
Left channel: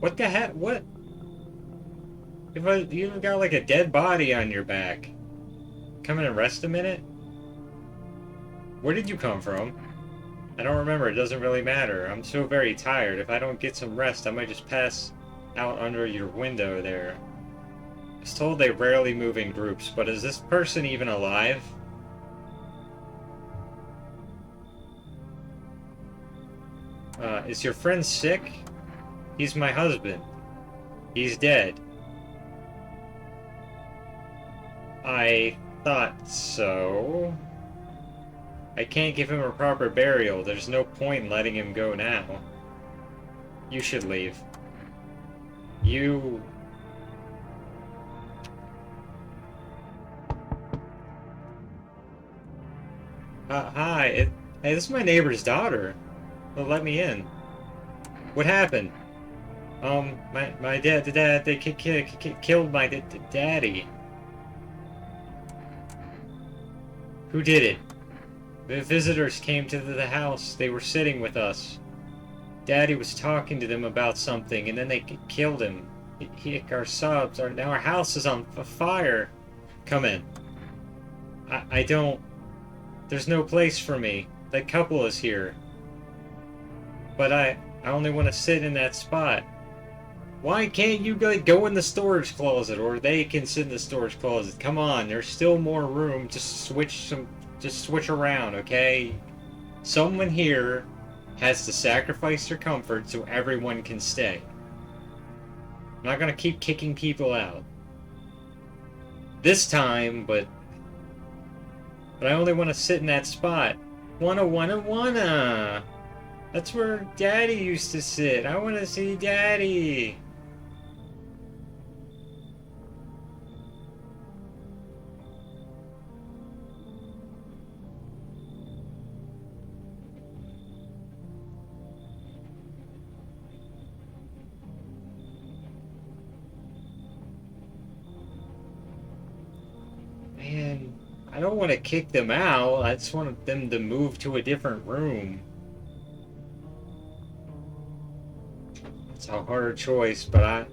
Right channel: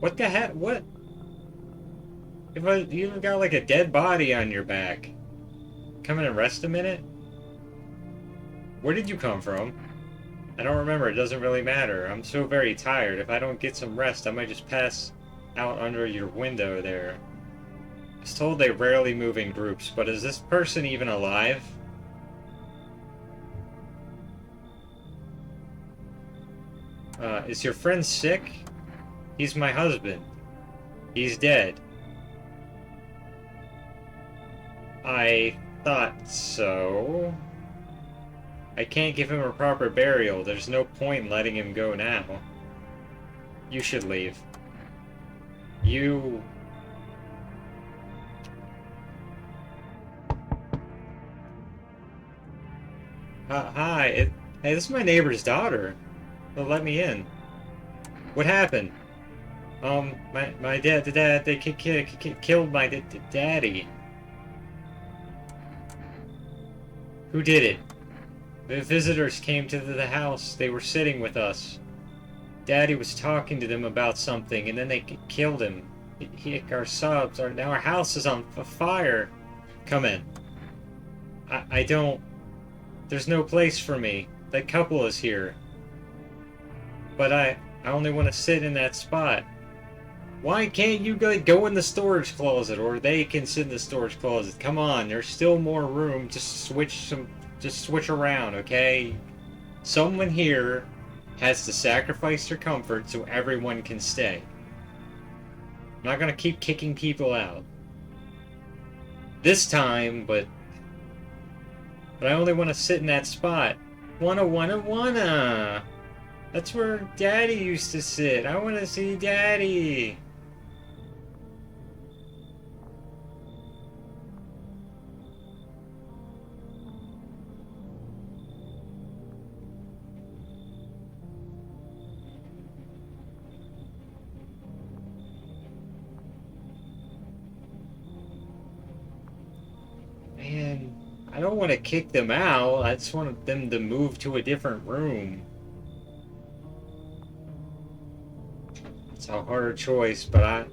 What the heck? What? You got like a dead body on your back. Come in and rest a minute? Where did you come from? I don't remember, it doesn't really matter. I'm so very tired. If I don't get some rest, I might just pass out under your window there. I was told they rarely move in groups, but is this person even alive? Is your friend sick? He's my husband. He's dead. I thought so. I can't give him a proper burial. There's no point in letting him go now. You should leave. You... hi. Hey, this is my neighbor's daughter. Well, let me in. What happened? My dad, they killed my daddy. Who did it? The visitors came to the house. They were sitting with us. Daddy was talking to them about something, and then they killed him. Our subs, now our house is on fire. Come in. I don't... There's no place for me. That couple is here. But I only want to sit in that spot. Why can't you go in the storage closet, or they can sit in the storage closet? Come on, there's still more room to switch around, okay? Someone here has to sacrifice their comfort so everyone can stay. I'm not gonna keep kicking people out. This time, but I only want to sit in that spot. Wanna. That's where Daddy used to sit. I want to see Daddy. Man, I don't want to kick them out. I just want them to move to a different room. It's a hard choice, but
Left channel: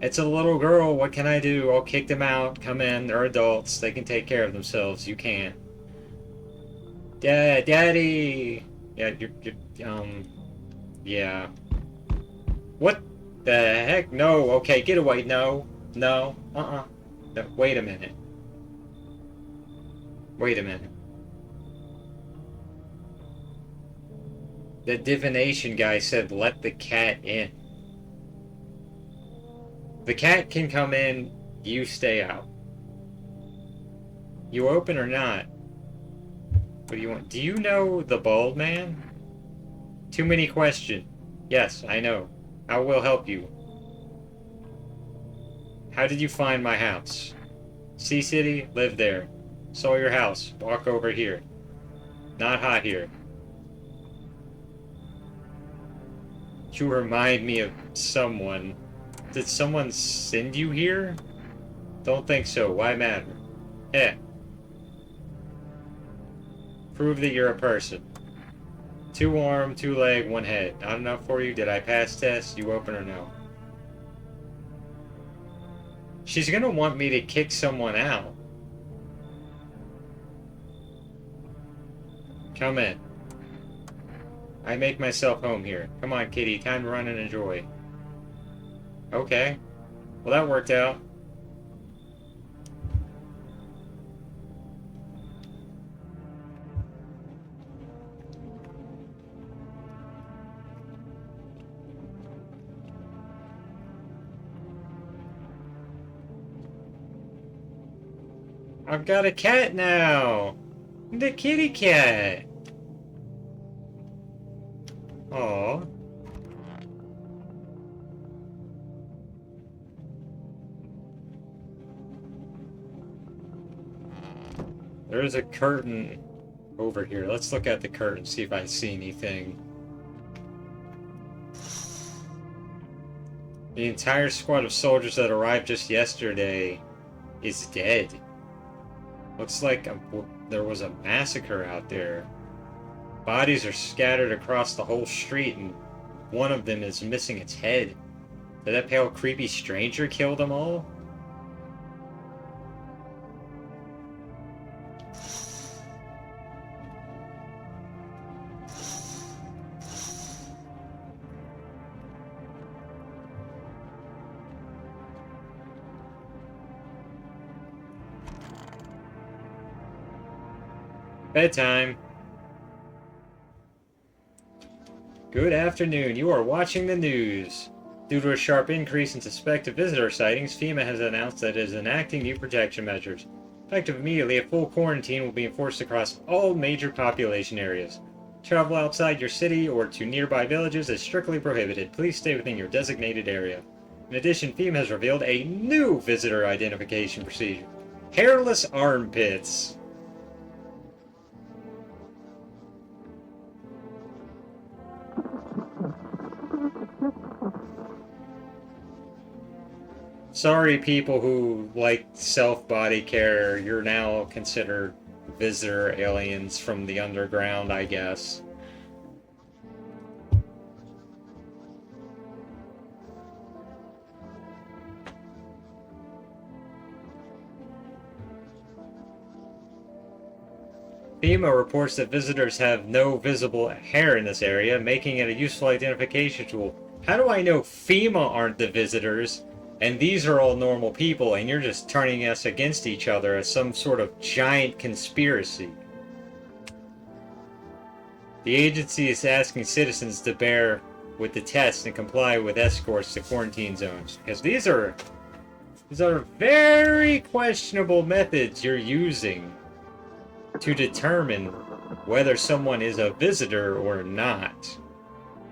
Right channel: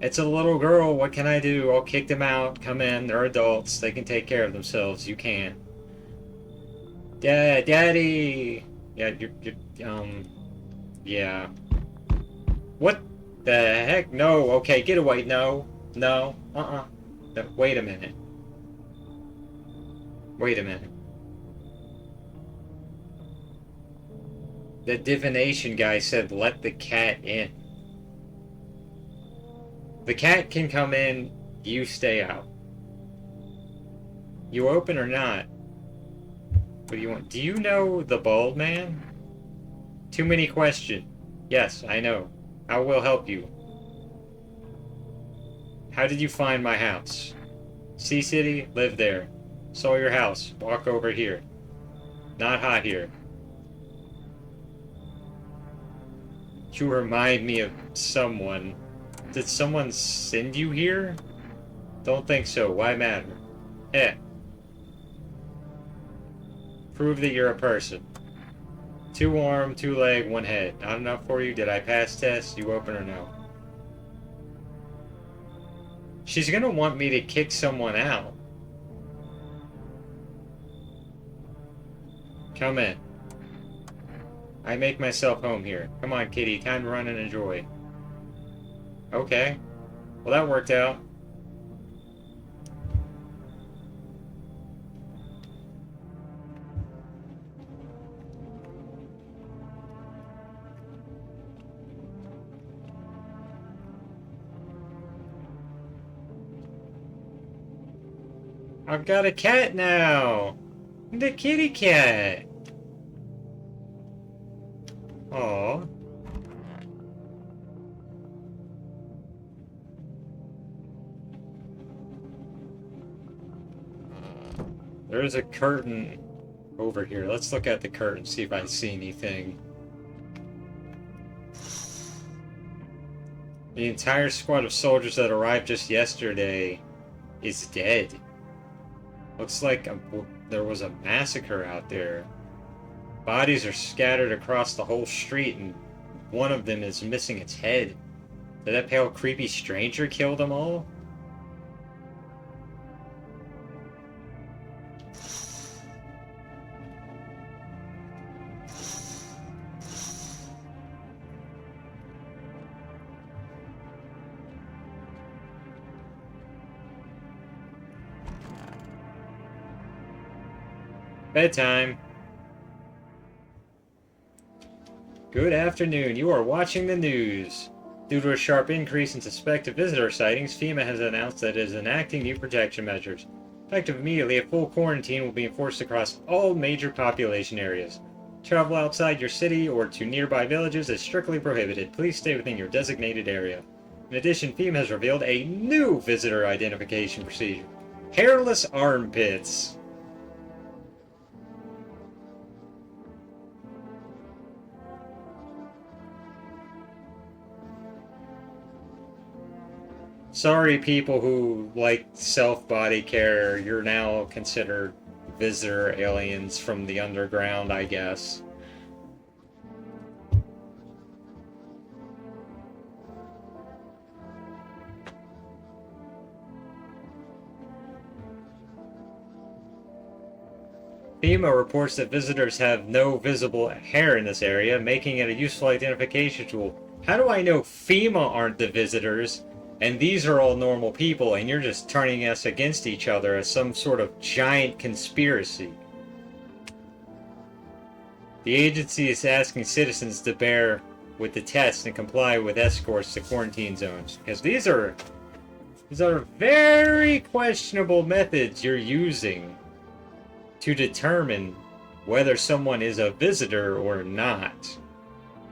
it's a little girl. What can I do? I'll kick them out. Come in. They're adults. They can take care of themselves. You can't. Daddy. Yeah, yeah. What the heck? No. Okay, get away. No. No. No, wait a minute. Wait a minute. The divination guy said let the cat in. The cat can come in, you stay out. You open or not? What do you want? Do you know the bald man? Too many questions. Yes, I know. I will help you. How did you find my house? Sea City, live there. Saw your house. Walk over here. Not hot here. You remind me of someone. Did someone send you here? Don't think so. Why matter? Yeah. Prove that you're a person. 2 arm, 2 leg, 1 head. Not enough for you? Did I pass test? You open or no? She's gonna want me to kick someone out. Come in. I make myself home here. Come on, kitty. Time to run and enjoy. Okay. Well, that worked out. I've got a cat now. The kitty cat. Aww. There's a curtain over here. Let's look at the curtain, see if I see anything. The entire squad of soldiers that arrived just yesterday is dead. Looks like there was a massacre out there. Bodies are scattered across the whole street, and one of them is missing its head. Did that pale, creepy stranger kill them all? Bedtime. Good afternoon. You are watching the news. Due to a sharp increase in suspected visitor sightings, FEMA has announced that it is enacting new protection measures. Effective immediately, a full quarantine will be enforced across all major population areas. Travel outside your city or to nearby villages is strictly prohibited. Please stay within your designated area. In addition, FEMA has revealed a new visitor identification procedure. Hairless armpits. Sorry, people who like self-body care, you're now considered visitor aliens from the underground, I guess. FEMA reports that visitors have no visible hair in this area, making it a useful identification tool. How do I know FEMA aren't the visitors, and these are all normal people, and you're just turning us against each other as some sort of giant conspiracy? The agency is asking citizens to bear with the test and comply with escorts to quarantine zones, because these are very questionable methods you're using to determine whether someone is a visitor or not.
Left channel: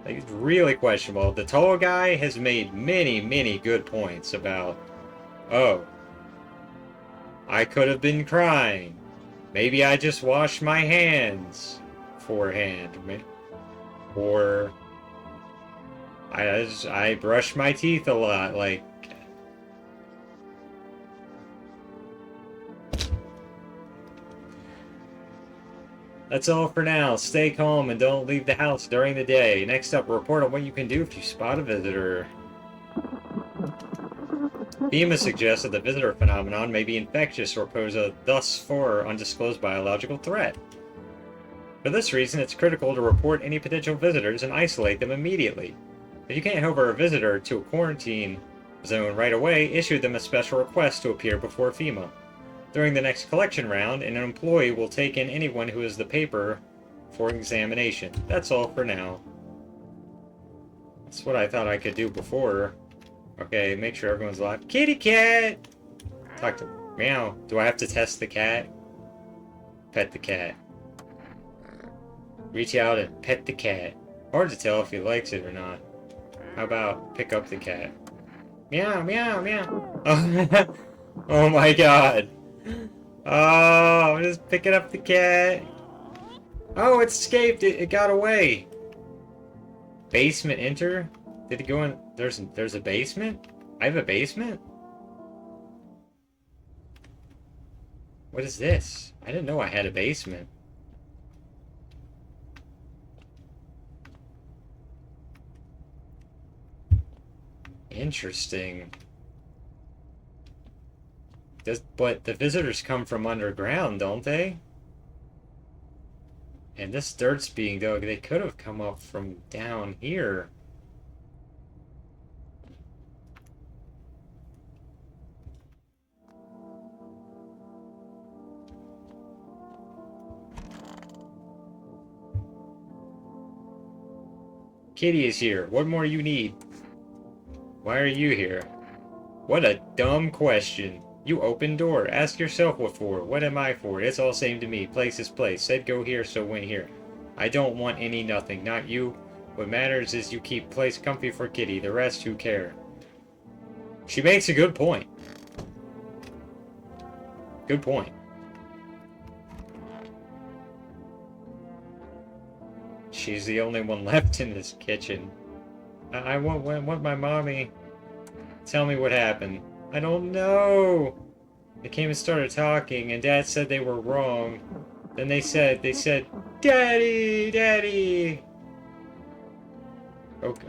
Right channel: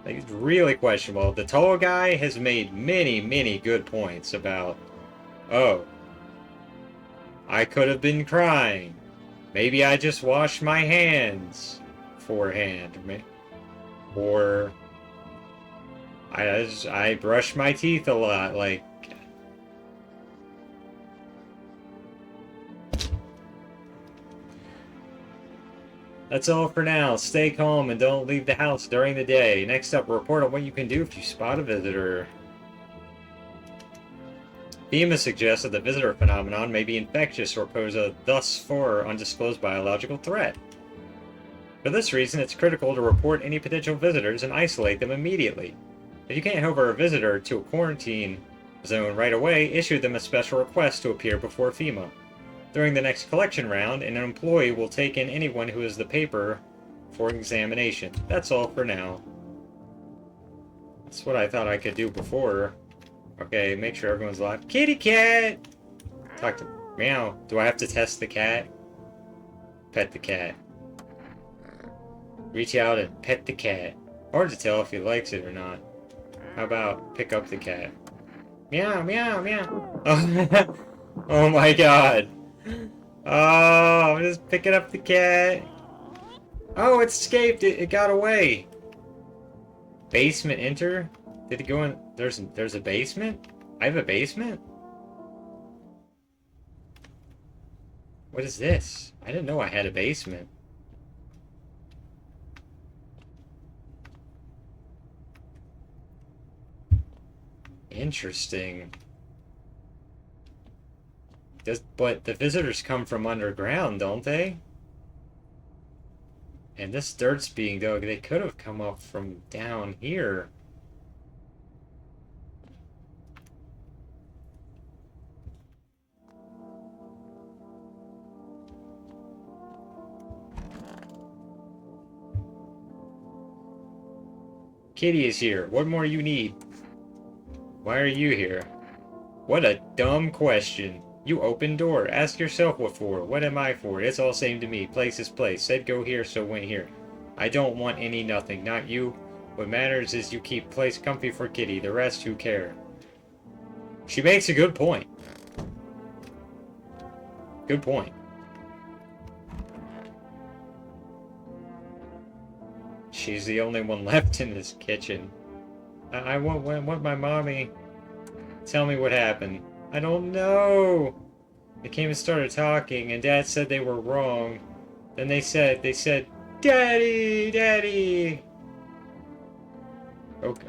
It's really questionable. The tall guy has made many good points about, oh, I could have been crying. Maybe I just washed my hands beforehand. Or I brush my teeth a lot. Like, that's all for now. Stay calm and don't leave the house during the day. Next up, report on what you can do if you spot a visitor. FEMA suggests that the visitor phenomenon may be infectious or pose a thus far undisclosed biological threat. For this reason, it's critical to report any potential visitors and isolate them immediately. If you can't hover a visitor to a quarantine zone right away, issue them a special request to appear before FEMA. During the next collection round, an employee will take in anyone who has the paper for examination. That's all for now. That's what I thought I could do before. Okay, make sure everyone's alive. Kitty cat! Talk to... Meow. Do I have to test the cat? Pet the cat. Reach out and pet the cat. Hard to tell if he likes it or not. How about pick up the cat? Meow, meow, meow. Oh my god. Oh, I'm just picking up the cat. Oh, it escaped. It got away. Basement enter? Did it go in? There's a basement? I have a basement? What is this? I didn't know I had a basement. Interesting. But the visitors come from underground, don't they? And this dirt's being dug. They could have come up from down here. Kitty is here. What more you need? Why are you here? What a dumb question. You open door. Ask yourself what for. What am I for? It's all same to me. Place is place. Said go here, so went here. I don't want any nothing. Not you. What matters is you keep place comfy for Kitty. The rest, who care? She makes a good point. Good point. She's the only one left in this kitchen. I want my mommy. Tell me what happened. I don't know. They came and started talking, and Dad said they were wrong. Then they said, Daddy, Daddy.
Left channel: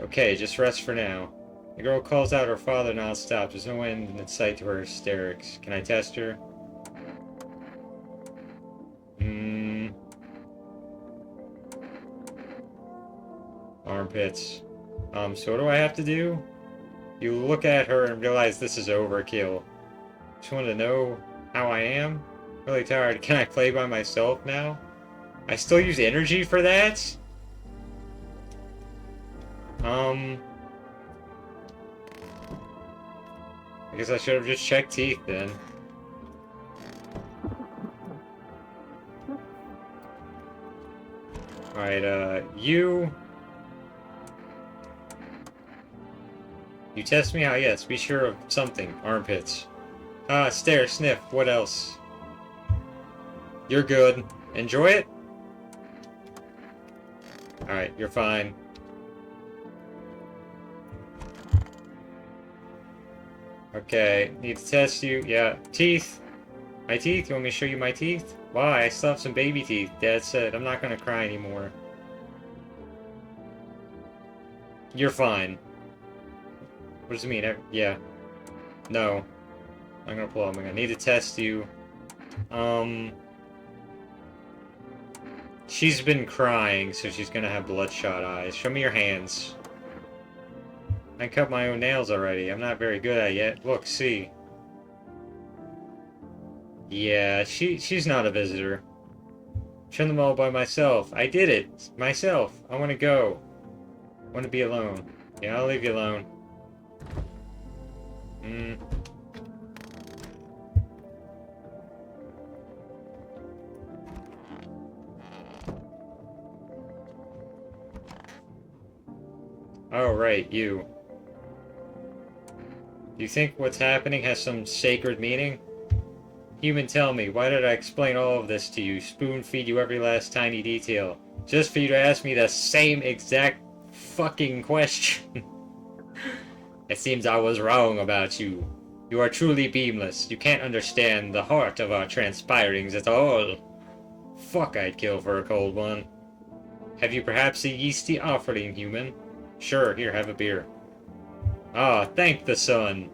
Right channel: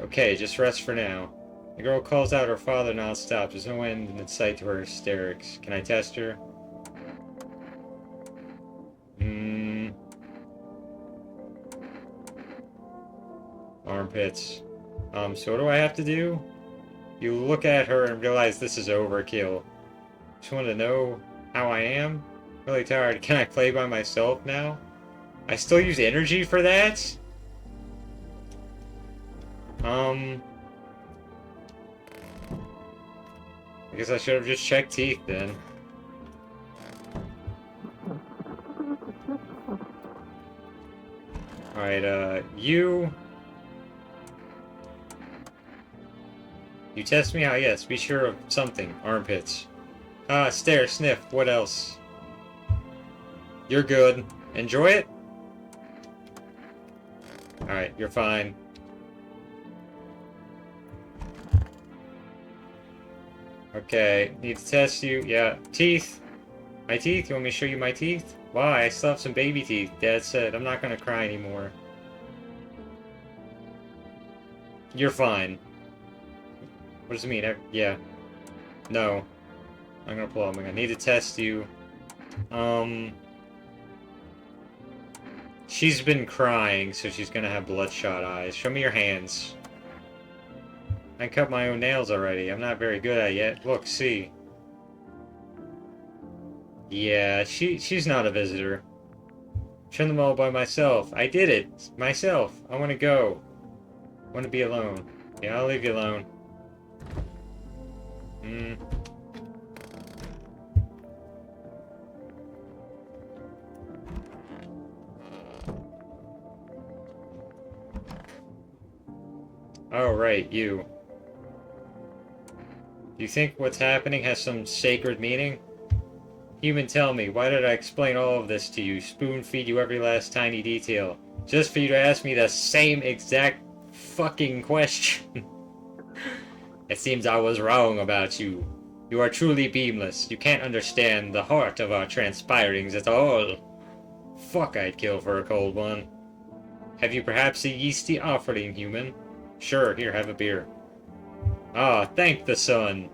Okay, just rest for now. The girl calls out her father nonstop. There's no end in sight to her hysterics. Can I test her? Armpits. So what do I have to do? You look at her and realize this is overkill. Just want to know how I am? Really tired. Can I play by myself now? I still use energy for that? I guess I should have just checked teeth then. Alright, you test me out, yes, be sure of something. Armpits. Stare, sniff, what else? You're good. Enjoy it? Alright, you're fine. Okay, need to test you. Yeah, teeth. My teeth? You want me to show you my teeth? Why? I still have some baby teeth. Dad said I'm not gonna cry anymore. You're fine. What does it mean? Yeah. No. I'm gonna pull up. I'm gonna need to test you. She's been crying, so she's gonna have bloodshot eyes. Show me your hands. I cut my own nails already. I'm not very good at it yet. Look, see. Yeah, she's not a visitor. Trim them all by myself. I did it. Myself. I want to go. I want to be alone. Yeah, I'll leave you alone. Oh, right, you. You think what's happening has some sacred meaning? Human, tell me, why did I explain all of this to you, spoon-feed you every last tiny detail, just for you to ask me the same exact fucking question? It seems I was wrong about you. You are truly beamless. You can't understand the heart of our transpirings at all. Fuck, I'd kill for a cold one. Have you perhaps a yeasty offering, human? Sure, here, have a beer. Ah, thank the sun.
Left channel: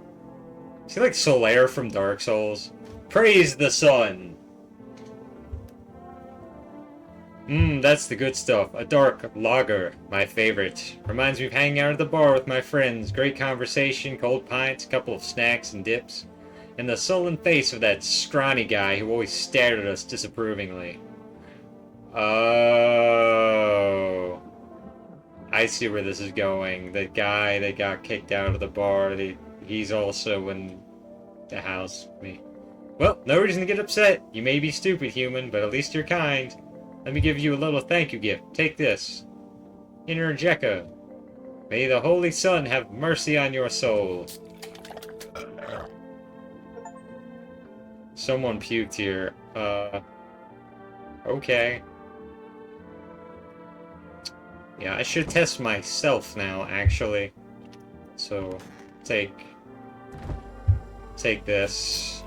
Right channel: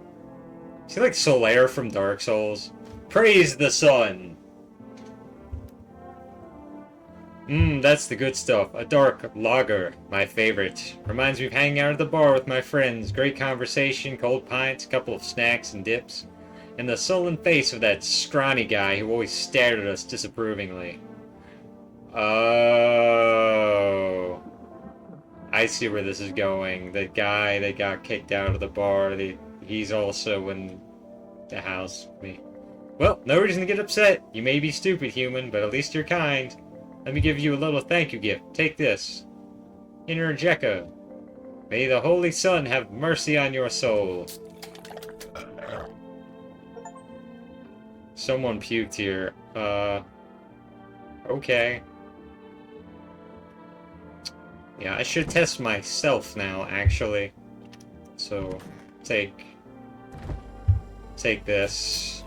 Is he like Solaire from Dark Souls? Praise the sun! That's the good stuff. A dark lager, my favorite. Reminds me of hanging out at the bar with my friends. Great conversation, cold pints, couple of snacks and dips. And the sullen face of that scrawny guy who always stared at us disapprovingly. Oh... I see where this is going. The guy that got kicked out of the bar, he's also in the house. Well, no reason to get upset. You may be stupid, human, but at least you're kind. Let me give you a little thank you gift. Take this. Inner Jekka. May the Holy Sun have mercy on your soul. Someone puked here. Okay. Yeah, I should test myself now, actually. So, take this.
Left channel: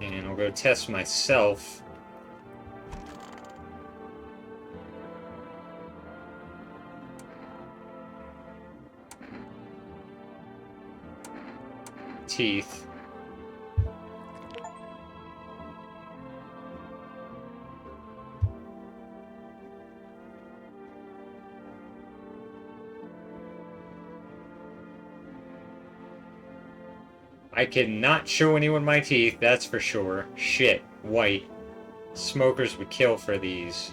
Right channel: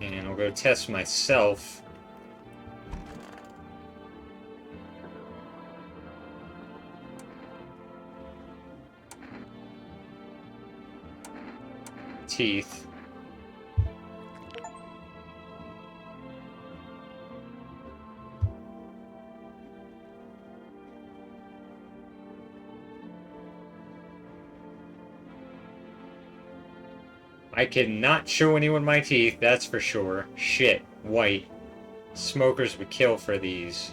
And I'll go test myself. Teeth. I cannot show anyone my teeth, that's for sure. Shit, white. Smokers would kill for these.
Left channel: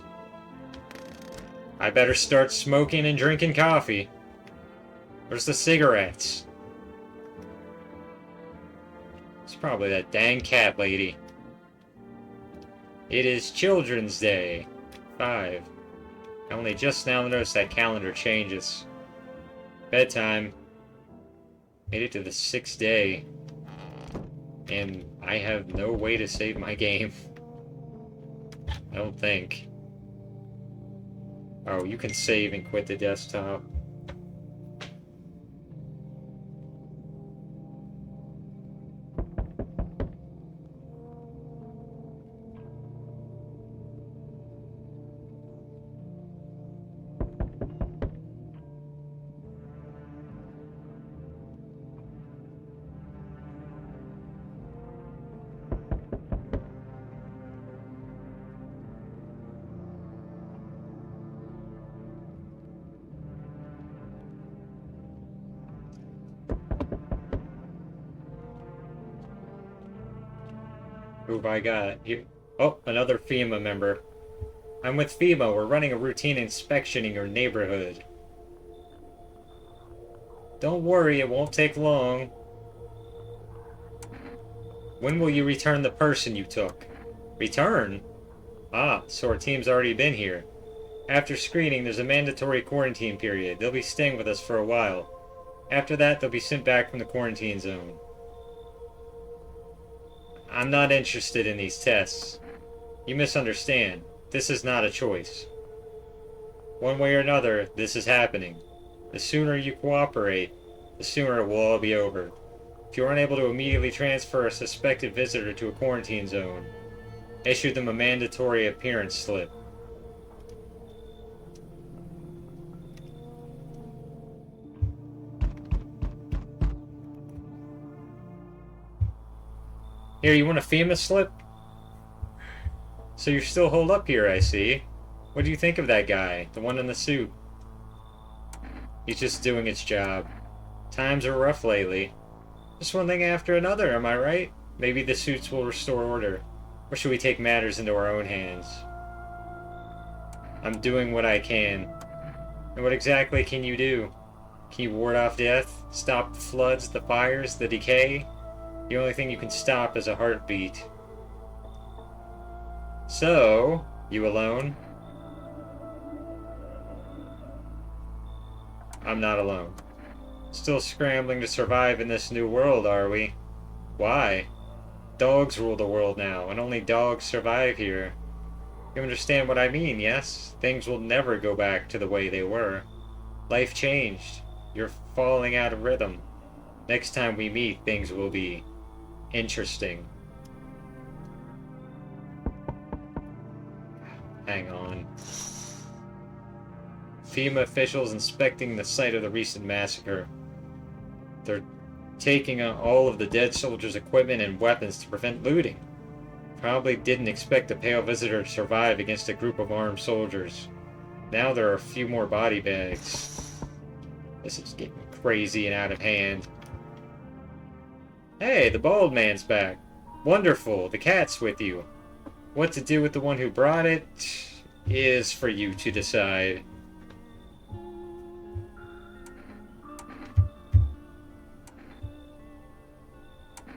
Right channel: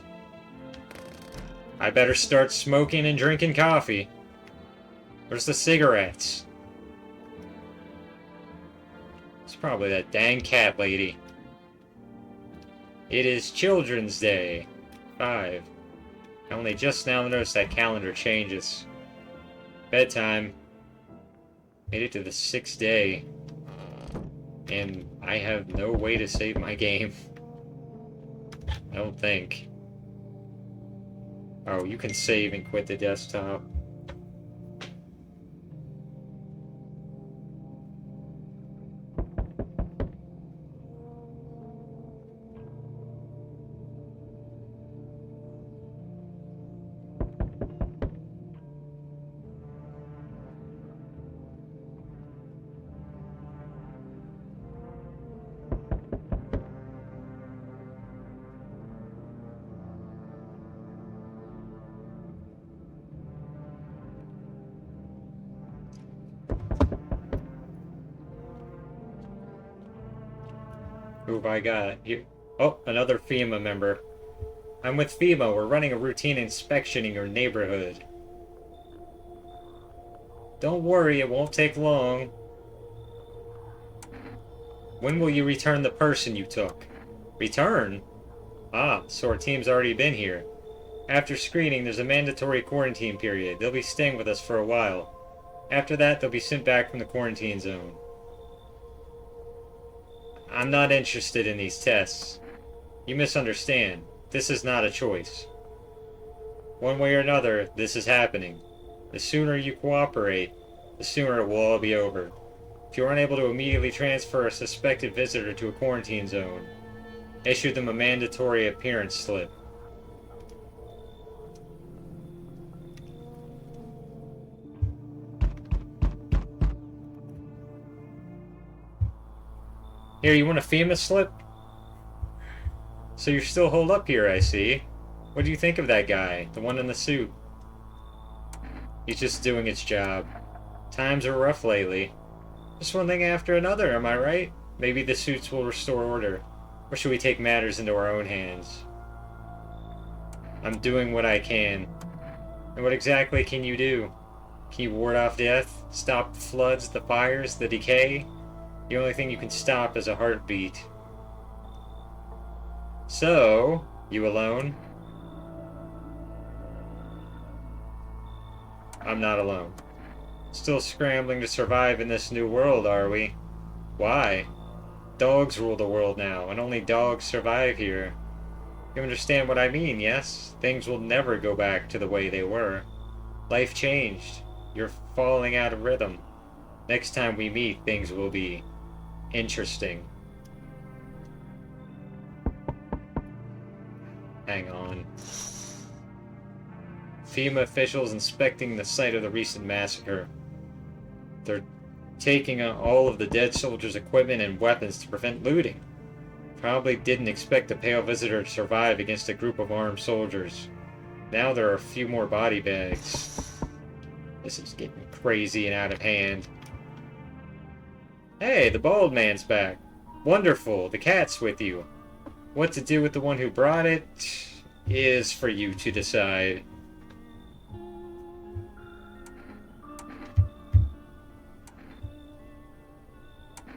I better start smoking and drinking coffee. Where's the cigarettes? It's probably that dang cat lady. It is Children's Day. 5. I only just now noticed that calendar changes. Bedtime. Made it to the 6th day. And I have no way to save my game. I don't think. Oh, you can save and quit the desktop. Who have I got? Here. Oh, another FEMA member. I'm with FEMA. We're running a routine inspection in your neighborhood. Don't worry, it won't take long. When will you return the person you took? Return? Ah, so our team's already been here. After screening, there's a mandatory quarantine period. They'll be staying with us for a while. After that, they'll be sent back from the quarantine zone. I'm not interested in these tests. You misunderstand. This is not a choice. One way or another, this is happening. The sooner you cooperate, the sooner it will all be over. If you are unable to immediately transfer a suspected visitor to a quarantine zone, issue them a mandatory appearance slip. Here, you want a FEMA slip? So you're still holed up here, I see. What do you think of that guy? The one in the suit? He's just doing his job. Times are rough lately. Just one thing after another, am I right? Maybe the suits will restore order. Or should we take matters into our own hands? I'm doing what I can. And what exactly can you do? Can you ward off death? Stop the floods, the fires, the decay? The only thing you can stop is a heartbeat. So, you alone? I'm not alone. Still scrambling to survive in this new world, are we? Why? Dogs rule the world now, and only dogs survive here. You understand what I mean, yes? Things will never go back to the way they were. Life changed. You're falling out of rhythm. Next time we meet, things will be interesting. Hang on. FEMA officials inspecting the site of the recent massacre. They're taking all of the dead soldiers' equipment and weapons to prevent looting. Probably didn't expect a pale visitor to survive against a group of armed soldiers. Now there are a few more body bags. This is getting crazy and out of hand. Hey, the bald man's back. Wonderful, the cat's with you. What to do with the one who brought it is for you to decide.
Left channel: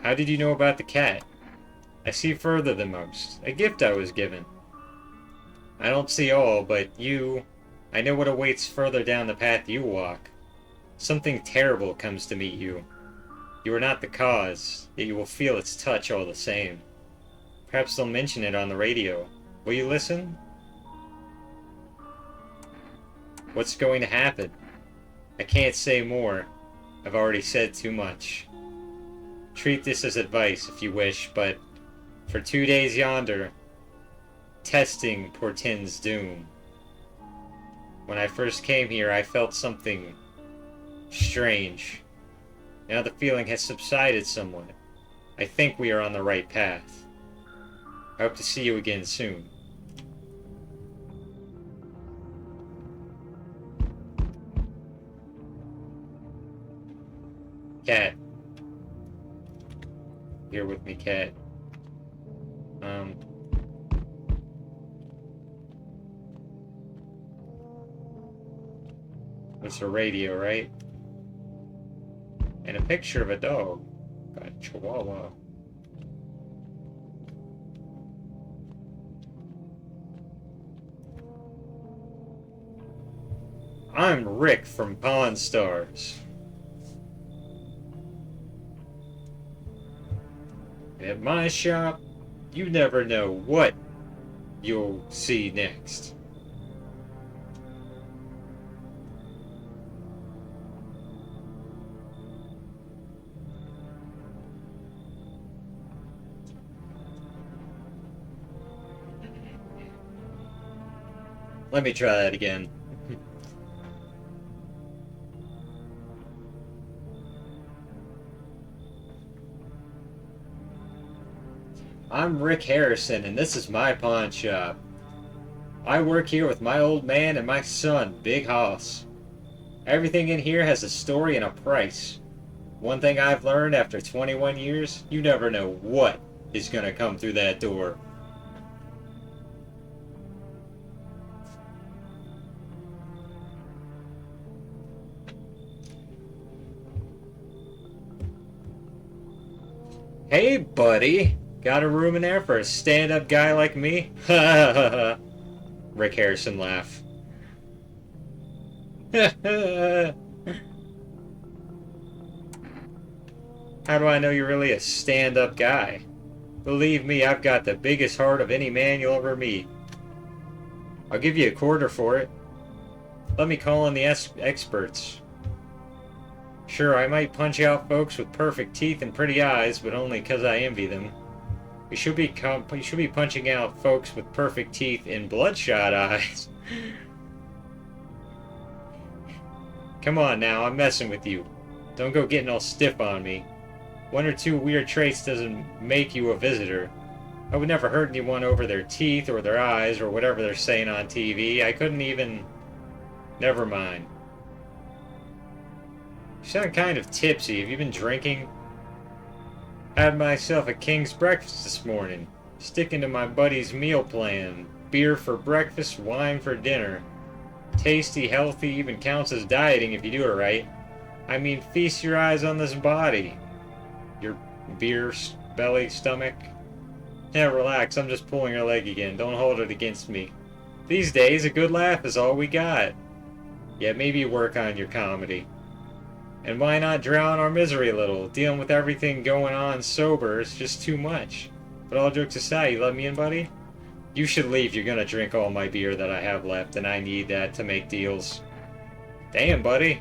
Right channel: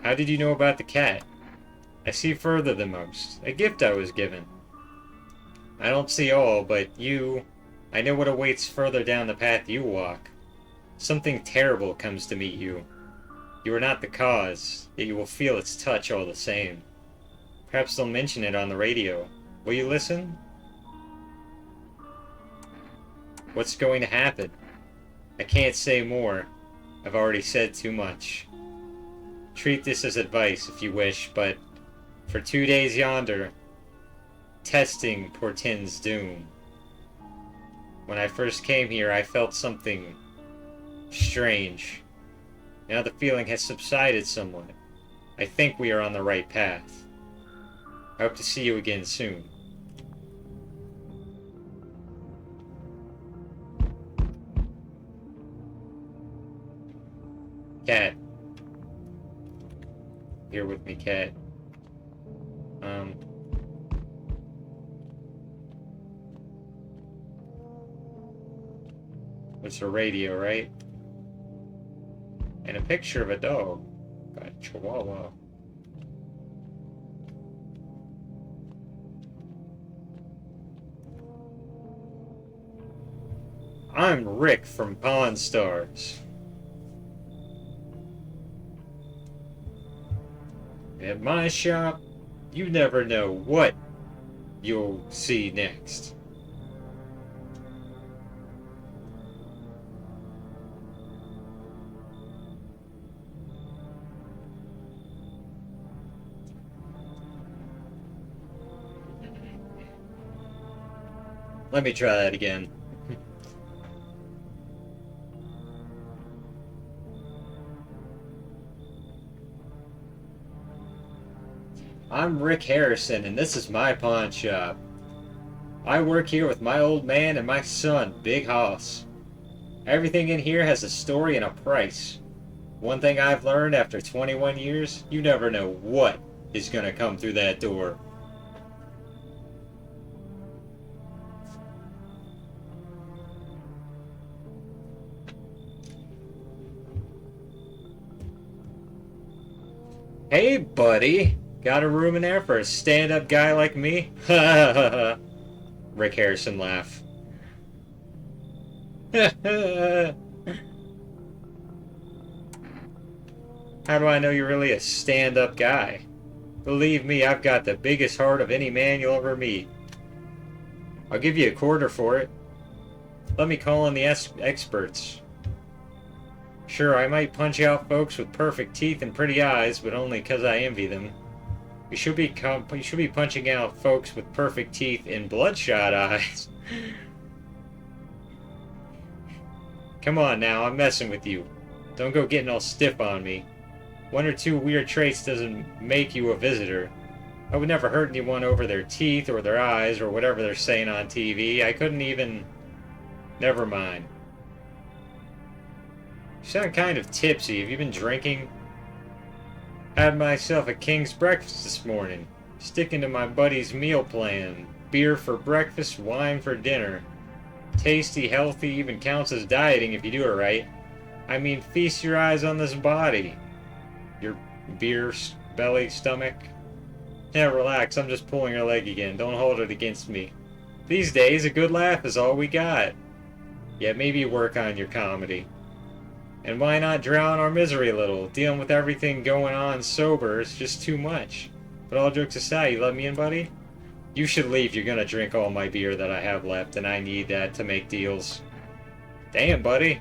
How did you know about the cat? I see further than most. A gift I was given. I don't see all, but I know what awaits further down the path you walk. Something terrible comes to meet you. You are not the cause, yet you will feel its touch all the same. Perhaps they'll mention it on the radio. Will you listen? What's going to happen? I can't say more. I've already said too much. Treat this as advice if you wish, but for 2 days yonder, testing portends doom. When I first came here, I felt something strange. Now the feeling has subsided somewhat. I think we are on the right path. I hope to see you again soon. Cat. Here with me, Cat. It's a radio, right? And a picture of a dog. Got a chihuahua. I'm Rick from Pawn Stars. At my shop, you never know what you'll see next. Let me try that again. I'm Rick Harrison, and this is my pawn shop. I work here with my old man and my son, Big Hoss. Everything in here has a story and a price. One thing I've learned after 21 years, you never know what is gonna come through that door. Hey, buddy. Got a room in there for a stand-up guy like me? Ha ha ha ha. Rick Harrison laugh. How do I know you're really a stand-up guy? Believe me, I've got the biggest heart of any man you'll ever meet. I'll give you $1 for it. Let me call in the experts. Sure, I might punch out folks with perfect teeth and pretty eyes, but only 'cause I envy them. You should be punching out folks with perfect teeth and bloodshot eyes. Come on now, I'm messing with you. Don't go getting all stiff on me. One or two weird traits doesn't make you a visitor. I would never hurt anyone over their teeth or their eyes or whatever they're saying on TV. I couldn't even... Never mind. You sound kind of tipsy. Have you been drinking? Had myself a king's breakfast this morning. Sticking to my buddy's meal plan. Beer for breakfast, wine for dinner. Tasty, healthy, even counts as dieting if you do it right. I mean, feast your eyes on this body. Your beer belly stomach. Yeah, relax, I'm just pulling your leg again. Don't hold it against me. These days, a good laugh is all we got. Yeah, maybe work on your comedy. And why not drown our misery a little? Dealing with everything going on sober is just too much. But all jokes aside, you let me in, buddy? You should leave. You're gonna drink all my beer that I have left, and I need that to make deals. Damn, buddy.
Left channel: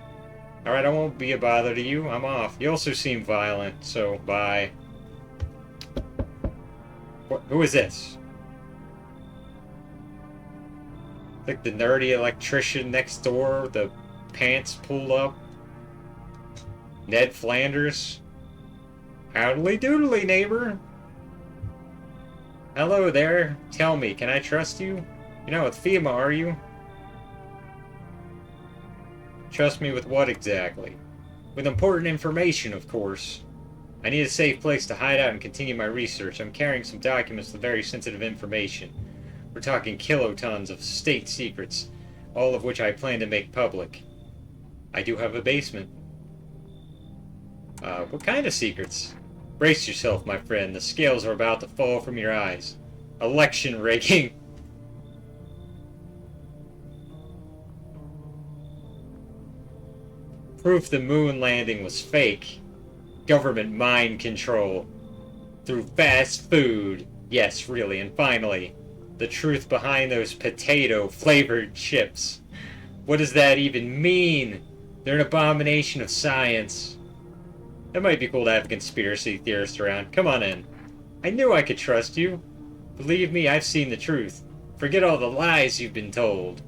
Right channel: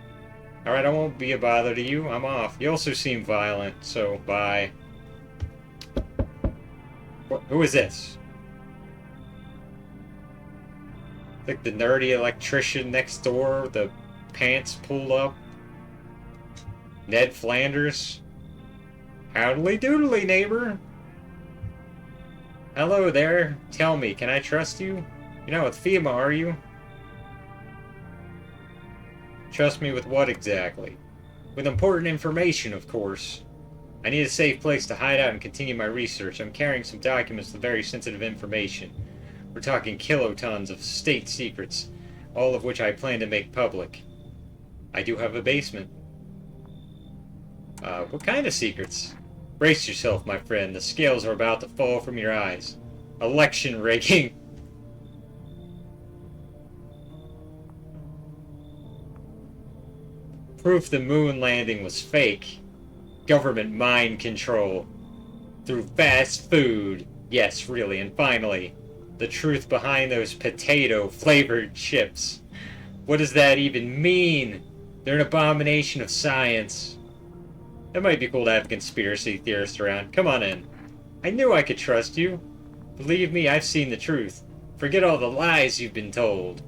Alright, I won't be a bother to you. I'm off. You also seem violent, so bye. Who is this? Like the nerdy electrician next door with the pants pulled up? Ned Flanders? Howdly doodly, neighbor. Hello there. Tell me, can I trust you? You're not with FEMA, are you? Trust me with what exactly? With important information, of course. I need a safe place to hide out and continue my research. I'm carrying some documents with very sensitive information. We're talking kilotons of state secrets, all of which I plan to make public. I do have a basement. What kind of secrets? Brace yourself, my friend. The scales are about to fall from your eyes. Election rigging. Proof the moon landing was fake. Government mind control. Through fast food. Yes, really. And finally, the truth behind those potato-flavored chips. What does that even mean? They're an abomination of science. It might be cool to have a conspiracy theorist around. Come on in. I knew I could trust you. Believe me, I've seen the truth. Forget all the lies you've been told.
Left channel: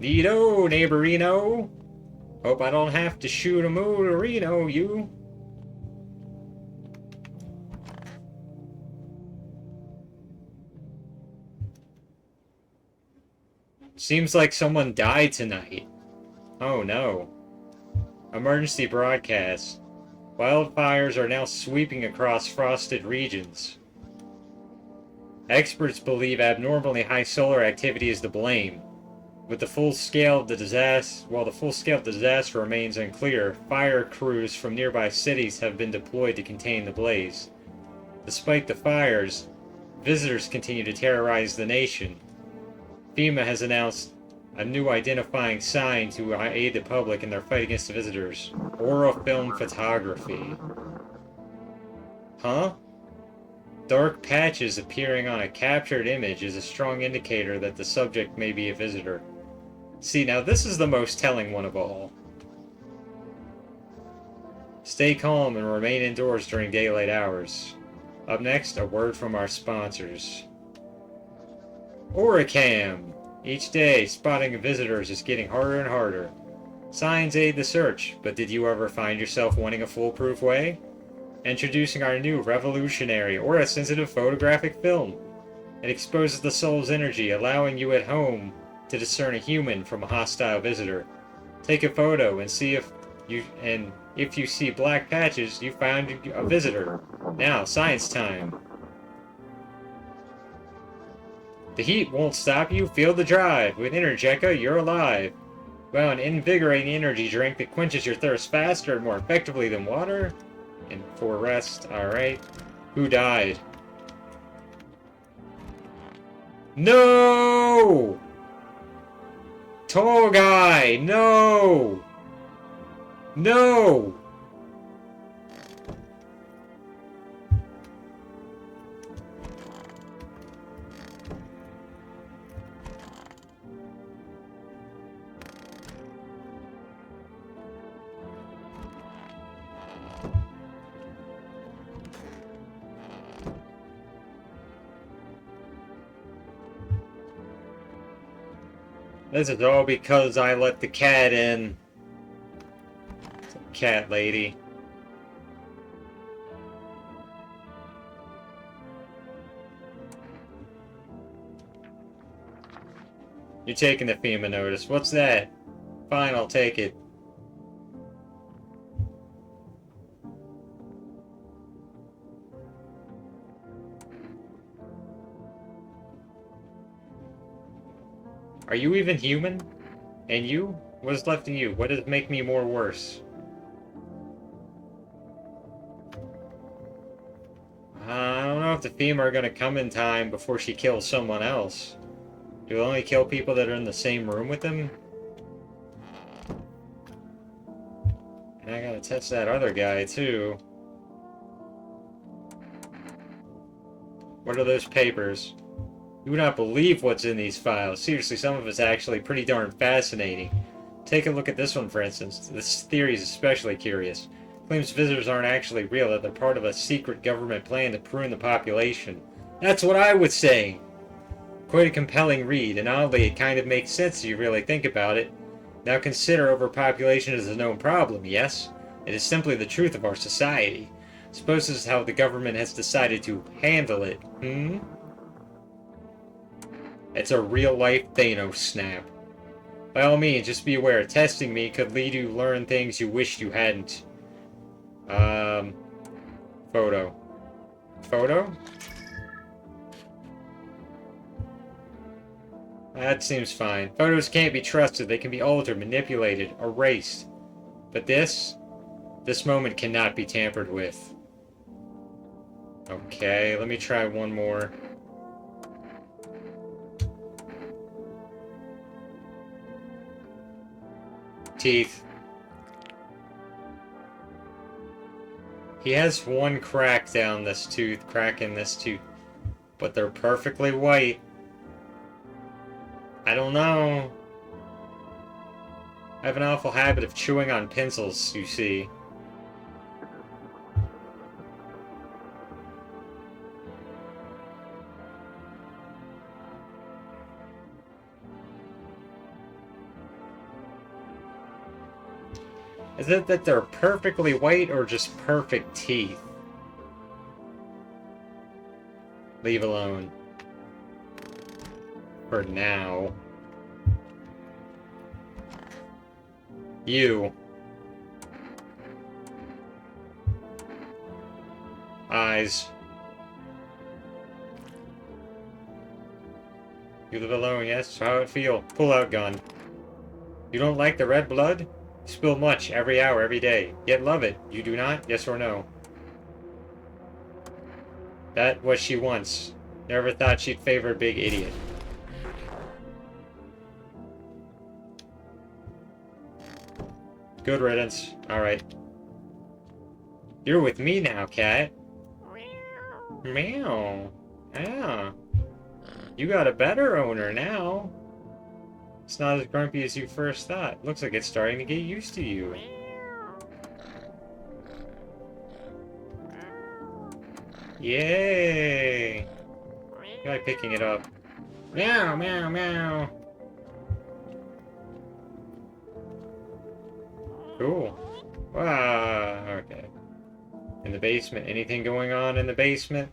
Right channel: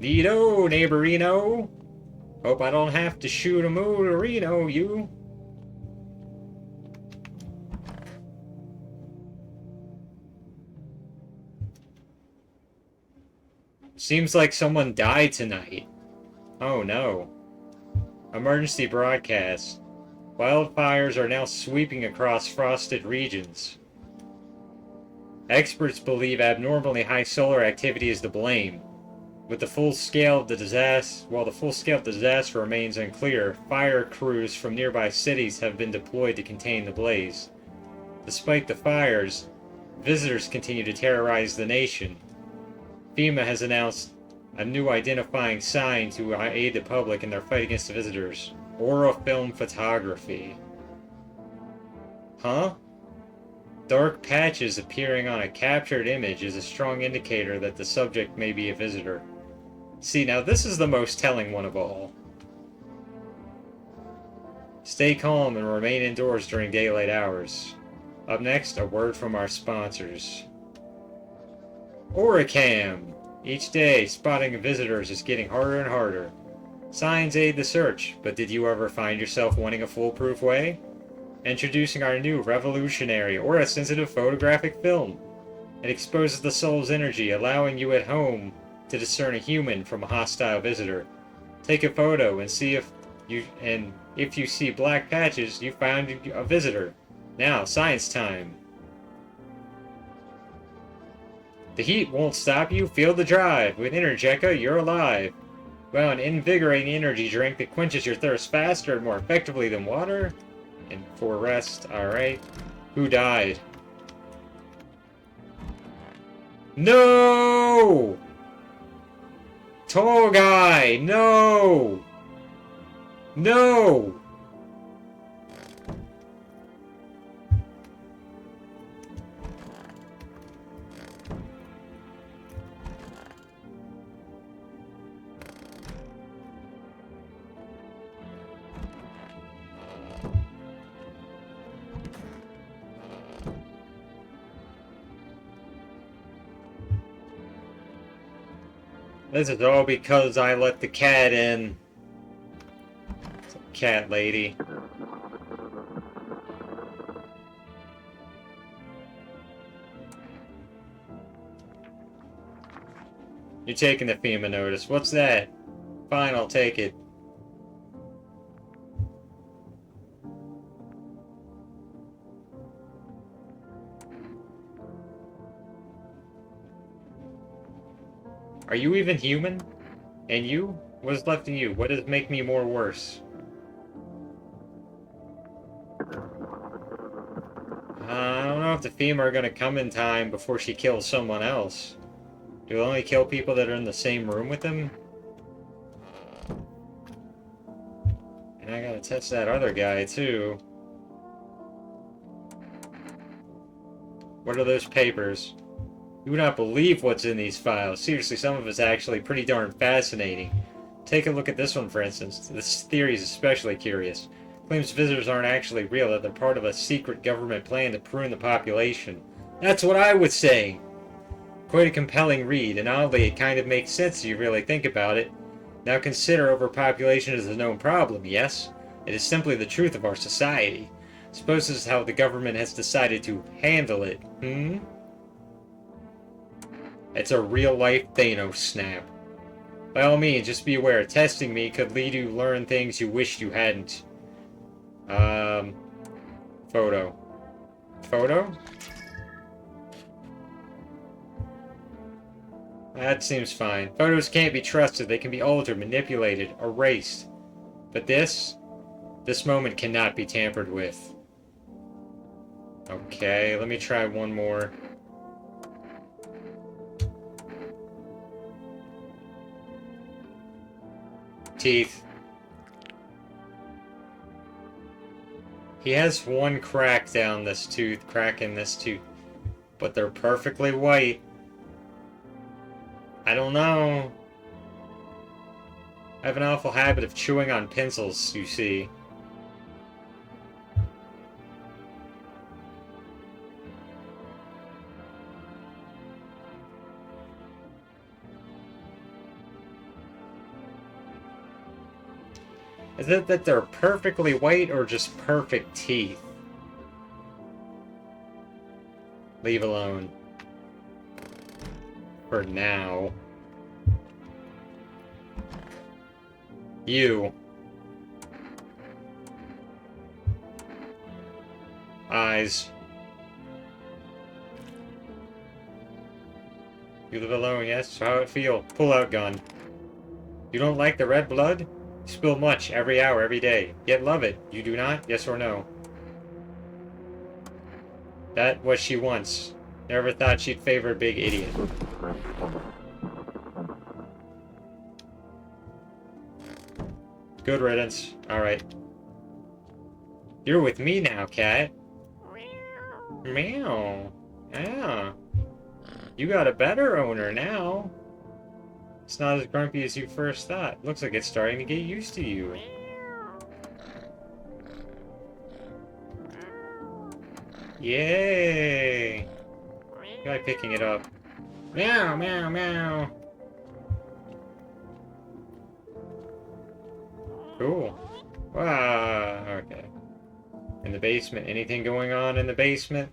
Neato, neighborino. Hope I don't have to shoot a motorino, you. Seems like someone died tonight. Oh no. Emergency broadcast. Wildfires are now sweeping across frosted regions. Experts believe abnormally high solar activity is to blame. While the full scale of the disaster remains unclear, fire crews from nearby cities have been deployed to contain the blaze. Despite the fires, visitors continue to terrorize the nation. FEMA has announced a new identifying sign to aid the public in their fight against the visitors. Aura film photography. Huh? Dark patches appearing on a captured image is a strong indicator that the subject may be a visitor. See, now this is the most telling one of all. Stay calm and remain indoors during daylight hours. Up next, a word from our sponsors. Oricam. Each day, spotting visitors is getting harder and harder. Signs aid the search, but did you ever find yourself wanting a foolproof way? Introducing our new revolutionary aura-sensitive photographic film. It exposes the soul's energy, allowing you at home to discern a human from a hostile visitor. Take a photo and see if you see black patches, you found a visitor. Now, science time. The heat won't stop you. Feel the drive. With Energeca, you're alive. Well, an invigorating energy drink that quenches your thirst faster and more effectively than water. And for rest, alright. Who died? No! Tall guy! No! No! This is all because I let the cat in. Cat lady. You're taking the FEMA notice. What's that? Fine, I'll take it. Are you even human? And you? What is left of you? What does make me more worse? I don't know if the FEMA are gonna come in time before she kills someone else. Do they only kill people that are in the same room with them? And I gotta test that other guy, too. What are those papers? You would not believe what's in these files. Seriously, some of it's actually pretty darn fascinating. Take a look at this one, for instance. This theory is especially curious. It claims visitors aren't actually real, that they're part of a secret government plan to prune the population. That's what I would say! Quite a compelling read, and oddly, it kind of makes sense if you really think about it. Now consider overpopulation is a known problem, yes? It is simply the truth of our society. Suppose this is how the government has decided to handle it, It's a real-life Thanos snap. By all means, just be aware, testing me could lead you to learn things you wished you hadn't. Photo. Photo? That seems fine. Photos can't be trusted. They can be altered, manipulated, erased. But this moment cannot be tampered with. Okay, let me try one more. Teeth. He has one crack down this tooth, crack in this tooth, but they're perfectly white. I don't know. I have an awful habit of chewing on pencils, you see. Is it that they're perfectly white or just perfect teeth? Leave alone. For now. You. Eyes. You live alone, yes? How I feel. Pull out gun. You don't like the red blood? You spill much every hour, every day. Yet love it. You do not? Yes or no? That what she wants. Never thought she'd favor a big idiot. Good riddance. Alright. You're with me now, cat. Meow. Yeah. You got a better owner now. It's not as grumpy as you first thought. Looks like it's starting to get used to you. Yay! Guy picking it up. Meow, meow, meow. Cool. Ah, okay. In the basement. Anything going on in the basement?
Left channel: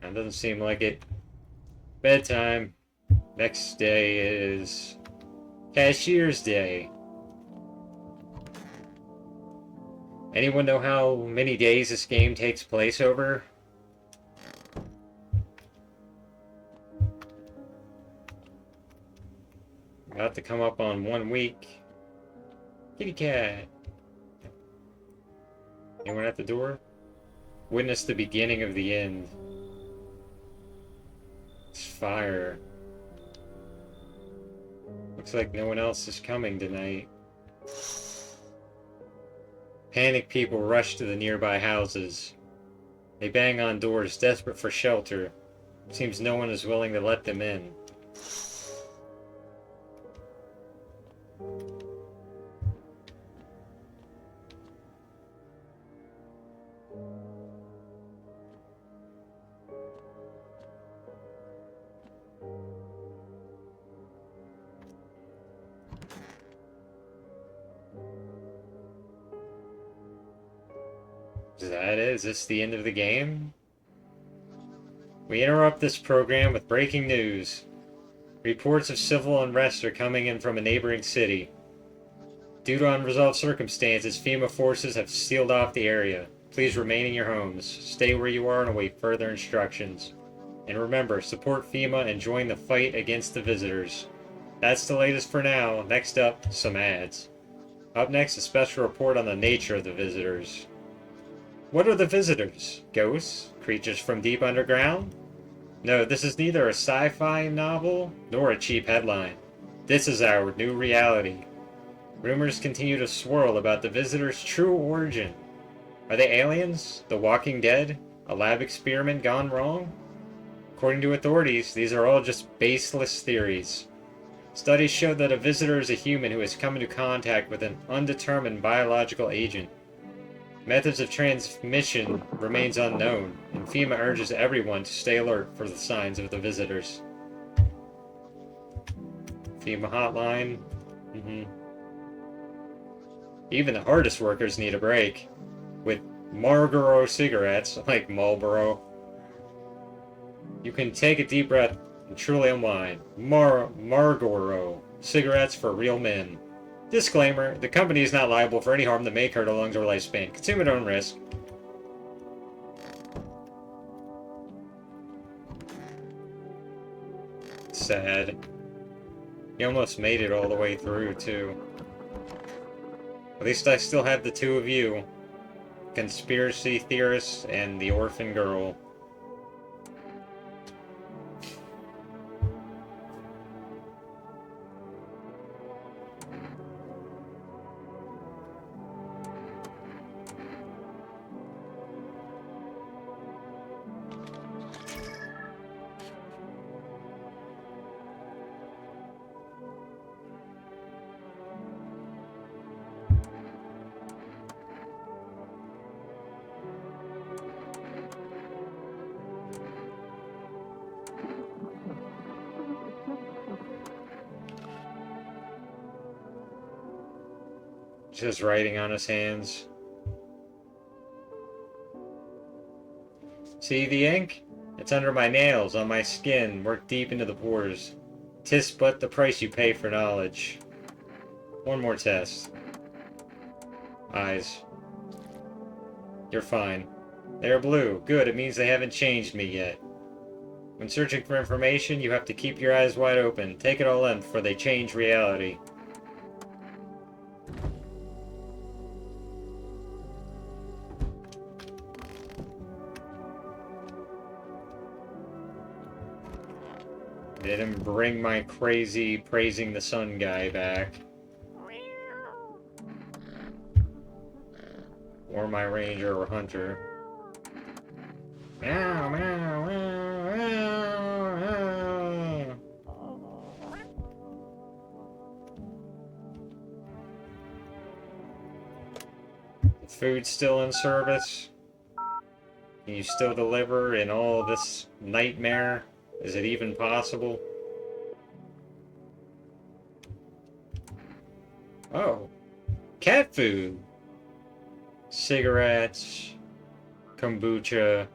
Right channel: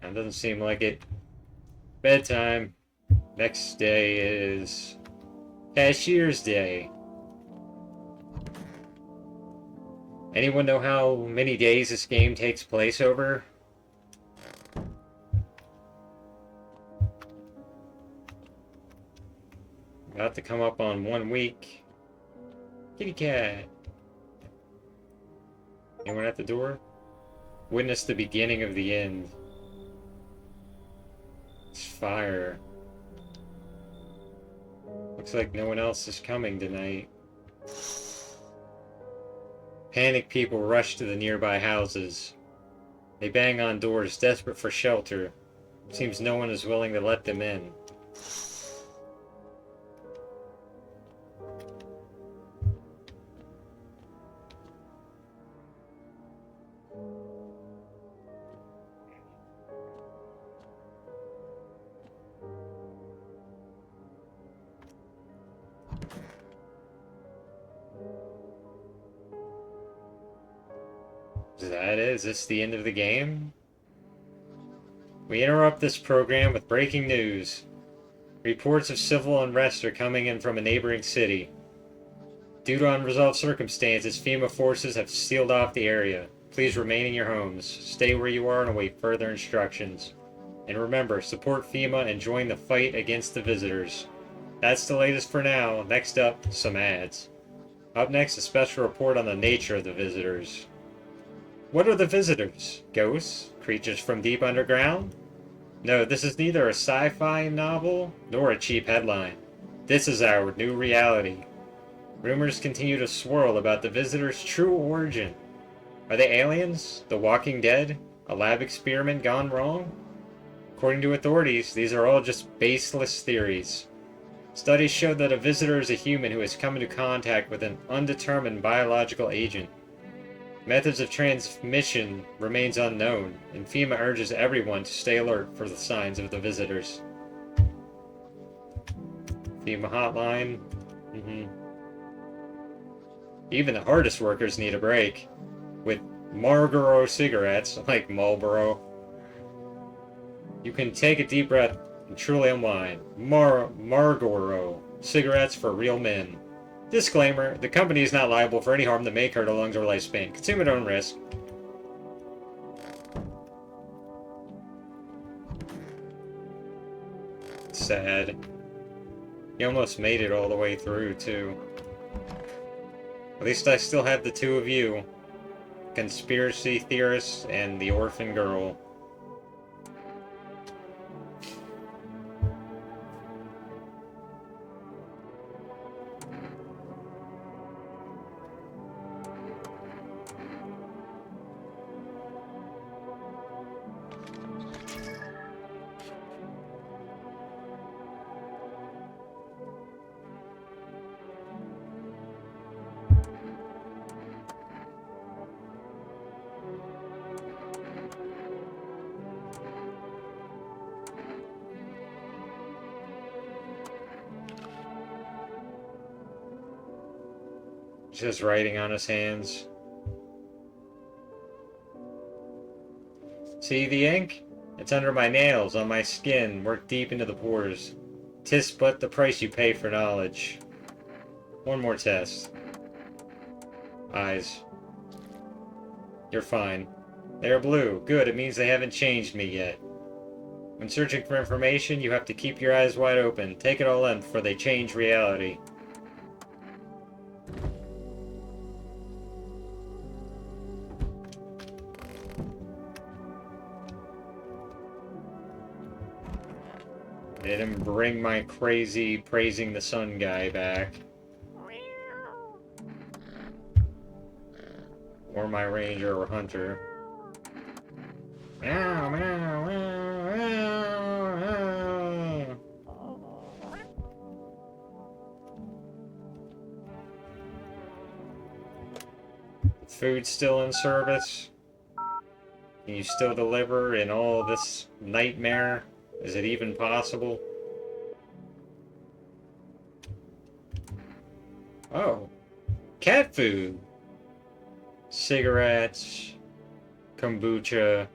That doesn't seem like it. Bedtime. Next day is Cashier's Day. Anyone know how many days this game takes place over? About to come up on 1 week. Kitty cat. Anyone at the door? Witness the beginning of the end. It's fire. Looks like no one else is coming tonight. Panicked people rush to the nearby houses. They bang on doors, desperate for shelter. Seems no one is willing to let them in. Is that it? Is this the end of the game? We interrupt this program with breaking news. Reports of civil unrest are coming in from a neighboring city. Due to unresolved circumstances, FEMA forces have sealed off the area. Please remain in your homes. Stay where you are and await further instructions. And remember, support FEMA and join the fight against the visitors. That's the latest for now. Next up, some ads. Up next, a special report on the nature of the visitors. What are the visitors? Ghosts? Creatures from deep underground? No, this is neither a sci-fi novel nor a cheap headline. This is our new reality. Rumors continue to swirl about the visitors' true origin. Are they aliens? The Walking Dead? A lab experiment gone wrong? According to authorities, these are all just baseless theories. Studies show that a visitor is a human who has come into contact with an undetermined biological agent. Methods of transmission remains unknown, and FEMA urges everyone to stay alert for the signs of the visitors. FEMA hotline. Even the hardest workers need a break. With Marlboro cigarettes, like Marlboro, you can take a deep breath and truly unwind. Marlboro cigarettes for real men. Disclaimer, the company is not liable for any harm that may occur to lungs or lifespan. Consume at own risk. Sad. You almost made it all the way through, too. At least I still have the two of you. Conspiracy theorists and the orphan girl. Just writing on his hands. See the ink? It's under my nails, on my skin, worked deep into the pores. 'Tis but the price you pay for knowledge. One more test. Eyes. You're fine. They're blue. Good, it means they haven't changed me yet. When searching for information, you have to keep your eyes wide open. Take it all in before they change reality. Didn't bring my crazy praising the sun guy back. Or my ranger or hunter. Meow, meow, meow, meow, meow. Food still in service? Can you still deliver in all this nightmare? Is it even possible? Oh. Cat food! Cigarettes. Kombucha.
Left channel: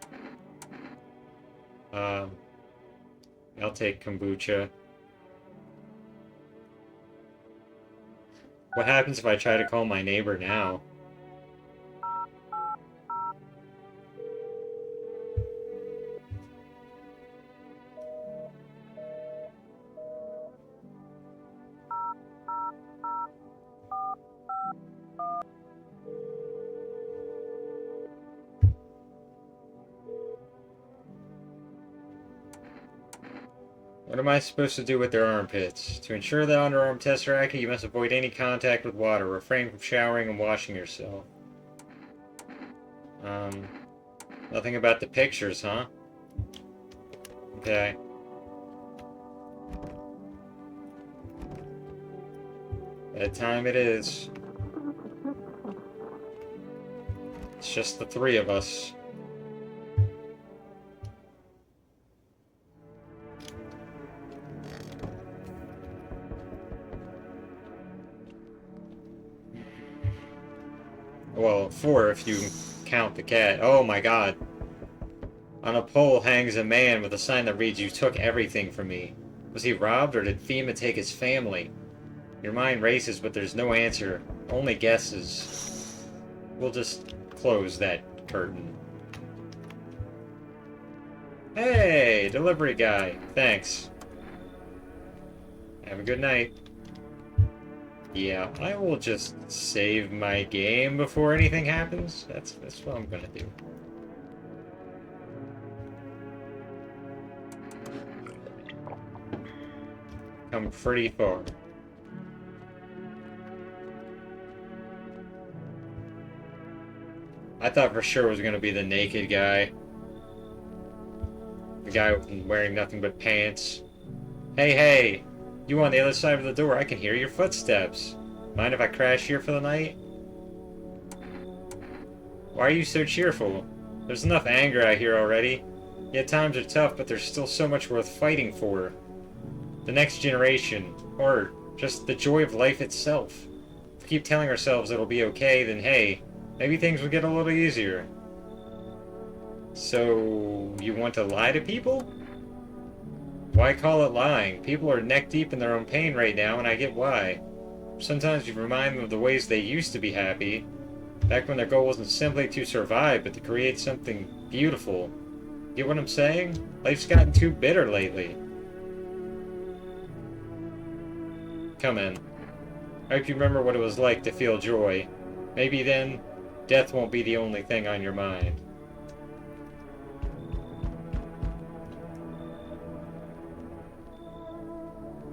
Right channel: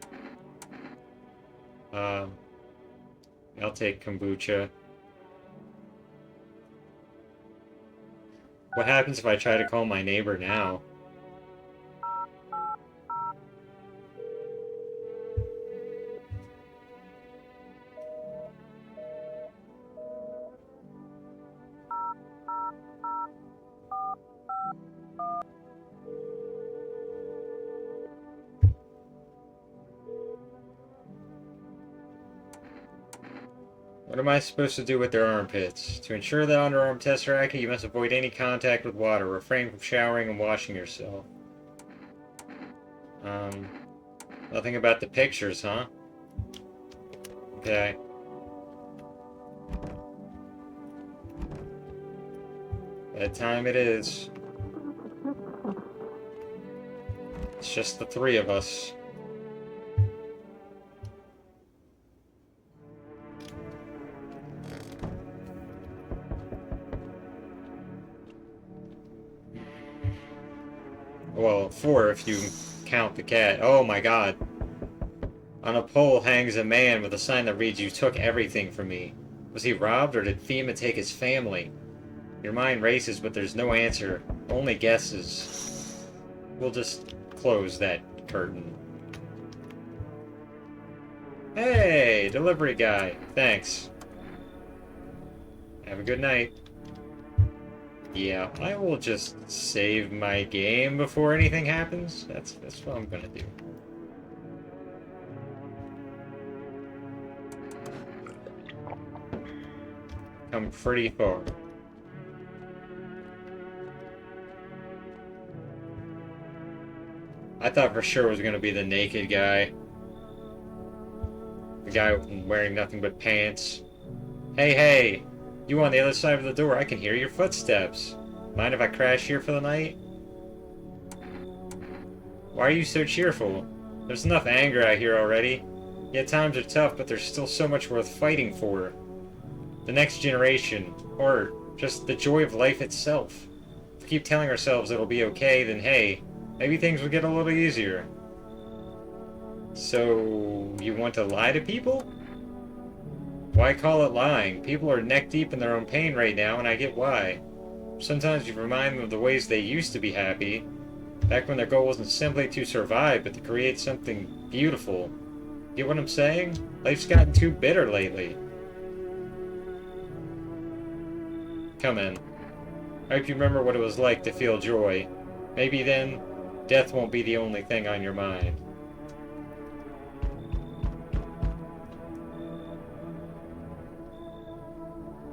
I'll take kombucha. What happens if I try to call my neighbor now? What am I supposed to do with their armpits? To ensure that underarm tests are accurate, you must avoid any contact with water. Refrain from showering and washing yourself. Nothing about the pictures, huh? Okay. That time it is. It's just the three of us. Well, four if you Count the cat. Oh my god. On a pole hangs a man with a sign that reads, "You took everything from me." Was he robbed, or did FEMA take his family? Your mind races, but there's no answer. Only guesses. We'll just close that curtain. Hey, delivery guy. Thanks. Have a good night. Yeah, I will just save my game before anything happens. That's what I'm gonna do. I'm pretty far. I thought for sure it was gonna be the naked guy. The guy wearing nothing but pants. Hey, hey! You on the other side of the door, I can hear your footsteps. Mind if I crash here for the night? Why are you so cheerful? There's enough anger out here already. Yet times are tough, but there's still so much worth fighting for. The next generation, or just the joy of life itself. If we keep telling ourselves it'll be okay, then hey, maybe things will get a little easier. So, you want to lie to people? Why call it lying? People are neck deep in their own pain right now, and I get why. Sometimes you remind them of the ways they used to be happy, back when their goal wasn't simply to survive, but to create something beautiful. Get what I'm saying? Life's gotten too bitter lately. Come in. I hope you remember what it was like to feel joy. Maybe then, death won't be the only thing on your mind.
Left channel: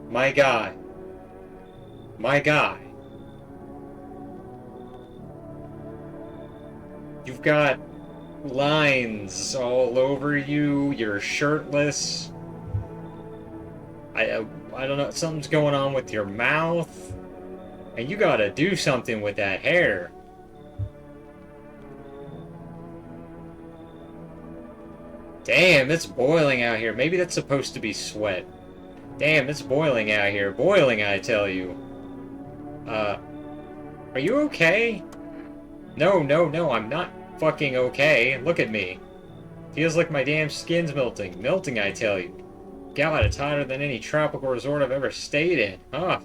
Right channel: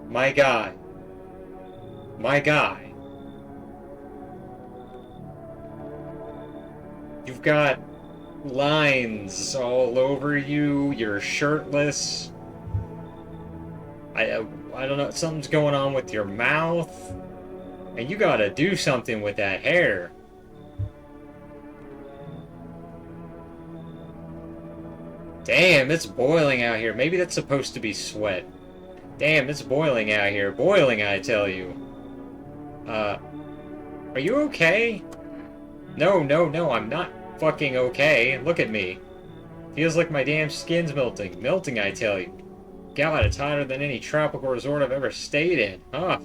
My guy. My guy. You've got lines all over you. You're shirtless. I don't know. Something's going on with your mouth. And you gotta do something with that hair. Damn, it's boiling out here. Maybe that's supposed to be sweat. Damn, it's boiling out here. Boiling, I tell you. Are you okay? No, I'm not fucking okay. Look at me. Feels like my damn skin's melting. Melting, I tell you. God, it's hotter than any tropical resort I've ever stayed in. Huh.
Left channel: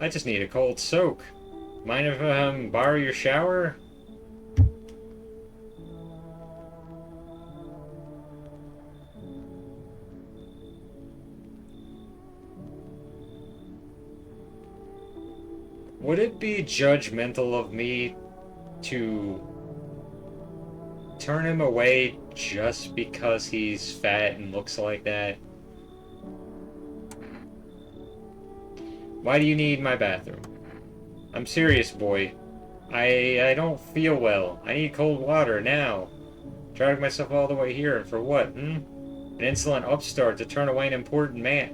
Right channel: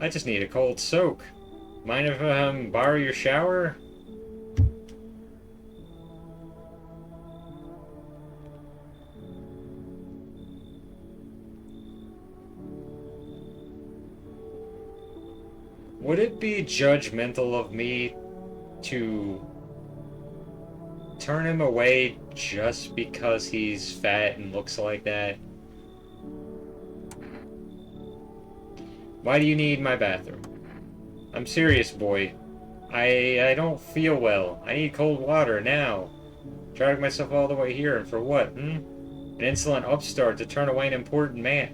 I just need a cold soak. Mind if I borrow your shower? Would it be judgmental of me to turn him away just because he's fat and looks like that? Why do you need my bathroom? I'm serious, boy. I don't feel well. I need cold water now. Dragged myself all the way here, and for what, An insolent upstart to turn away an important man.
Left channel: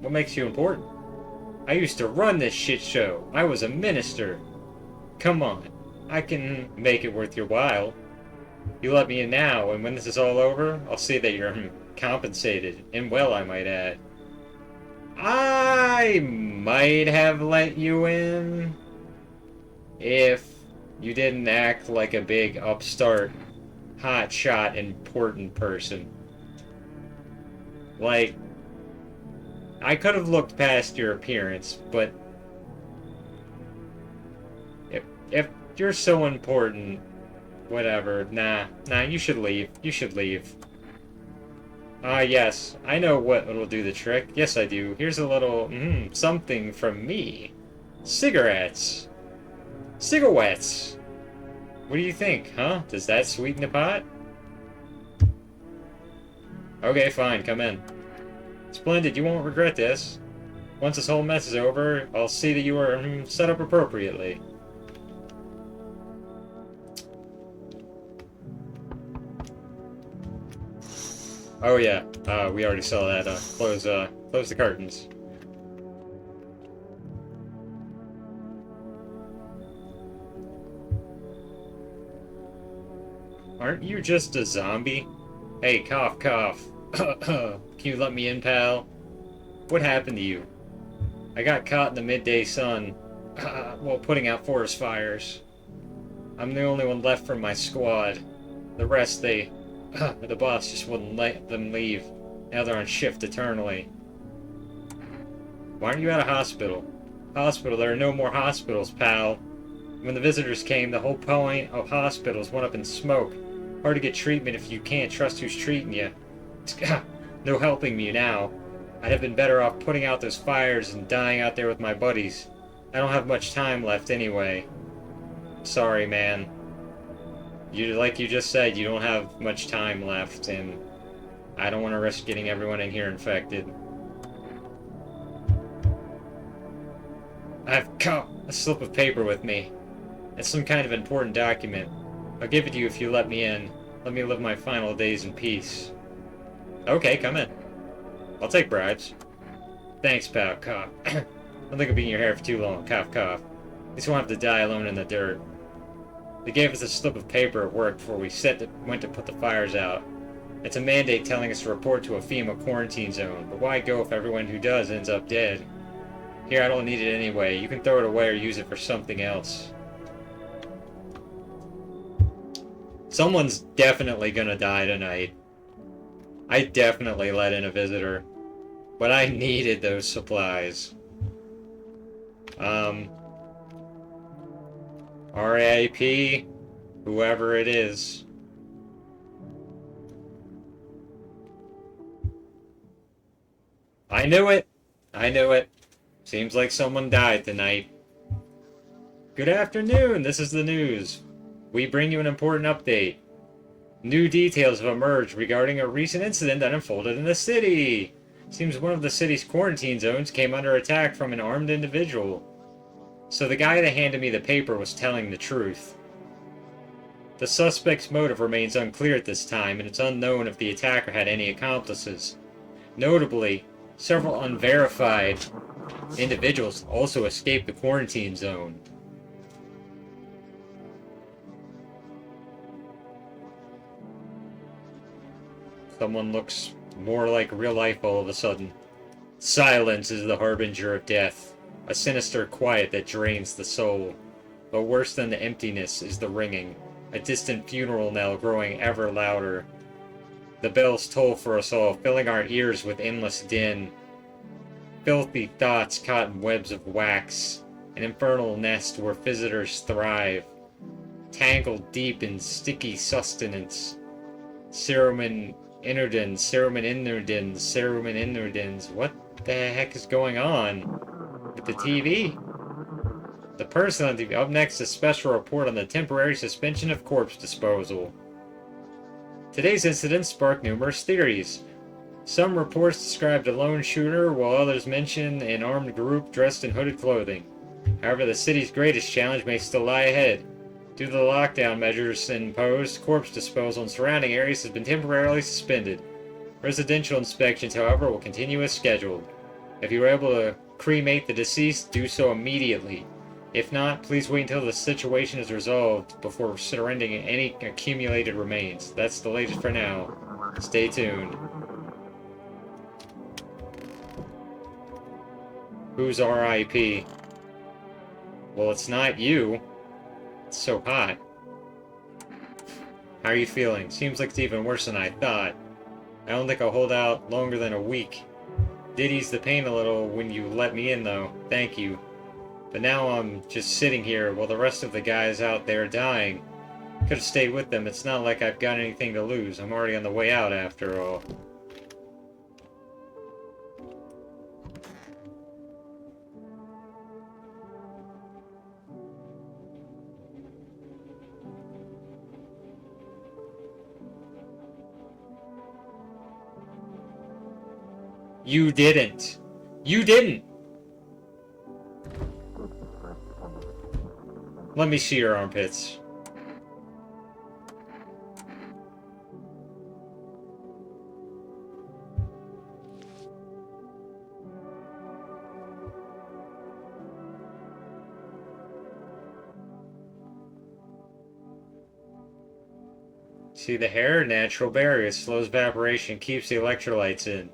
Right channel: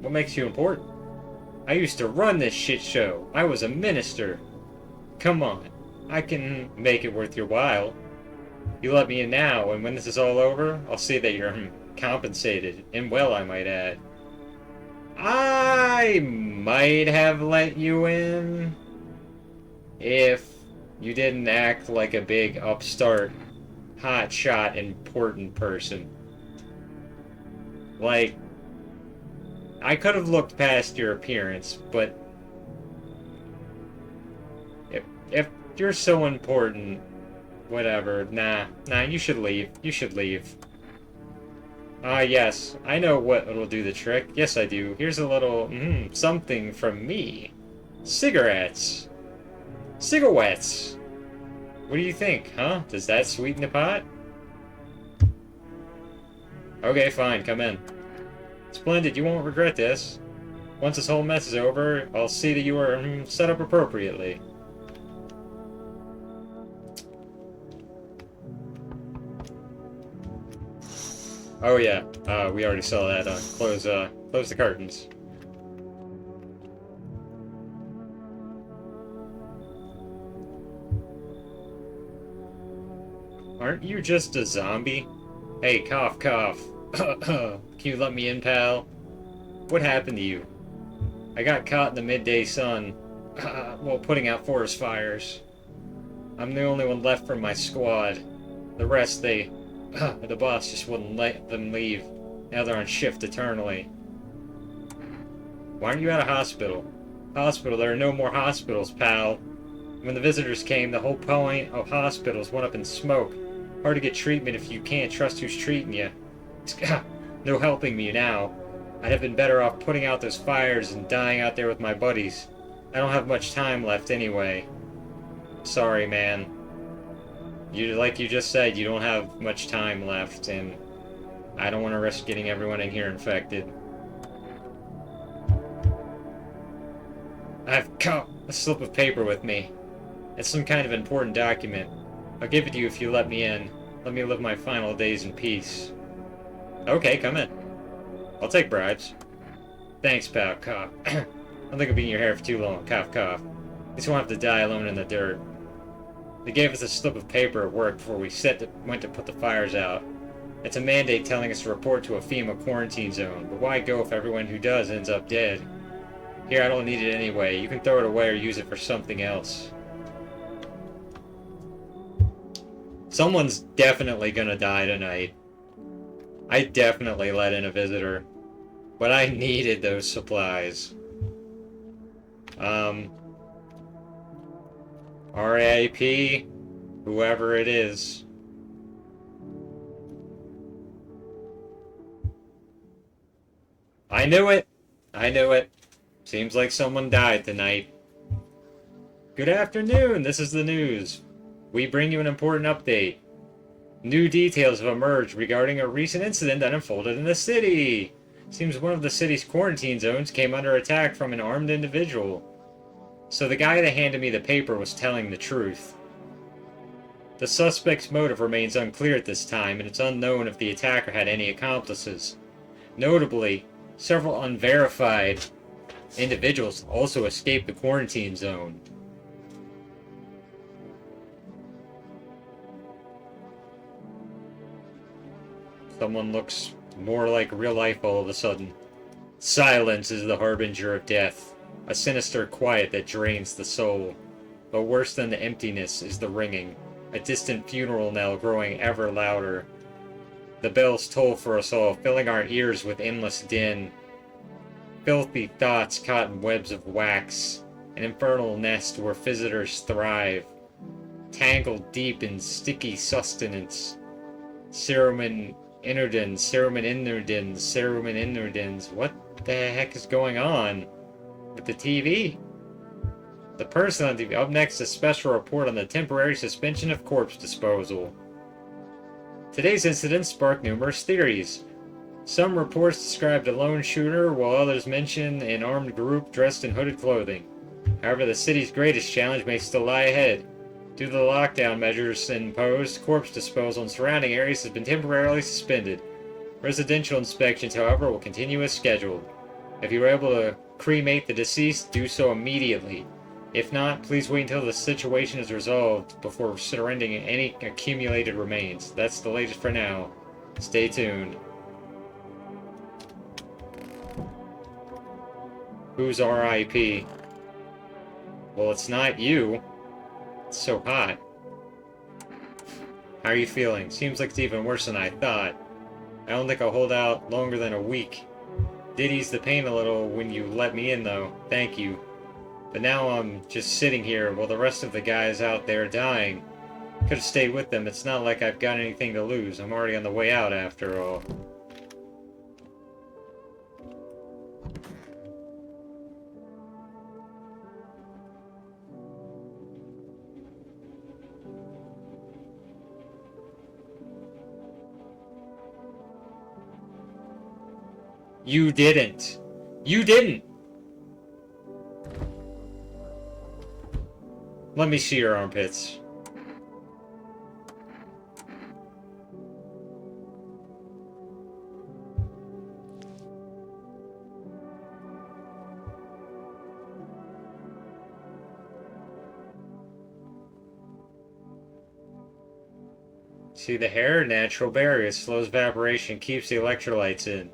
What makes you important? I used to run this shit show. I was a minister. Come on. I can make it worth your while. You let me in now, and when this is all over, I'll see that you're compensated. And well, I might add. I might have let you in if you didn't act like a big upstart, hotshot, important person. Like, I could have looked past your appearance, but if you're so important, whatever, nah, you should leave. You should leave. Yes, I know what will do the trick. Yes, I do. Here's a little, something from me. Cigarettes. Cigarettes. What do you think, huh? Does that sweeten the pot? Okay, fine, come in. Splendid, you won't regret this. Once this whole mess is over, I'll see that you are set up appropriately. Oh yeah, we already saw that. Close the curtains. Aren't you just a zombie? Hey, cough, cough. Can you let me in, pal? What happened to you? I got caught in the midday sun, while putting out forest fires. I'm the only one left from my squad. The rest, the boss just wouldn't let them leave. Now they're on shift eternally. Why aren't you at a hospital? Hospital? There are no more hospitals, pal. When the visitors came, the whole point of hospitals went up in smoke. Hard to get treatment if you can't trust who's treating you. No helping me now. I'd have been better off putting out those fires and dying out there with my buddies. I don't have much time left anyway. Sorry, man. Like you just said, you don't have much time left, and I don't want to risk getting everyone in here infected. I've got a slip of paper with me. It's some kind of important document. I'll give it to you if you let me in. Let me live my final days in peace. Okay, come in. I'll take bribes. Thanks, pal. Cough. I don't think I'll be in your hair for too long. Cough, cough. At least won't have to die alone in the dirt. They gave us a slip of paper at work before we went to put the fires out. It's a mandate telling us to report to a FEMA quarantine zone, but why go if everyone who does ends up dead? Here, I don't need it anyway. You can throw it away or use it for something else. Someone's definitely gonna die tonight. I definitely let in a visitor. But I needed those supplies. RIP, whoever it is. I knew it! I knew it. Seems like someone died tonight. Good afternoon, this is the news. We bring you an important update. New details have emerged regarding a recent incident that unfolded in the city. Seems one of the city's quarantine zones came under attack from an armed individual. So the guy that handed me the paper was telling the truth. The suspect's motive remains unclear at this time, and it's unknown if the attacker had any accomplices. Notably, several unverified individuals also escaped the quarantine zone. Someone looks more like real life all of a sudden. Silence is the harbinger of death, a sinister quiet that drains the soul. But worse than the emptiness is the ringing, a distant funeral knell growing ever louder. The bells toll for us all, filling our ears with endless din. Filthy thoughts caught in webs of wax, an infernal nest where visitors thrive, tangled deep in sticky sustenance. Cerumen Inurdins. What the heck is going on with the TV? The person on TV. Up next, a special report on the temporary suspension of corpse disposal. Today's incident sparked numerous theories. Some reports described a lone shooter, while others mention an armed group dressed in hooded clothing. However, the city's greatest challenge may still lie ahead. Due to the lockdown measures imposed, corpse disposal in surrounding areas has been temporarily suspended. Residential inspections, however, will continue as scheduled. If you are able to cremate the deceased, do so immediately. If not, please wait until the situation is resolved before surrendering any accumulated remains. That's the latest for now. Stay tuned. Who's RIP? Well, it's not you. It's so hot. How are you feeling? Seems like it's even worse than I thought. I don't think I'll hold out longer than a week. Did ease the pain a little when you let me in, though. Thank you. But now I'm just sitting here while the rest of the guys out there are dying. Could have stayed with them. It's not like I've got anything to lose. I'm already on the way out after all. You didn't. You didn't! Let me see your armpits. See the hair? Natural barrier. Slows evaporation, keeps the electrolytes in.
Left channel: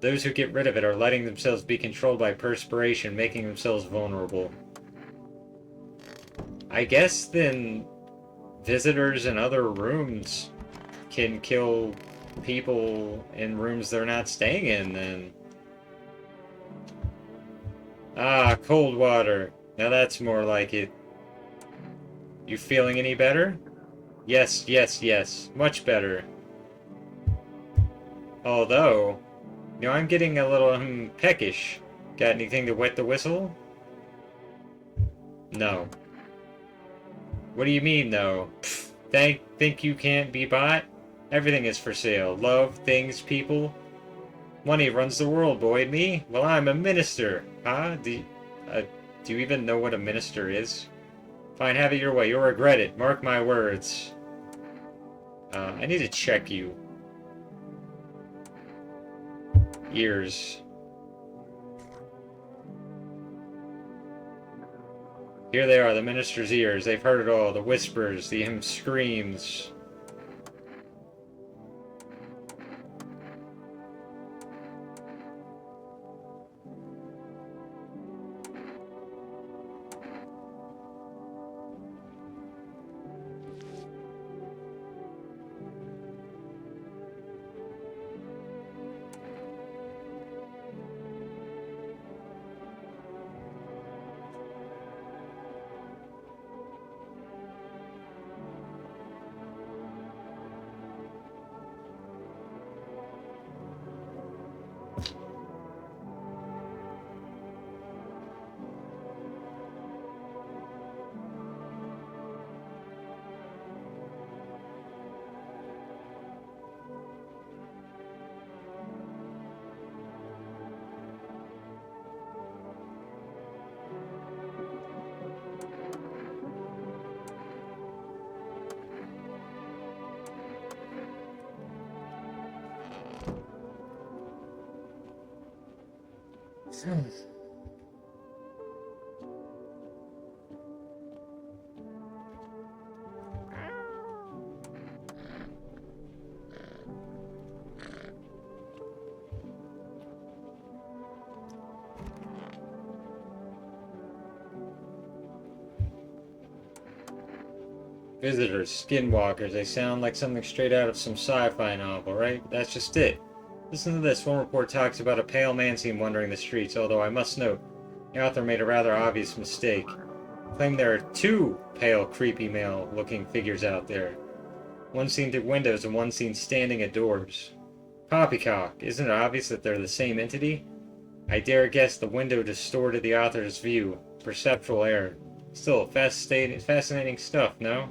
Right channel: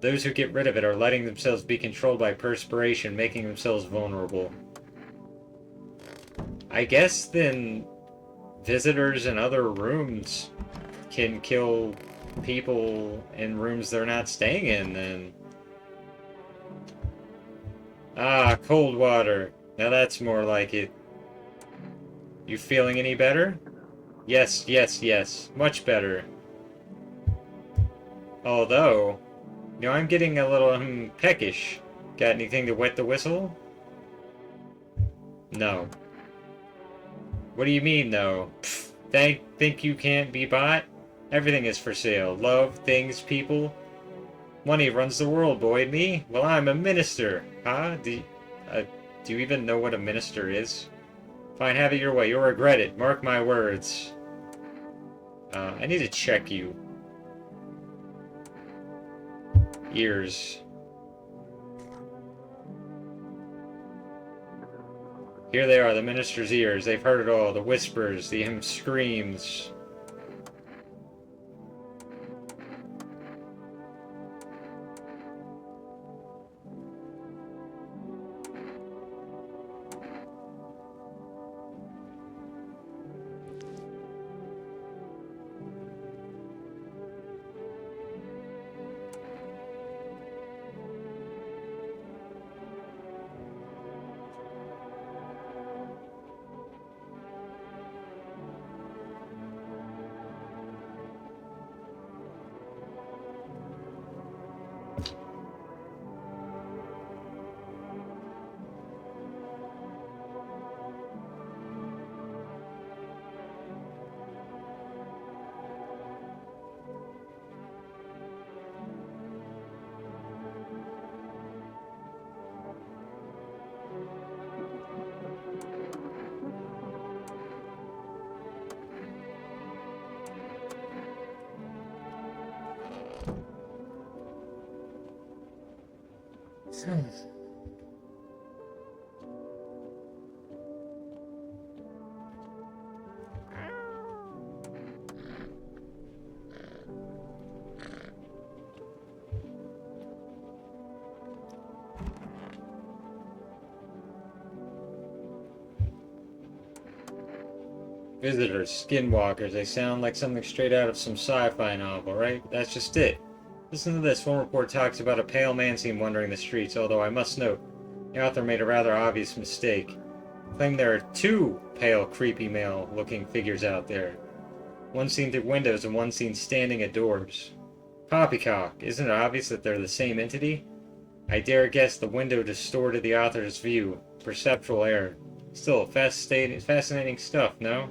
Those who get rid of it are letting themselves be controlled by perspiration, making themselves vulnerable. I guess then visitors in other rooms can kill people in rooms they're not staying in, then. Ah, cold water. Now that's more like it. You feeling any better? Yes, yes, yes. Much better. Although, I'm getting a little peckish. Got anything to wet the whistle? No. What do you mean, no? Pfft, think you can't be bought? Everything is for sale. Love, things, people. Money runs the world, boy. Me? Well, I'm a minister. Huh? Do you even know what a minister is? Fine, have it your way. You'll regret it. Mark my words. I need to check you. Ears. Here they are, the minister's ears. They've heard it all. The whispers, the screams. Visitors, skinwalkers, they sound like something straight out of some sci-fi novel, right? That's just it. Listen to this. One report talks about a pale man seen wandering the streets, although I must note, the author made a rather obvious mistake. Claimed there are two pale, creepy male-looking figures out there. One seen through windows and one seen standing at doors. Poppycock, isn't it obvious that they're the same entity? I dare guess the window distorted the author's view. Perceptual error. Still, fascinating stuff, no?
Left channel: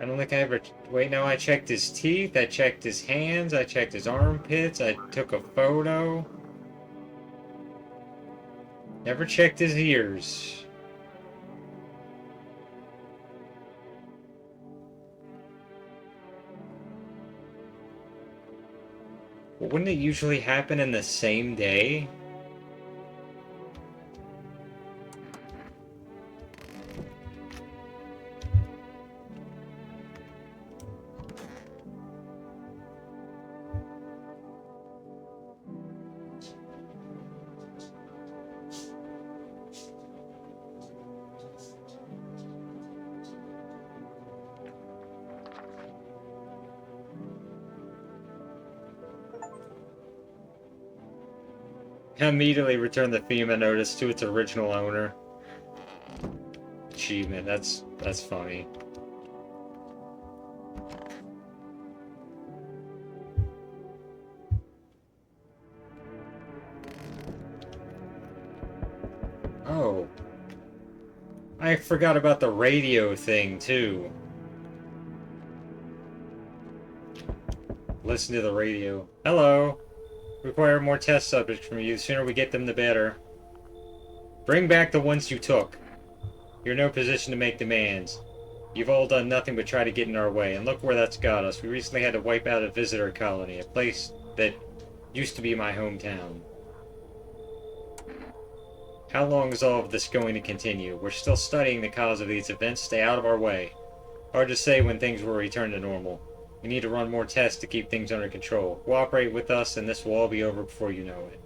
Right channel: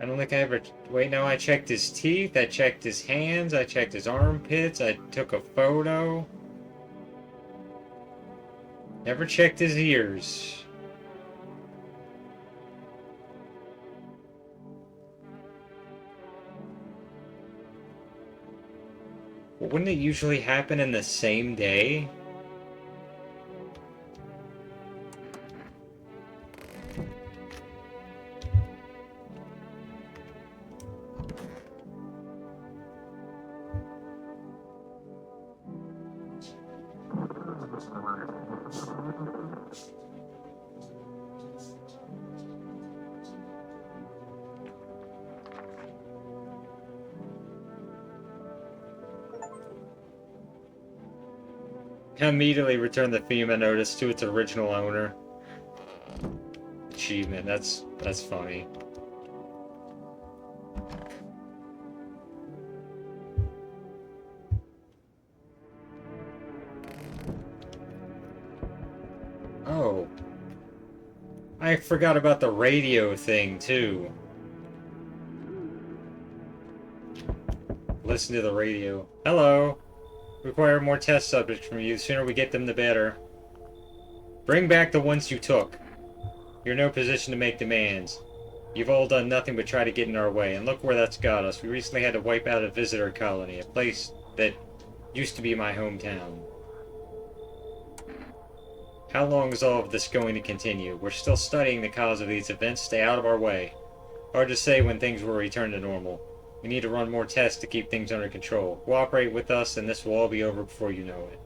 I don't think I ever... Wait, no, I checked his teeth, I checked his hands, I checked his armpits, I took a photo. Never checked his ears. Wouldn't it usually happen in the same day? Immediately return the FEMA notice to its original owner. Achievement, that's funny. Oh. I forgot about the radio thing, too. Listen to the radio. Hello. Require more test subjects from you. The sooner we get them, the better. Bring back the ones you took. You're in no position to make demands. You've all done nothing but try to get in our way, and look where that's got us. We recently had to wipe out a visitor colony, a place that used to be my hometown. How long is all of this going to continue? We're still studying the cause of these events. Stay out of our way. Hard to say when things will return to normal. We need to run more tests to keep things under control. Cooperate with us and this will all be over before you know it.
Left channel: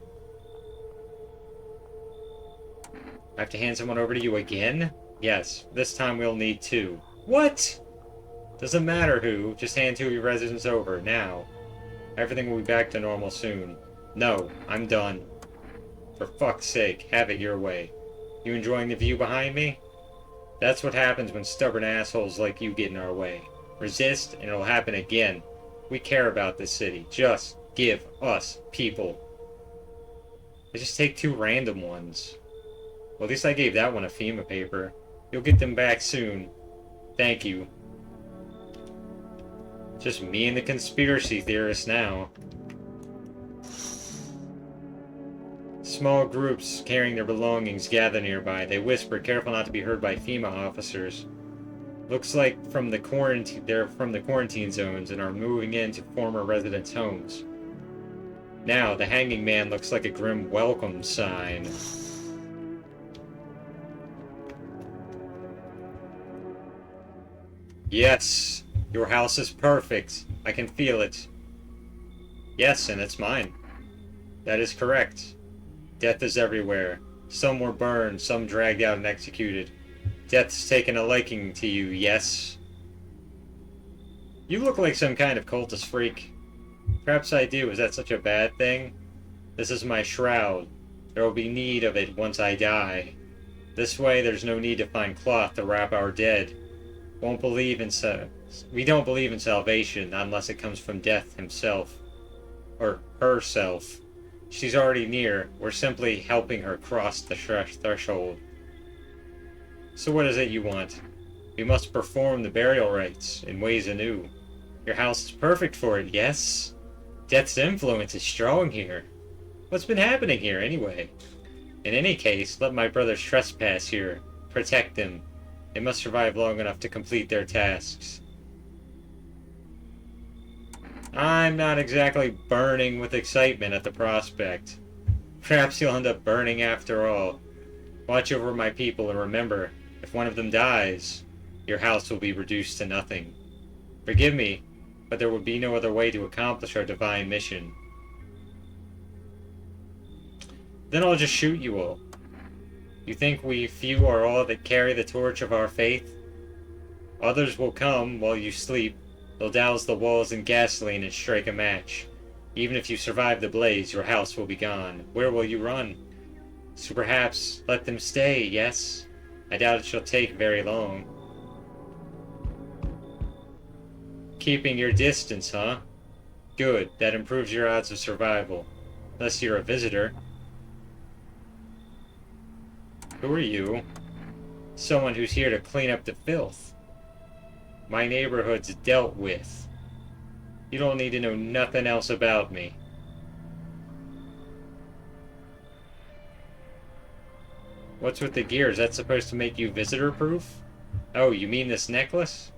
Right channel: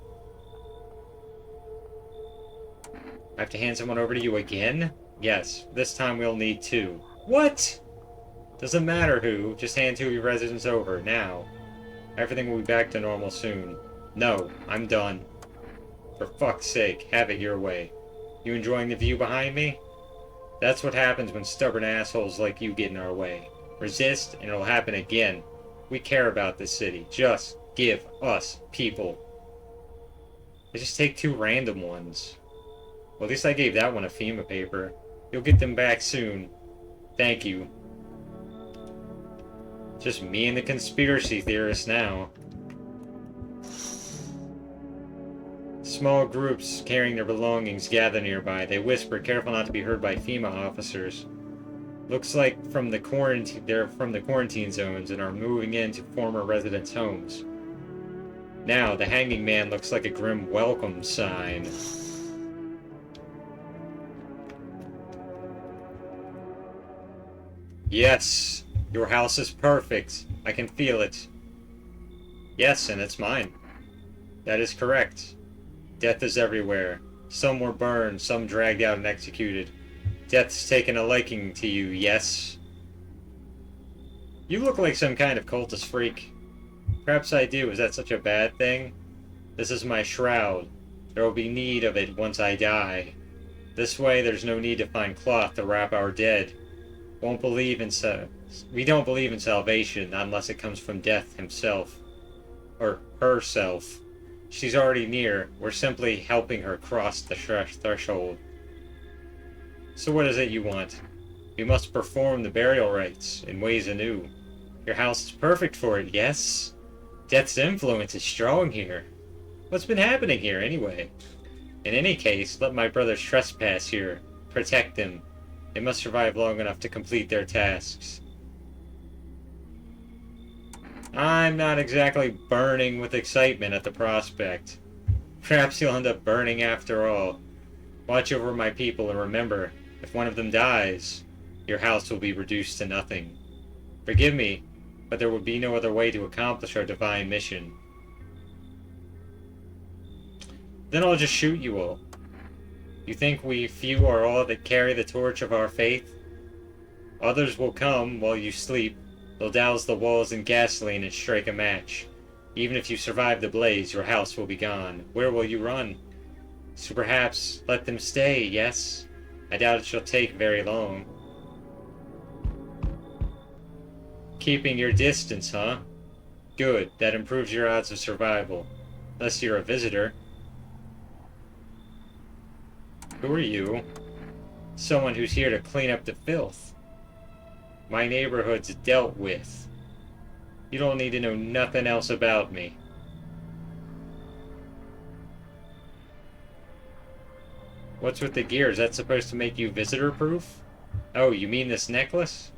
I have to hand someone over to you again? Yes, this time we'll need 2. What? Doesn't matter who, just hand 2 of your residents over, now. Everything will be back to normal soon. No, I'm done. For fuck's sake, have it your way. You enjoying the view behind me? That's what happens when stubborn assholes like you get in our way. Resist, and it'll happen again. We care about this city. Just give us people. I just take 2 random ones. Well, at least I gave that one a FEMA paper. You'll get them back soon. Thank you. Just me and the conspiracy theorists now. Small groups carrying their belongings gather nearby. They whisper, careful not to be heard by FEMA officers. Looks like they're from the quarantine zones and are moving into former residents' homes. Now, the hanging man looks like a grim welcome sign. Yes, your house is perfect. I can feel it. Yes, and it's mine. That is correct. Death is everywhere. Some were burned, some dragged out and executed. Death's taken a liking to you, yes? You look like some kind of cultist freak. Perhaps I do. Is that such a bad thing? This is my shroud. There will be need of it once I die. This way, there's no need to find cloth to wrap our dead. We don't believe in salvation unless it comes from death himself. Or herself. She's already near. We're simply helping her cross the threshold. So what is it you want? We must perform the burial rites in ways anew. Your house is perfect for it, yes? Death's influence is strong here. What's been happening here, anyway? In any case, let my brothers trespass here. Protect them. They must survive long enough to complete their tasks. I'm not exactly burning with excitement at the prospect. Perhaps you'll end up burning after all. Watch over my people and remember, if one of them dies, your house will be reduced to nothing. Forgive me, but there would be no other way to accomplish our divine mission. Then I'll just shoot you all. You think we few are all that carry the torch of our faith? Others will come while you sleep. They'll douse the walls in gasoline and strike a match. Even if you survive the blaze, your house will be gone. Where will you run? So perhaps let them stay, yes? I doubt it shall take very long. Keeping your distance, huh? Good, that improves your odds of survival. Unless you're a visitor. Who are you? Someone who's here to clean up the filth. My neighborhood's dealt with. You don't need to know nothing else about me. What's with the gear? Is that supposed to make you visitor-proof? Oh, you mean this necklace?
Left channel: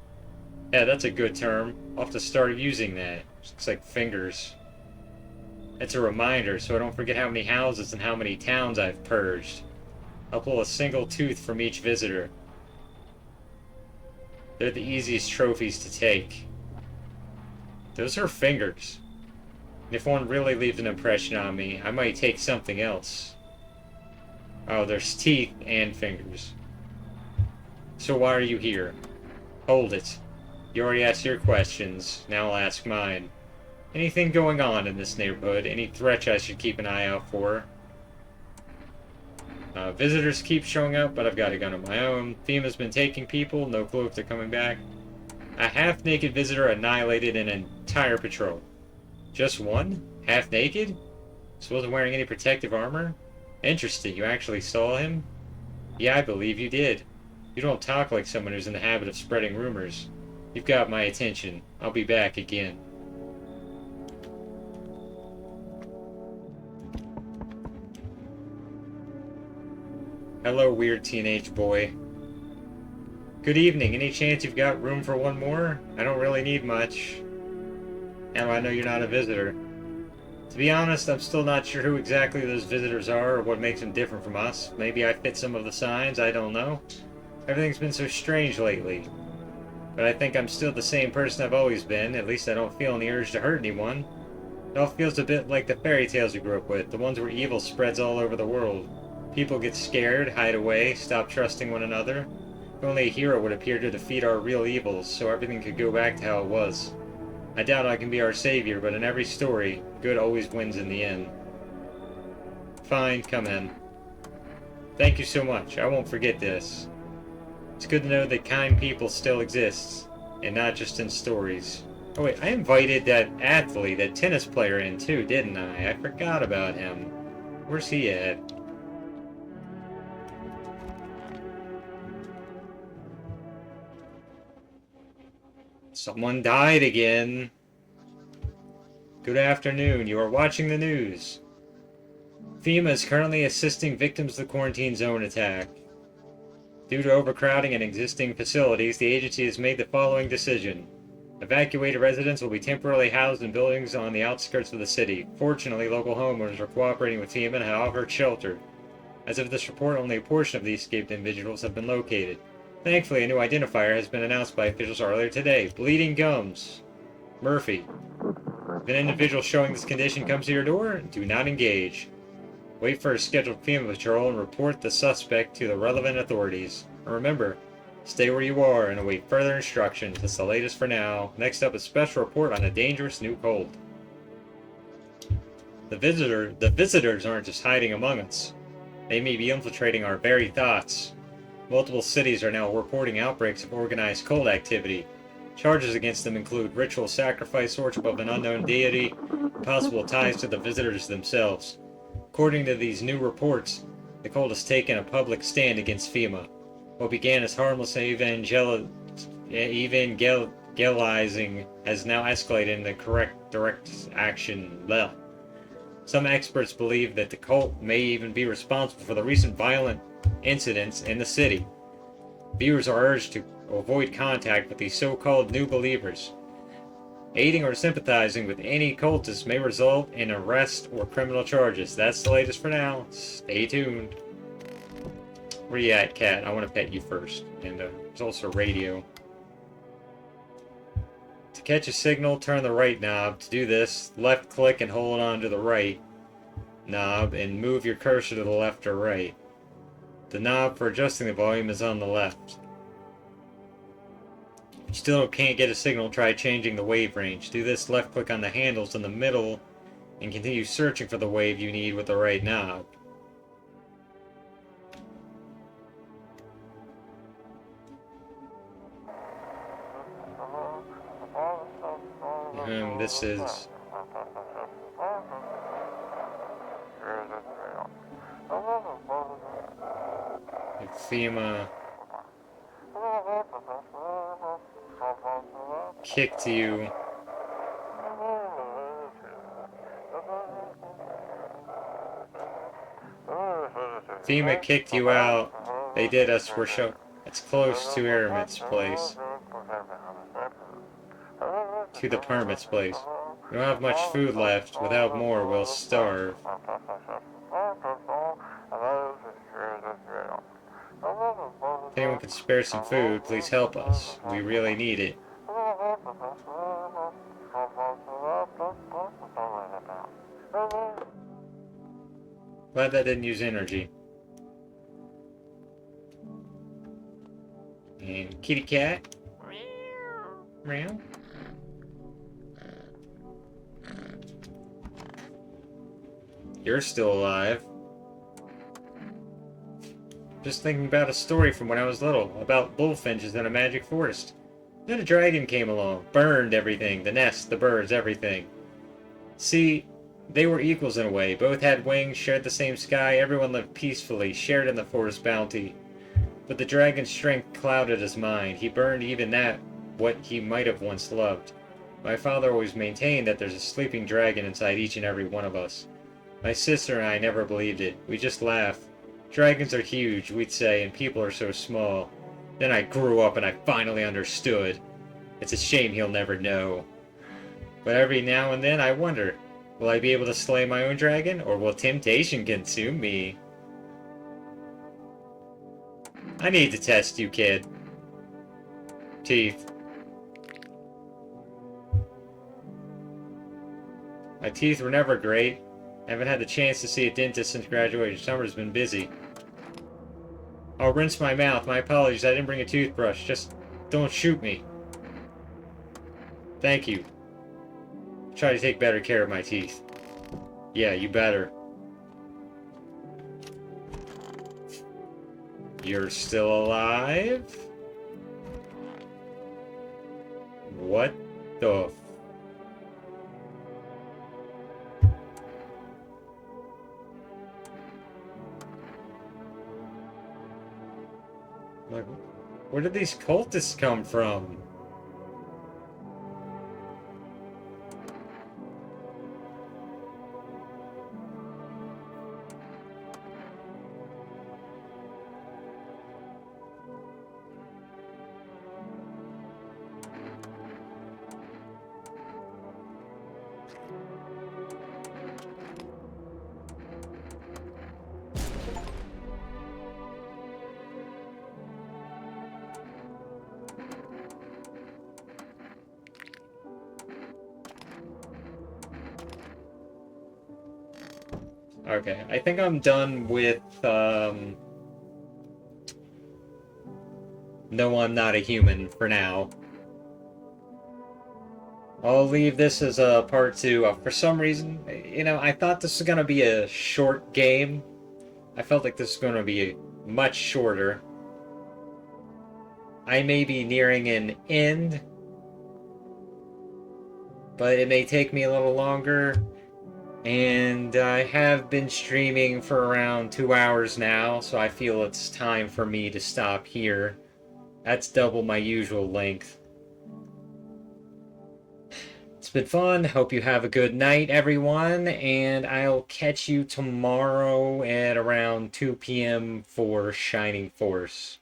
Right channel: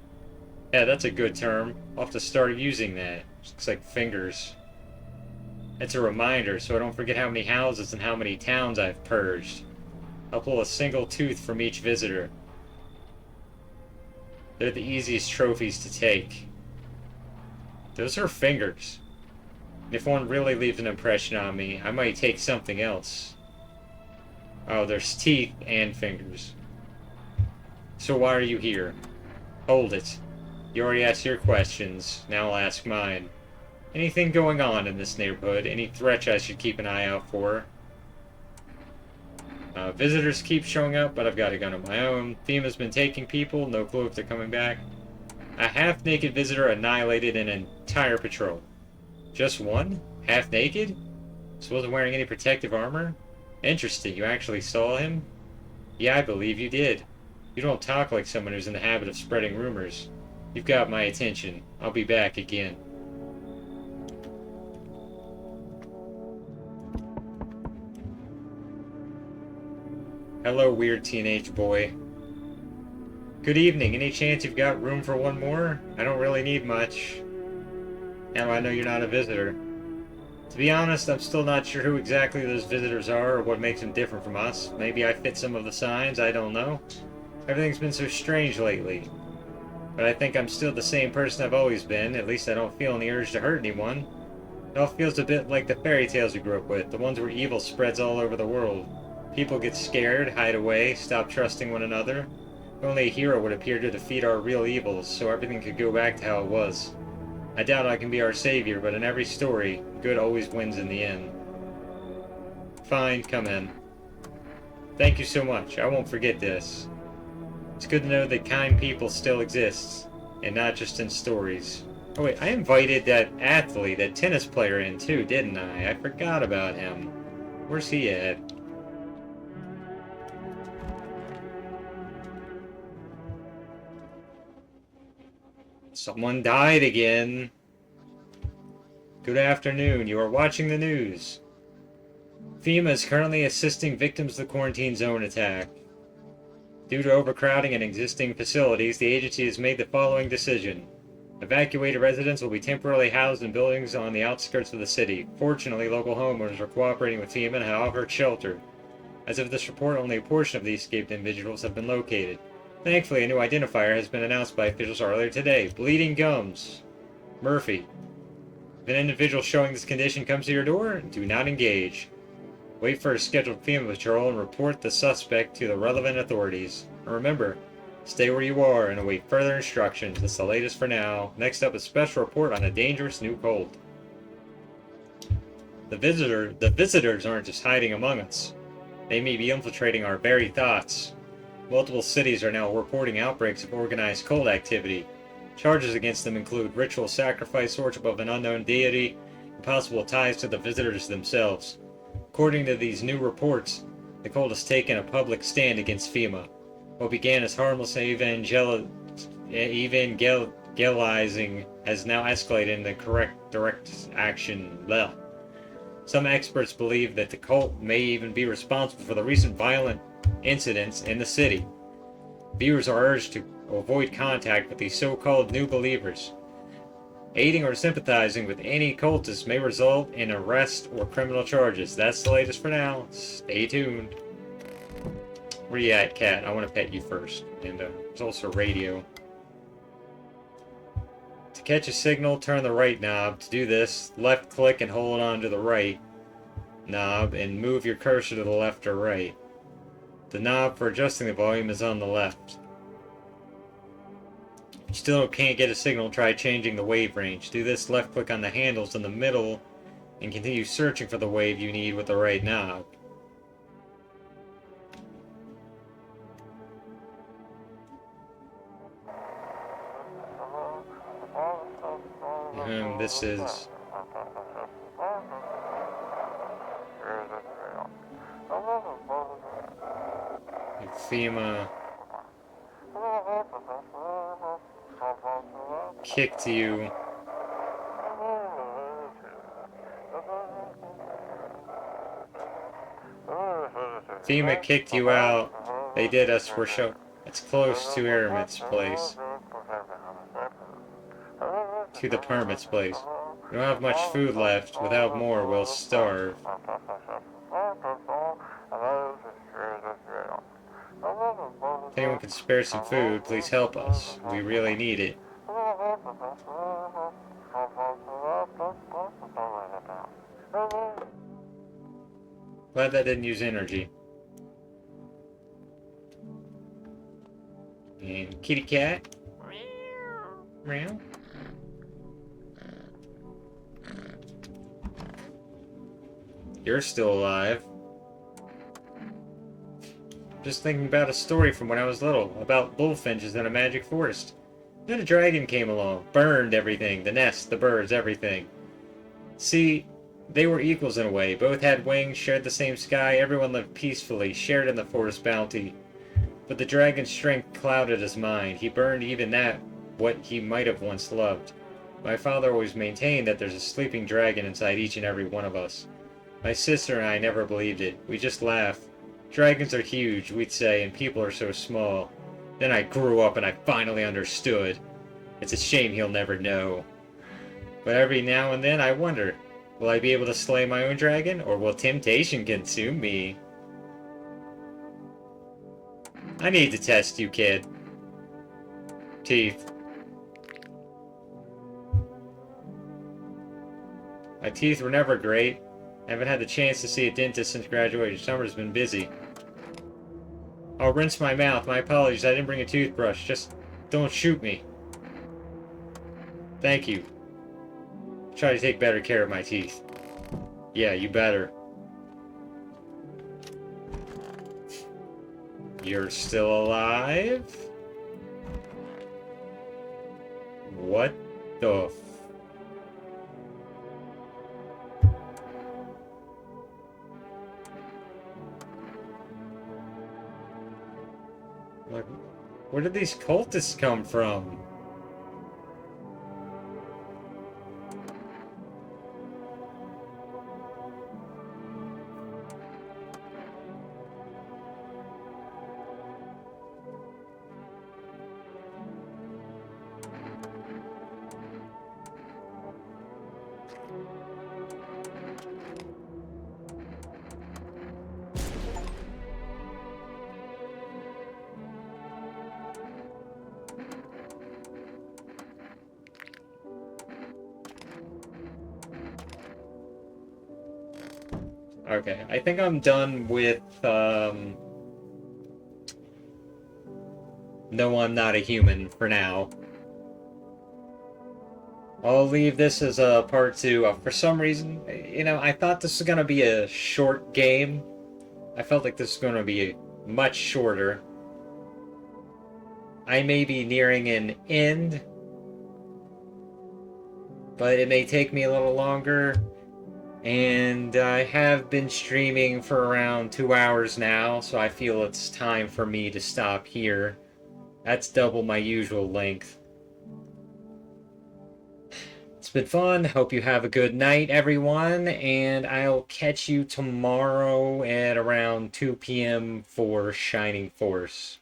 Yeah, that's a good term. I'll have to start using that. Looks like fingers. It's a reminder, so I don't forget how many houses and how many towns I've purged. I'll pull a single tooth from each visitor. They're the easiest trophies to take. Those are fingers. And if one really leaves an impression on me, I might take something else. Oh, there's teeth and fingers. So why are you here? Hold it. You already asked your questions, now I'll ask mine. Anything going on in this neighborhood? Any threats I should keep an eye out for? Visitors keep showing up, but I've got a gun of my own. FEMA's been taking people, no clue if they're coming back. A half-naked visitor annihilated an entire patrol. Just one? Half-naked? So wasn't wearing any protective armor? Interesting, you actually saw him? Yeah, I believe you did. You don't talk like someone who's in the habit of spreading rumors. You've got my attention. I'll be back again. Hello, weird teenage boy. Good evening. Any chance you've got room for one more? I don't really need much. Now I know you're not a visitor. To be honest, I'm still not sure who exactly those visitors are or what makes them different from us. Maybe I fit some of the signs, I don't know. Everything's been so strange lately. But I think I'm still the same person I've always been. At least I don't feel any urge to hurt anyone. It all feels a bit like the fairy tales we grew up with, the ones where evil spreads all over the world. People get scared, hide away, stop trusting one another. If only a hero would appear to defeat our real evils, so everything could go back to how it was. I doubt I can be our savior, but in every story, good always wins in the end. Fine, come in. Thank you so much. I won't forget this. It's good to know that kind people still exist, and not just in stories. Oh wait, I invited that athlete, that tennis player in too, didn't I? I forgot about him. Where's he at? Someone died again. Good afternoon. You are watching the news. FEMA is currently assisting victims of the quarantine zone attack. Due to overcrowding in existing facilities, the agency has made the following decision. Evacuated residents will be temporarily housed in buildings on the outskirts of the city. Fortunately, local homeowners are cooperating with FEMA and have offered shelter. As of this report, only a portion of the escaped individuals have been located. Thankfully, a new identifier has been announced by officials earlier today. Bleeding gums. Murphy. If an individual showing this condition comes to your door, do not engage. Wait for a scheduled FEMA patrol and report the suspect to the relevant authorities. And remember, stay where you are and await further instructions. That's the latest for now. Next up, a special report on a dangerous new cold. The visitors aren't just hiding among us. They may be infiltrating our very thoughts. Multiple cities are now reporting outbreaks of organized cult activity. Charges against them include ritual sacrifice, worship of an unknown deity, and possible ties to the visitors themselves. According to these new reports, the cult has taken a public stand against FEMA. What began as harmless evangelizing has now escalated into direct action. Well, some experts believe that the cult may even be responsible for the recent violent incidents in the city. Viewers are urged to avoid contact with these so-called new believers. Aiding or sympathizing with any cultist may result in arrest or criminal charges. That's the latest for now. Stay tuned. Where you at, cat? I want to pet you first. And there's also radio. To catch a signal, turn the right knob. To do this, left click and hold on to the right knob and move your cursor to the left or right. The knob for adjusting the volume is on the left. If you still can't get a signal, try changing the wave range. Do this, left click on the handles in the middle and continue searching for the wave you need with the right knob. And this is FEMA kicked you. FEMA kicked you out. They did us. We're show. It's close to Hermit's place. To the Hermit's place. We don't have much food left. Without more, we'll starve. If anyone could spare some food, please help us. We really need it. Glad that didn't use energy. And kitty cat. Meow. You're still alive. Just thinking about a story from when I was little, about bullfinches in a magic forest. Then a dragon came along, burned everything, the nest, the birds, everything. See, they were equals in a way, both had wings, shared the same sky, everyone lived peacefully, shared in the forest bounty. But the dragon's strength clouded his mind. He burned even that, what he might have once loved. My father always maintained that there's a sleeping dragon inside each and every one of us. My sister and I never believed it. We just laughed. Dragons are huge, we'd say, and people are so small. Then I grew up and I finally understood. It's a shame he'll never know. But every now and then I wonder, Will I be able to slay my own dragon, or will temptation consume me? I need to test you, kid. Teeth. My teeth were never great. I haven't had the chance to see a dentist since graduation. Summer's been busy. I'll rinse my mouth. My apologies, I didn't bring a toothbrush. Just don't shoot me. Thank you. Try to take better care of my teeth. Yeah, you better. You're still alive? What the Where did these cultists come from? Okay, I think I'm done with, No, I'm not a human for now. I'll leave this as a part 2. For some reason, I thought this was gonna be a short game. I felt like this was gonna be much shorter. I may be nearing an end, but it may take me a little longer. And I have been streaming for around 2 hours now, so I feel it's time for me to stop here. That's double my usual length. It's been fun. Hope you have a good night, everyone, and I'll catch you tomorrow at around 2 p.m. for Shining Force.